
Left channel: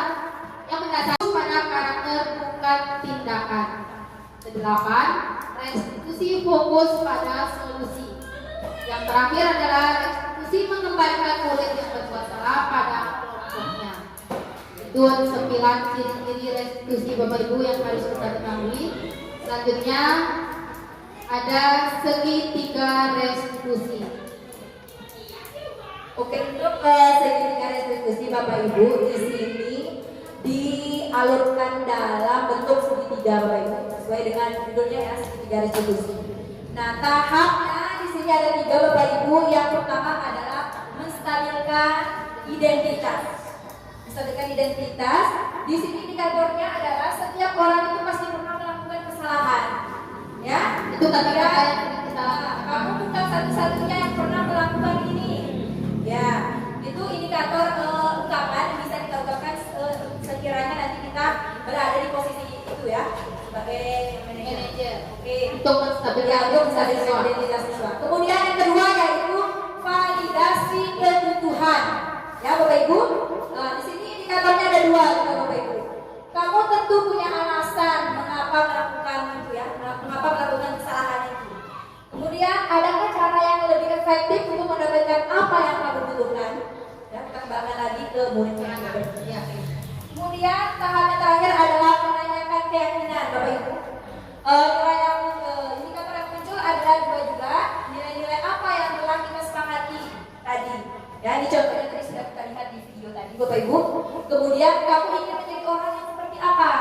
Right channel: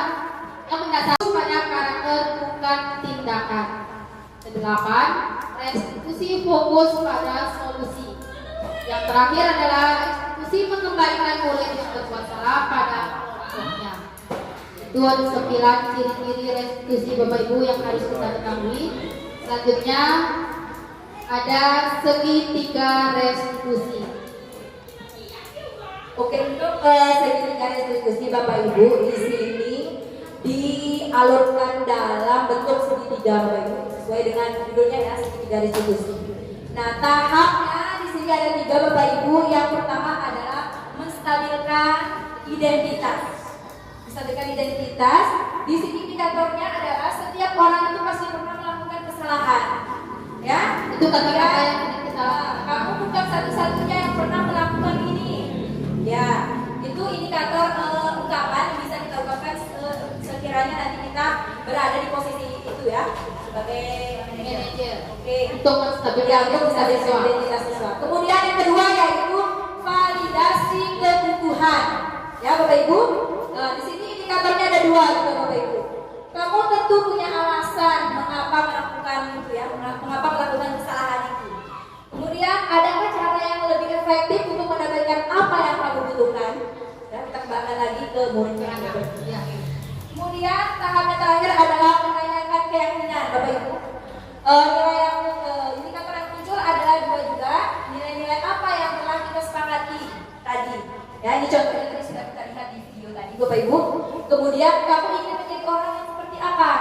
pada karakter bukan mengembalikan tindakan. Kedelapan, restitusi fokus pada solusi. Yang terakhir adalah restitusi mengembalikan oleh yang berbuat salah pada kelompoknya. Itu ada 9 ciri-ciri restitusi Bapak Ibu yang harus kita ketahui. Selanjutnya ada segitiga restitusi. Oke, untuk segitiga restitusi Bapak Ibu di sini dialurkan dalam bentuk segitiga Bapak Ibu sesuai dengan judulnya ya, segitiga restitusi. Nah, tahapnya di sini ada 3 Bapak Ibu. Yang pertama adalah menstabilkan identitas. Menstabilkan identitas. Di sini indikatornya adalah setiap orang itu pasti pernah melakukan kesalahan. Ya, Itu kata-kata yang kita lakukan. kamu bukan satu-satunya yang pernah melakukan ini. Ya, itu indikator ungkapan bisa kita ungkapkan sekiranya nanti kita berada di posisi itu ya sebagai manajer. Oke. Untuk menstabilkan identitas siswa. Kemudian yang kedua yaitu validasi kebutuhan. Ya Bapak Ibu, di sini indikatornya ada 2 gitu Bapak Ibu. Kamu tentu punya alasan mengapa melakukan itu ya, mengapa melakukan kesalahan itu. Kemudian adakah cara yang lebih efektif untuk mendapatkan apa yang kamu butuhkan? Ya, kita kembangkan lagi ke muridnya. Ya. Kemudian tahap yang terakhir adalah menanyakan keyakinan Bapak Ibu. Nilai yang indikator yang muncul adalah juga nilai-nilai apa yang telah kita sepakati tadi. Ya, ini contohnya tadi sudah kita lihat di video tadi Bapak Ibu. Kemudian kamu ingin menjadi orang yang seperti apa?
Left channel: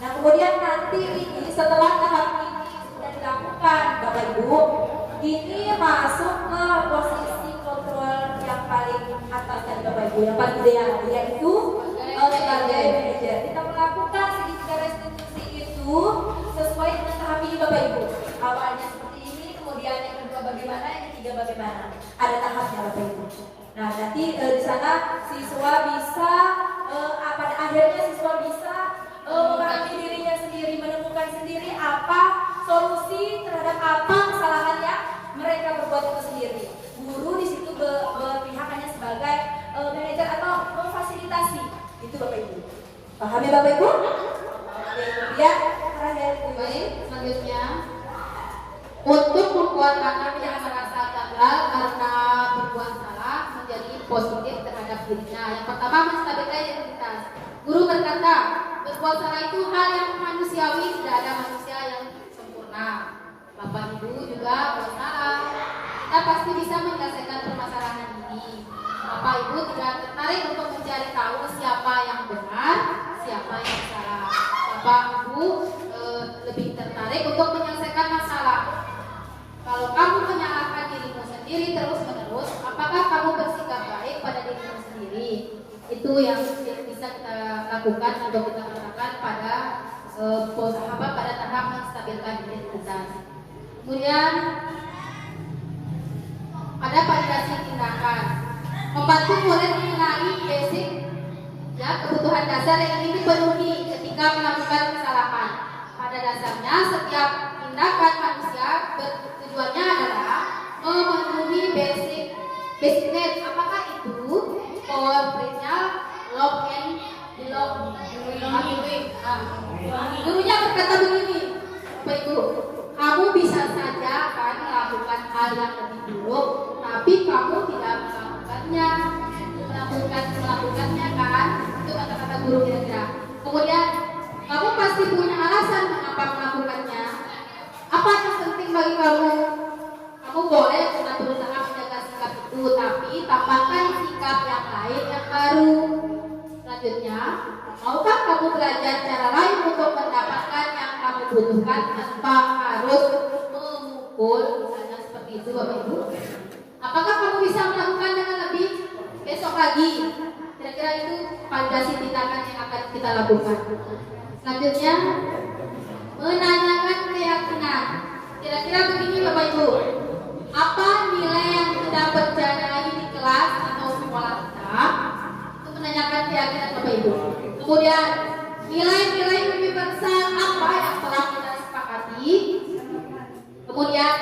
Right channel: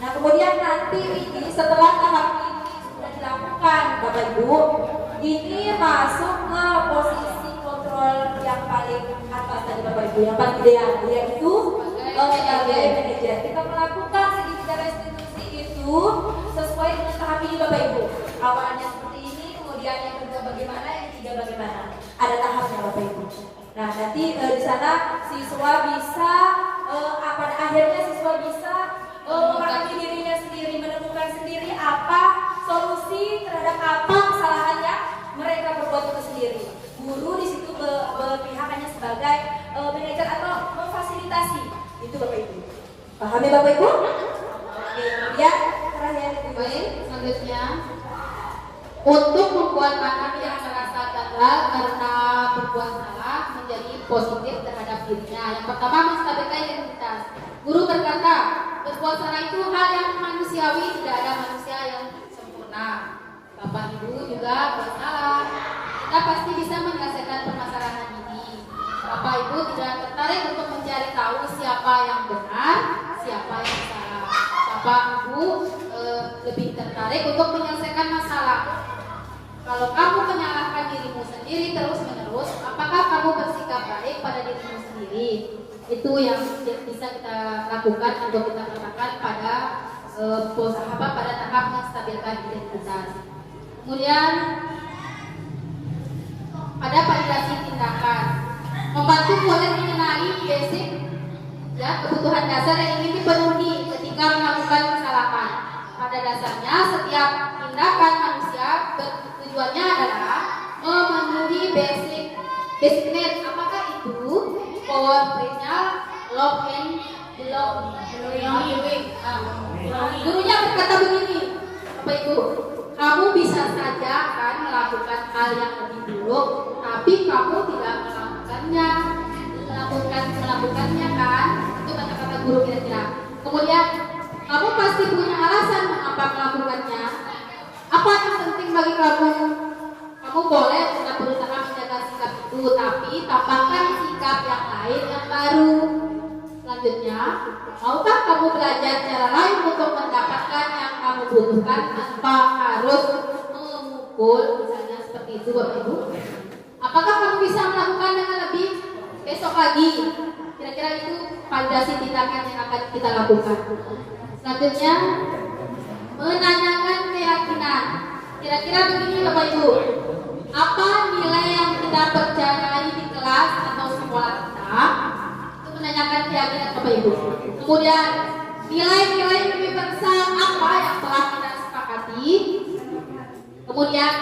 Nah, kemudian nanti ini setelah tahap ini sudah dilakukan Bapak Ibu, ini masuk ke posisi kontrol yang paling atas tadi Bapak Ibu, yang paling ideal yaitu sebagai manajer. Kita melakukan segitiga restitusi itu sesuai dengan tahap ini Bapak Ibu. Awalnya seperti ini, kemudian yang kedua bagaimana, yang ketiga bagaimana. Ada tahapnya Bapak Ibu. Nah, nanti di sana siswa bisa pada akhirnya siswa bisa mengalami dirinya sendiri, menemukan sendiri apa solusi terhadap apa kesalahan yang mereka berbuat itu sendiri. Guru di situ berpihak hanya sebagai manajer atau memfasilitasi. Itu Bapak Ibu. Paham ya Bapak Ibu? Oke, ya, terakhir Baik, selanjutnya untuk membuat anak yang merasa gagal karena berbuat salah menjadi positif terhadap dirinya. Yang pertama, menstabilkan identitas. Guru berkata, berbuat salah itu hal yang manusiawi, tidak ada manusia yang sempurna. Bapak Ibu juga buat salah. Kita pasti bisa menyelesaikan permasalahan ini. Bapak Ibu tidak tertarik untuk mencari tahu siapa yang benar, siapa yang salah. Bapak Ibu lebih tertarik untuk menyelesaikan masalah. Kalau kamu menyalahkan dirimu sendiri terus-menerus, apakah kamu bersikap baik pada dirimu sendiri? Itu yang bisa kita lakukan atau kita katakan pada pada tahap menstabilkan identitas. Kemudian ada validasi tindakan, membantu murid mengenali basic ya kebutuhan dasar yang ingin dipenuhi ketika melakukan kesalahan. Pada dasarnya setiap tindakan manusia tujuannya adalah memenuhi basic need. Apakah itu power prinsip love and belong? Gurunya berkata begini, Bapak Ibu, kamu bisa saja kan melakukan hal yang lebih buruk, tapi kamu tidak melakukannya kan? Itu kata-kata guru kira-kira. Kemudian kamu pasti punya alasan mengapa melakukannya. Apa yang penting bagi kamu? Kamu boleh tetap berusaha menjaga sikap itu, tapi tambahkan sikap yang lain yang baru. Selanjutnya, maukah kamu belajar cara lain untuk mendapatkan yang kamu butuhkan tanpa harus memukul, misalnya seperti itu Bapak Ibu? Apakah kamu bisa melakukan dengan lebih besok lagi? Kira-kira itu validasi tindakan yang akan kita lakukan. Selanjutnya, menanyakan keyakinan. Kira-kira begini Bapak Ibu, apa nilai yang kita percayai di kelas atau sekolah kita? Itu menanyakan keyakinan Bapak Ibu. Kemudian nilai-nilai universal apa yang telah kita sepakati? Kemudian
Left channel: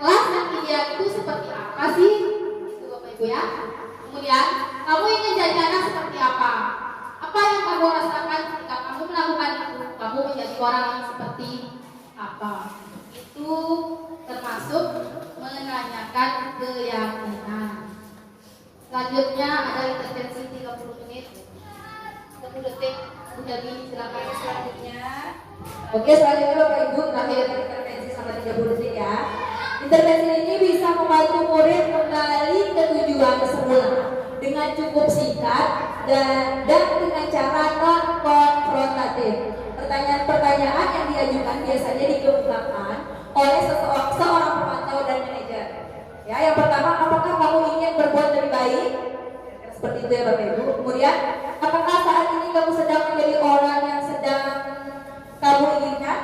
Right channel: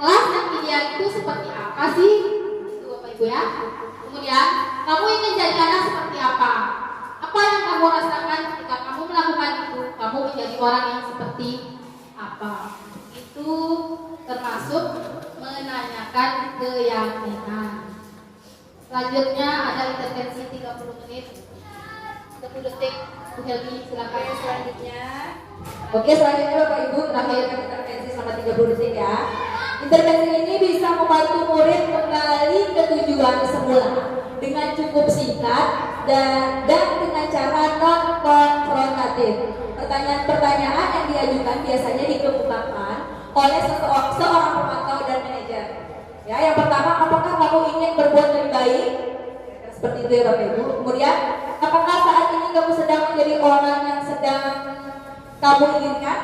kelas yang ideal itu seperti apa sih? Itu Bapak Ibu ya. Kemudian kamu ingin jadi anak seperti apa? Apa yang kamu rasakan ketika kamu melakukan itu? kamu menjadi orang yang seperti apa. Itu termasuk menanyakan keyakinan. Selanjutnya ada intervensi 30 menit. 30 detik. Bu Helmi, silakan. Selanjutnya. Oke, selanjutnya Bapak Ibu terakhir intervensi selama 30 detik ya. Intervensi ini bisa membantu murid kembali ke tujuan semula dengan cukup singkat dan dengan cara non-konfrontatif. Pertanyaan-pertanyaan yang diajukan biasanya dikemukakan oleh seorang pemantau dan manajer. Ya, yang pertama, apakah kamu ingin berbuat lebih baik? Seperti itu ya Bapak Ibu. Kemudian, apakah saat ini kamu sedang menjadi orang yang sedang kamu inginkan?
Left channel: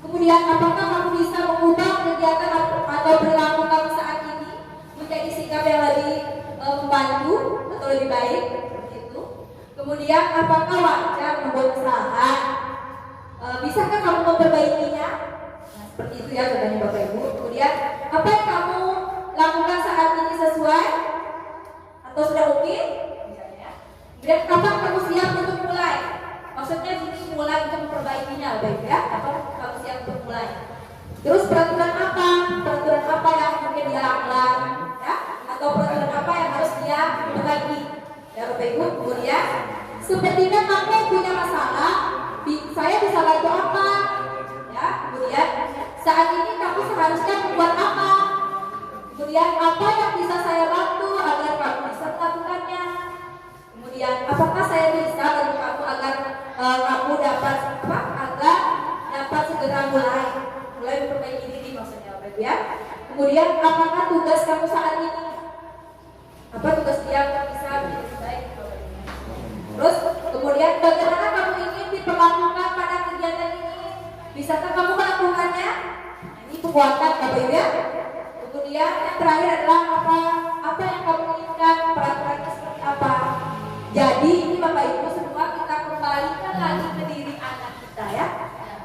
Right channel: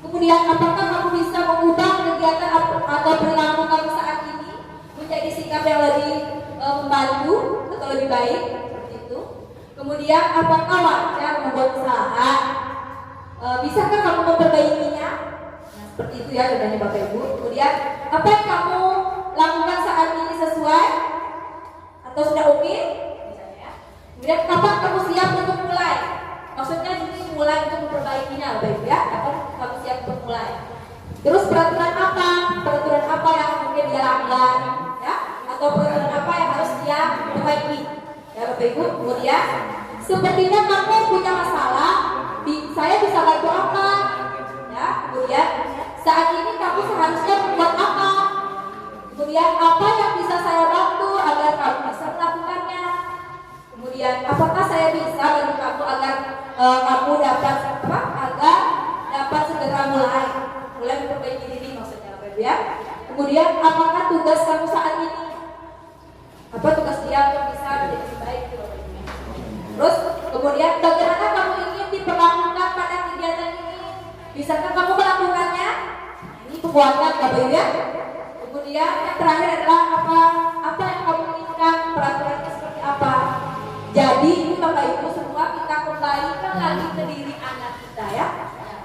Kemudian, apakah kamu bisa mengubah kegiatan atau perilaku kamu saat ini menjadi sikap yang lebih membantu atau lebih baik? Seperti itu. Kemudian, apakah wajar membuat kesalahan? Bisakah kamu memperbaikinya? Nah, seperti itu ya jawabannya Bapak Ibu. Kemudian, apa yang kamu lakukan saat ini sesuai atau sudah oke? Kemudian, kapan kamu siap untuk mulai? Maksudnya ini mulai untuk memperbaikinya Bapak Ibu ya. Kapan kamu siap untuk mulai? Terus peraturan apa? Peraturan apa yang mungkin dia langgar ya? Atau peraturan apa yang harus dia perbaiki? Ya Bapak Ibu. Kemudian, sepertinya kamu punya masalah. Saya bisa bantu apa? Ya. Kemudian, saat ini kamu seharusnya membuat apa? Kemudian, apa yang bisa saya bantu agar kamu bisa melakukannya? Kemudian, apakah saya bisa bantu kamu agar kamu dapat apa? Agar dapat segera mulai memperbaiki diri maksudnya Bapak Ibu ya. Kemudian, apakah tugas kamu saat ini? Apa tugas dia yang bisa menjadi baik? Terus, kemudian bagaimana kamu ingin diperlakukan pada kegiatan ini? Bisakah kamu melakukannya? Ini penguatan Bapak Ibu ya. Kemudian yang terakhir adalah apa yang kamu inginkan, peraturannya seperti apa. Jadi ini Bapak Ibu semua kita kembalikan lagi ke diri anak kita ya.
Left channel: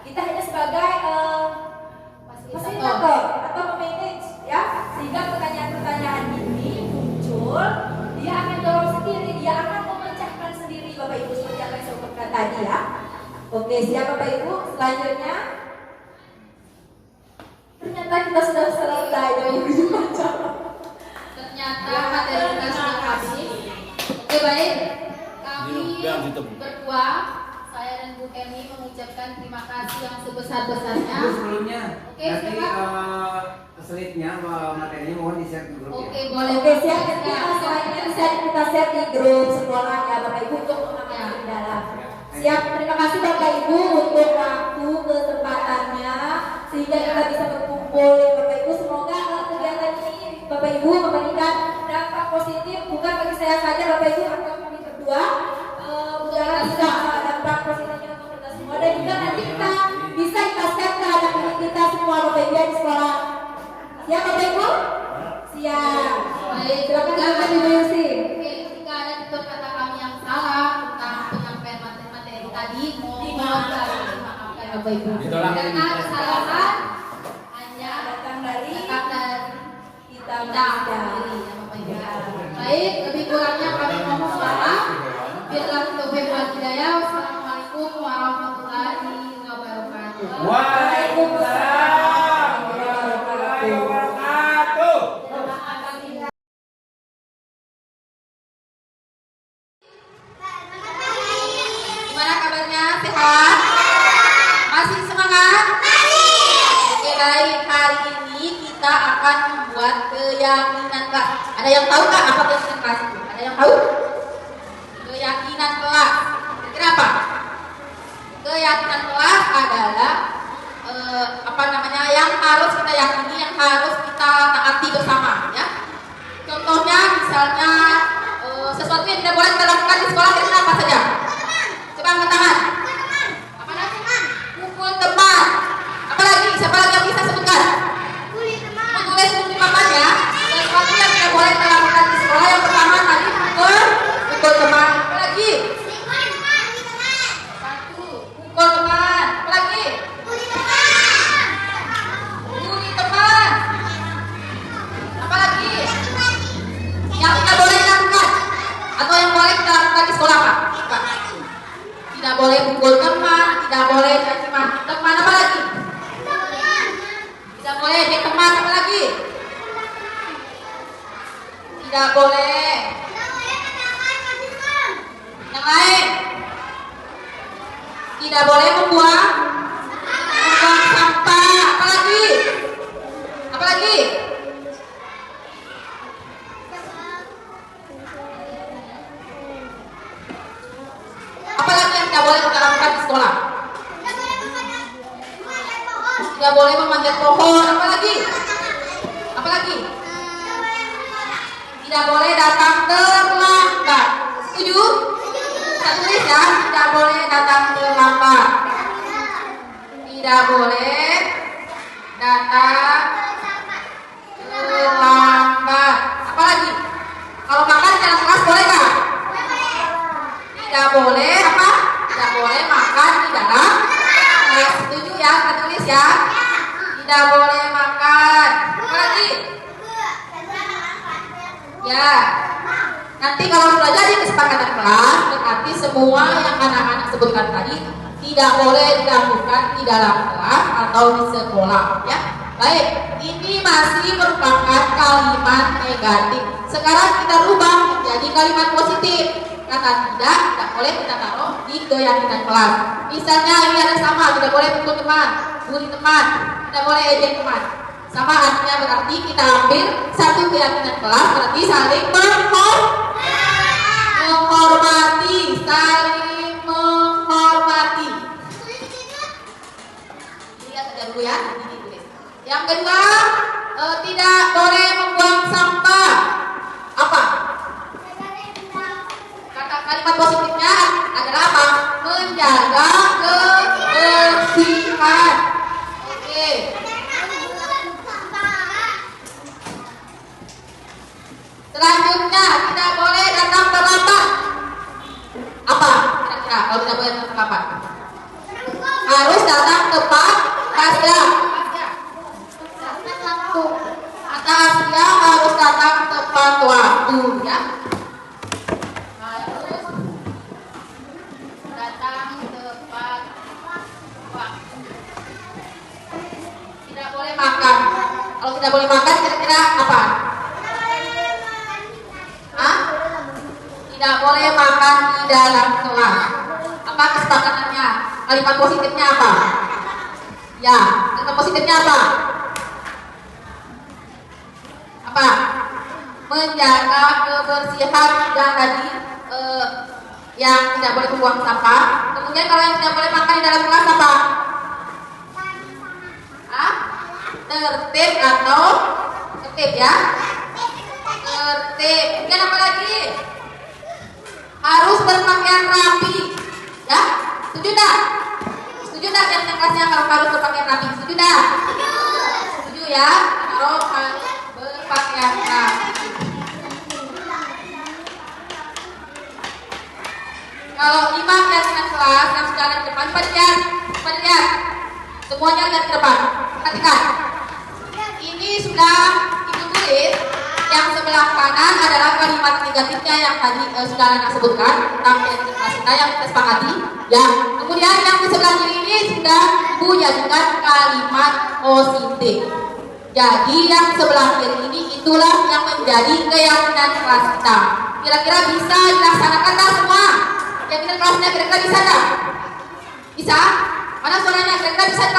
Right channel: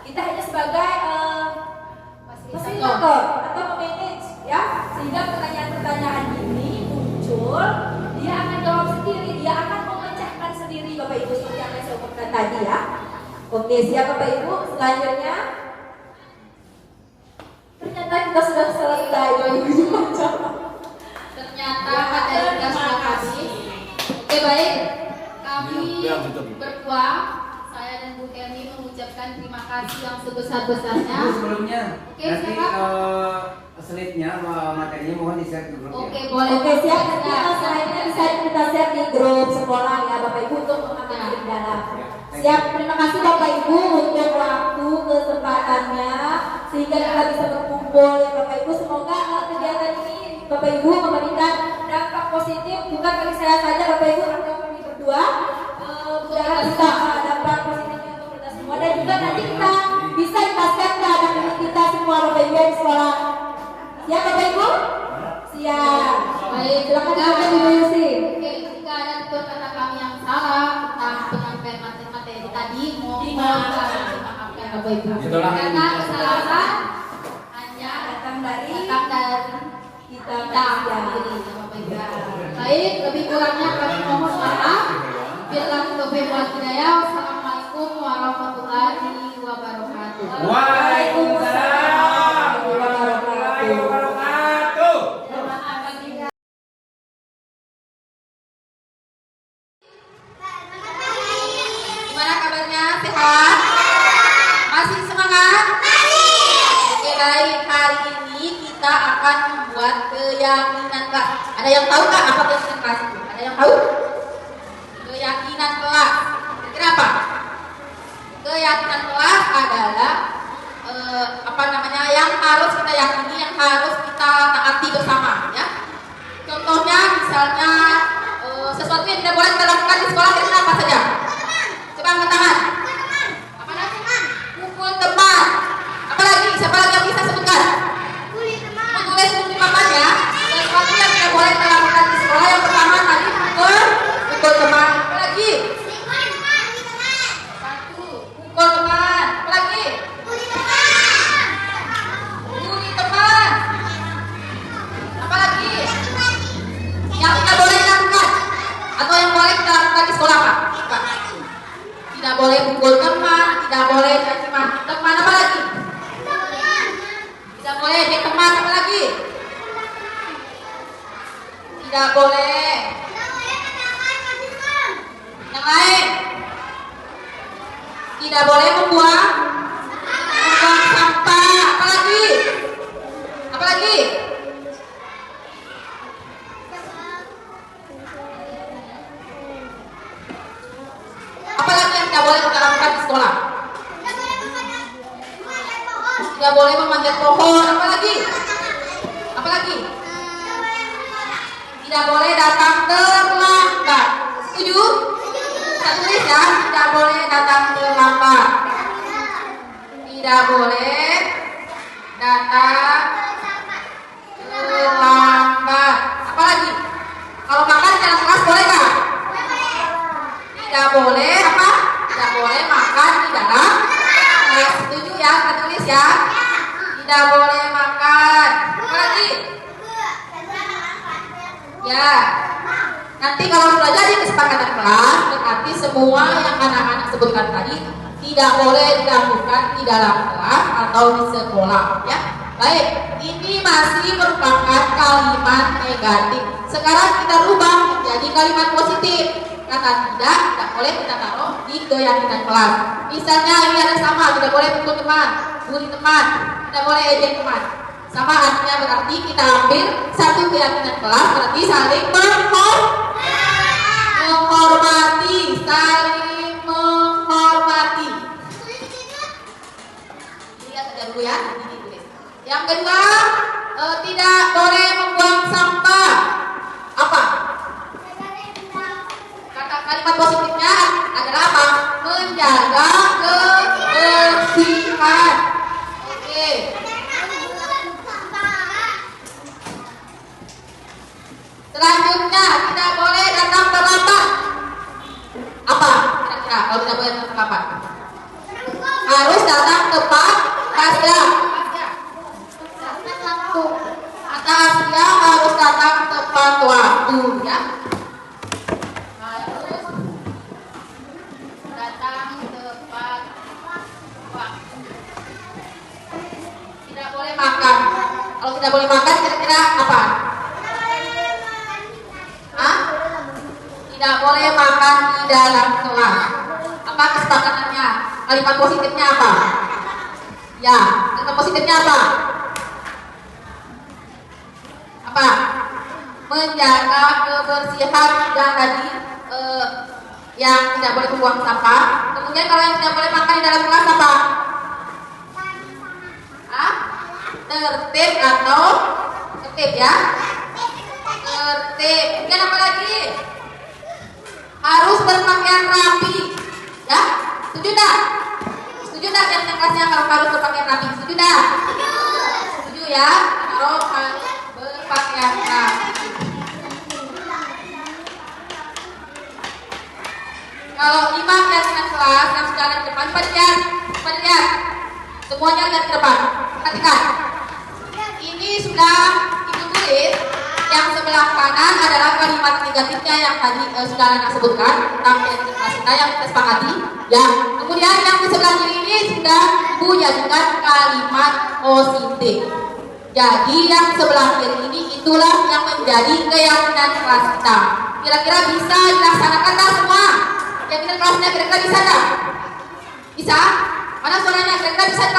Kita hanya sebagai fasilitator atau memanage ya, sehingga pertanyaan-pertanyaan ini muncul, dia akan jawab sendiri, dia akan memecahkan sendiri Bapak Ibu seperti yang saya umumkan tadi ya. Oke, siap Bapak Ibu. Selanjutnya ternyata kita sudah selesai Bapak Ibu. Ternyata materi kita sudah habis. Oke baik, kami berdua, saya dan Bu Kemi mengucapkan terima kasih yang sebesar-besarnya. Sebelumnya, Oke, nanti siapa? slide-nya materinya mohon di-share di grup Oke, ya. boleh. Oke, siap. Nanti slide-nya bisa kita share di grup sekolah ya Bapak Ibu untuk mengambil di dalam. Siap, terima kasih Bapak Ibu untuk waktu kesempatannya sehingga kita bisa berkumpul ya Bapak Ibu. Semoga kegiatan ini Bapak Ibu memberikan dampak positif bukan bagi saya saja Bapak Ibu, atau kami berdua. Mudah-mudahan bisa dampak positifnya untuk kita semua dan juga nanti kita bisa ikhlaskan ke anak-anak kita semua Bapak Ibu di sekolah. Siap Bapak Ibu? Siap. Baik, Silakan Ibu Yusi. Oke, jika ada tutur kata kami yang salah tentang penyampaian materi tadi, mohon dimaafkan Bapak Ibu. Karena kesalahan hanya datang dari kita sendiri, Bapak Ibu. Baik, lebih kurangnya kami mohon maaf. Billahi taufiq wal hidayah. Wassalamualaikum warahmatullahi wabarakatuh. Waalaikumsalam warahmatullahi wabarakatuh. Gimana kabarnya? Sehat? Masih semangat? Oke baik, hari ini kita akan membuat keyakinan kelas. Ada yang tahu nggak apa keyakinan kelas itu? Ada yang tahu? Keyakinan kelas. Kenapa? Keyakinan kelas adalah yang harus kita yakini, yang harus kita taati bersama, ya. Contohnya misalnya sesuatu yang tidak boleh kita lakukan di sekolah itu apa saja? Coba angkat tangan. Apa lagi? Pukul teman. Apalagi? Siapa lagi yang bisa sebutkan? Menulis bukti papan ya. Sesuatu yang tidak boleh kita lakukan di sekolah yang pertama tadi pukul teman. Apalagi? Satu, pukul teman. Apalagi? Bully teman. Apalagi? Yang tidak boleh dilakukan atau yang boleh kita lakukan di sekolah apa? Tidak boleh pukul teman, tidak boleh caci maki teman, apa lagi? Tidak boleh ejek teman, apa lagi? Tidak boleh. Yang lain. Tidak boleh membuang sampah, apa lagi? Apa lagi? Apalagi yang tidak boleh kita lakukan di sekolah? Tidak boleh memanjat pohon. Apalagi? Apalagi? Tidak boleh datang terlambat. Setuju? Kita tulis ya. Tidak boleh datang terlambat. Tidak boleh datang terlambat. Apalagi? Kalau makan di dalam kelas boleh nggak? Tidak boleh apa? Tidak boleh makan di dalam kelas. Setuju ya? Kita tulis ya. Tidak boleh makan. Apa lagi? Ya. Nanti kalau sudah jadi kesepakatan kelas, berarti semua yang anak-anak sebutkan tadi tidak boleh dilakukan di dalam kelas atau di sekolah. Ya. Baik. Ini masih merupakan kalimat negatif. Sekarang kita rubah menjadi kalimat positif. Kata tidak boleh kita taruh di keyakinan kelas. Misalnya ini ada sama, tidak boleh pukul teman, bully teman, tidak boleh ejek teman. Sama artinya berarti kita ambil satu keyakinan kelas, berarti saling menghormati, saling menghormati. Lihat saja dulu ya. Yang kedua, tidak boleh membuang sampah. Apa? Kalimat positifnya adalah apa? Menjaga kebersihan. Oke. Selanjutnya, tidak boleh datang terlambat. Apa? Kira-kira kalau tidak boleh datang terlambat? Harus datang tepat waktu. Kata Asia harus datang tepat waktu, ya. Makan. Kalau tidak boleh makan kira-kira apa? Hah? Tidak boleh makan di dalam kelas. Apa kesepakatannya? Kalimat positifnya apa? Ya, kalimat positifnya apa? Apa? Menjaga kebersihan dan tadi yang tidak boleh membuang sampah. Kemudian kalau yang tidak boleh makan di dalam kelas apa? Hah? Tertib atau tertib ya? Tertib. Kemudian apa lagi? Harus berpakaian rapi, ya? Setuju tak? Setuju tak yang kelasnya kalau harus berpakaian rapi? Setuju tak? Setuju ya? Kalau harus berpakaian rapi. Kalau 5 keyakinan kelas yang sudah ada di depan, lihat. Semuanya lihat ke depan. Perhatikan. Ini sudah Ibu tulis. Yang sebelah kanan adalah kalimat negatifnya yang tadi sudah Anda sebutkan tentang kelas kita yang kita sepakati. Ya. Kemudian yang di sebelah kiri ini sudah Ibu jadikan kalimat positif. Jadi yang sebelah kiri ini itulah yang menjadi keyakinan kelas kita. Kira-kira bisa dilaksanakan tak semua? Keyakinan kelasnya kira-kira bisa tak? Bisa? Mana suaranya? Kira-kira bisa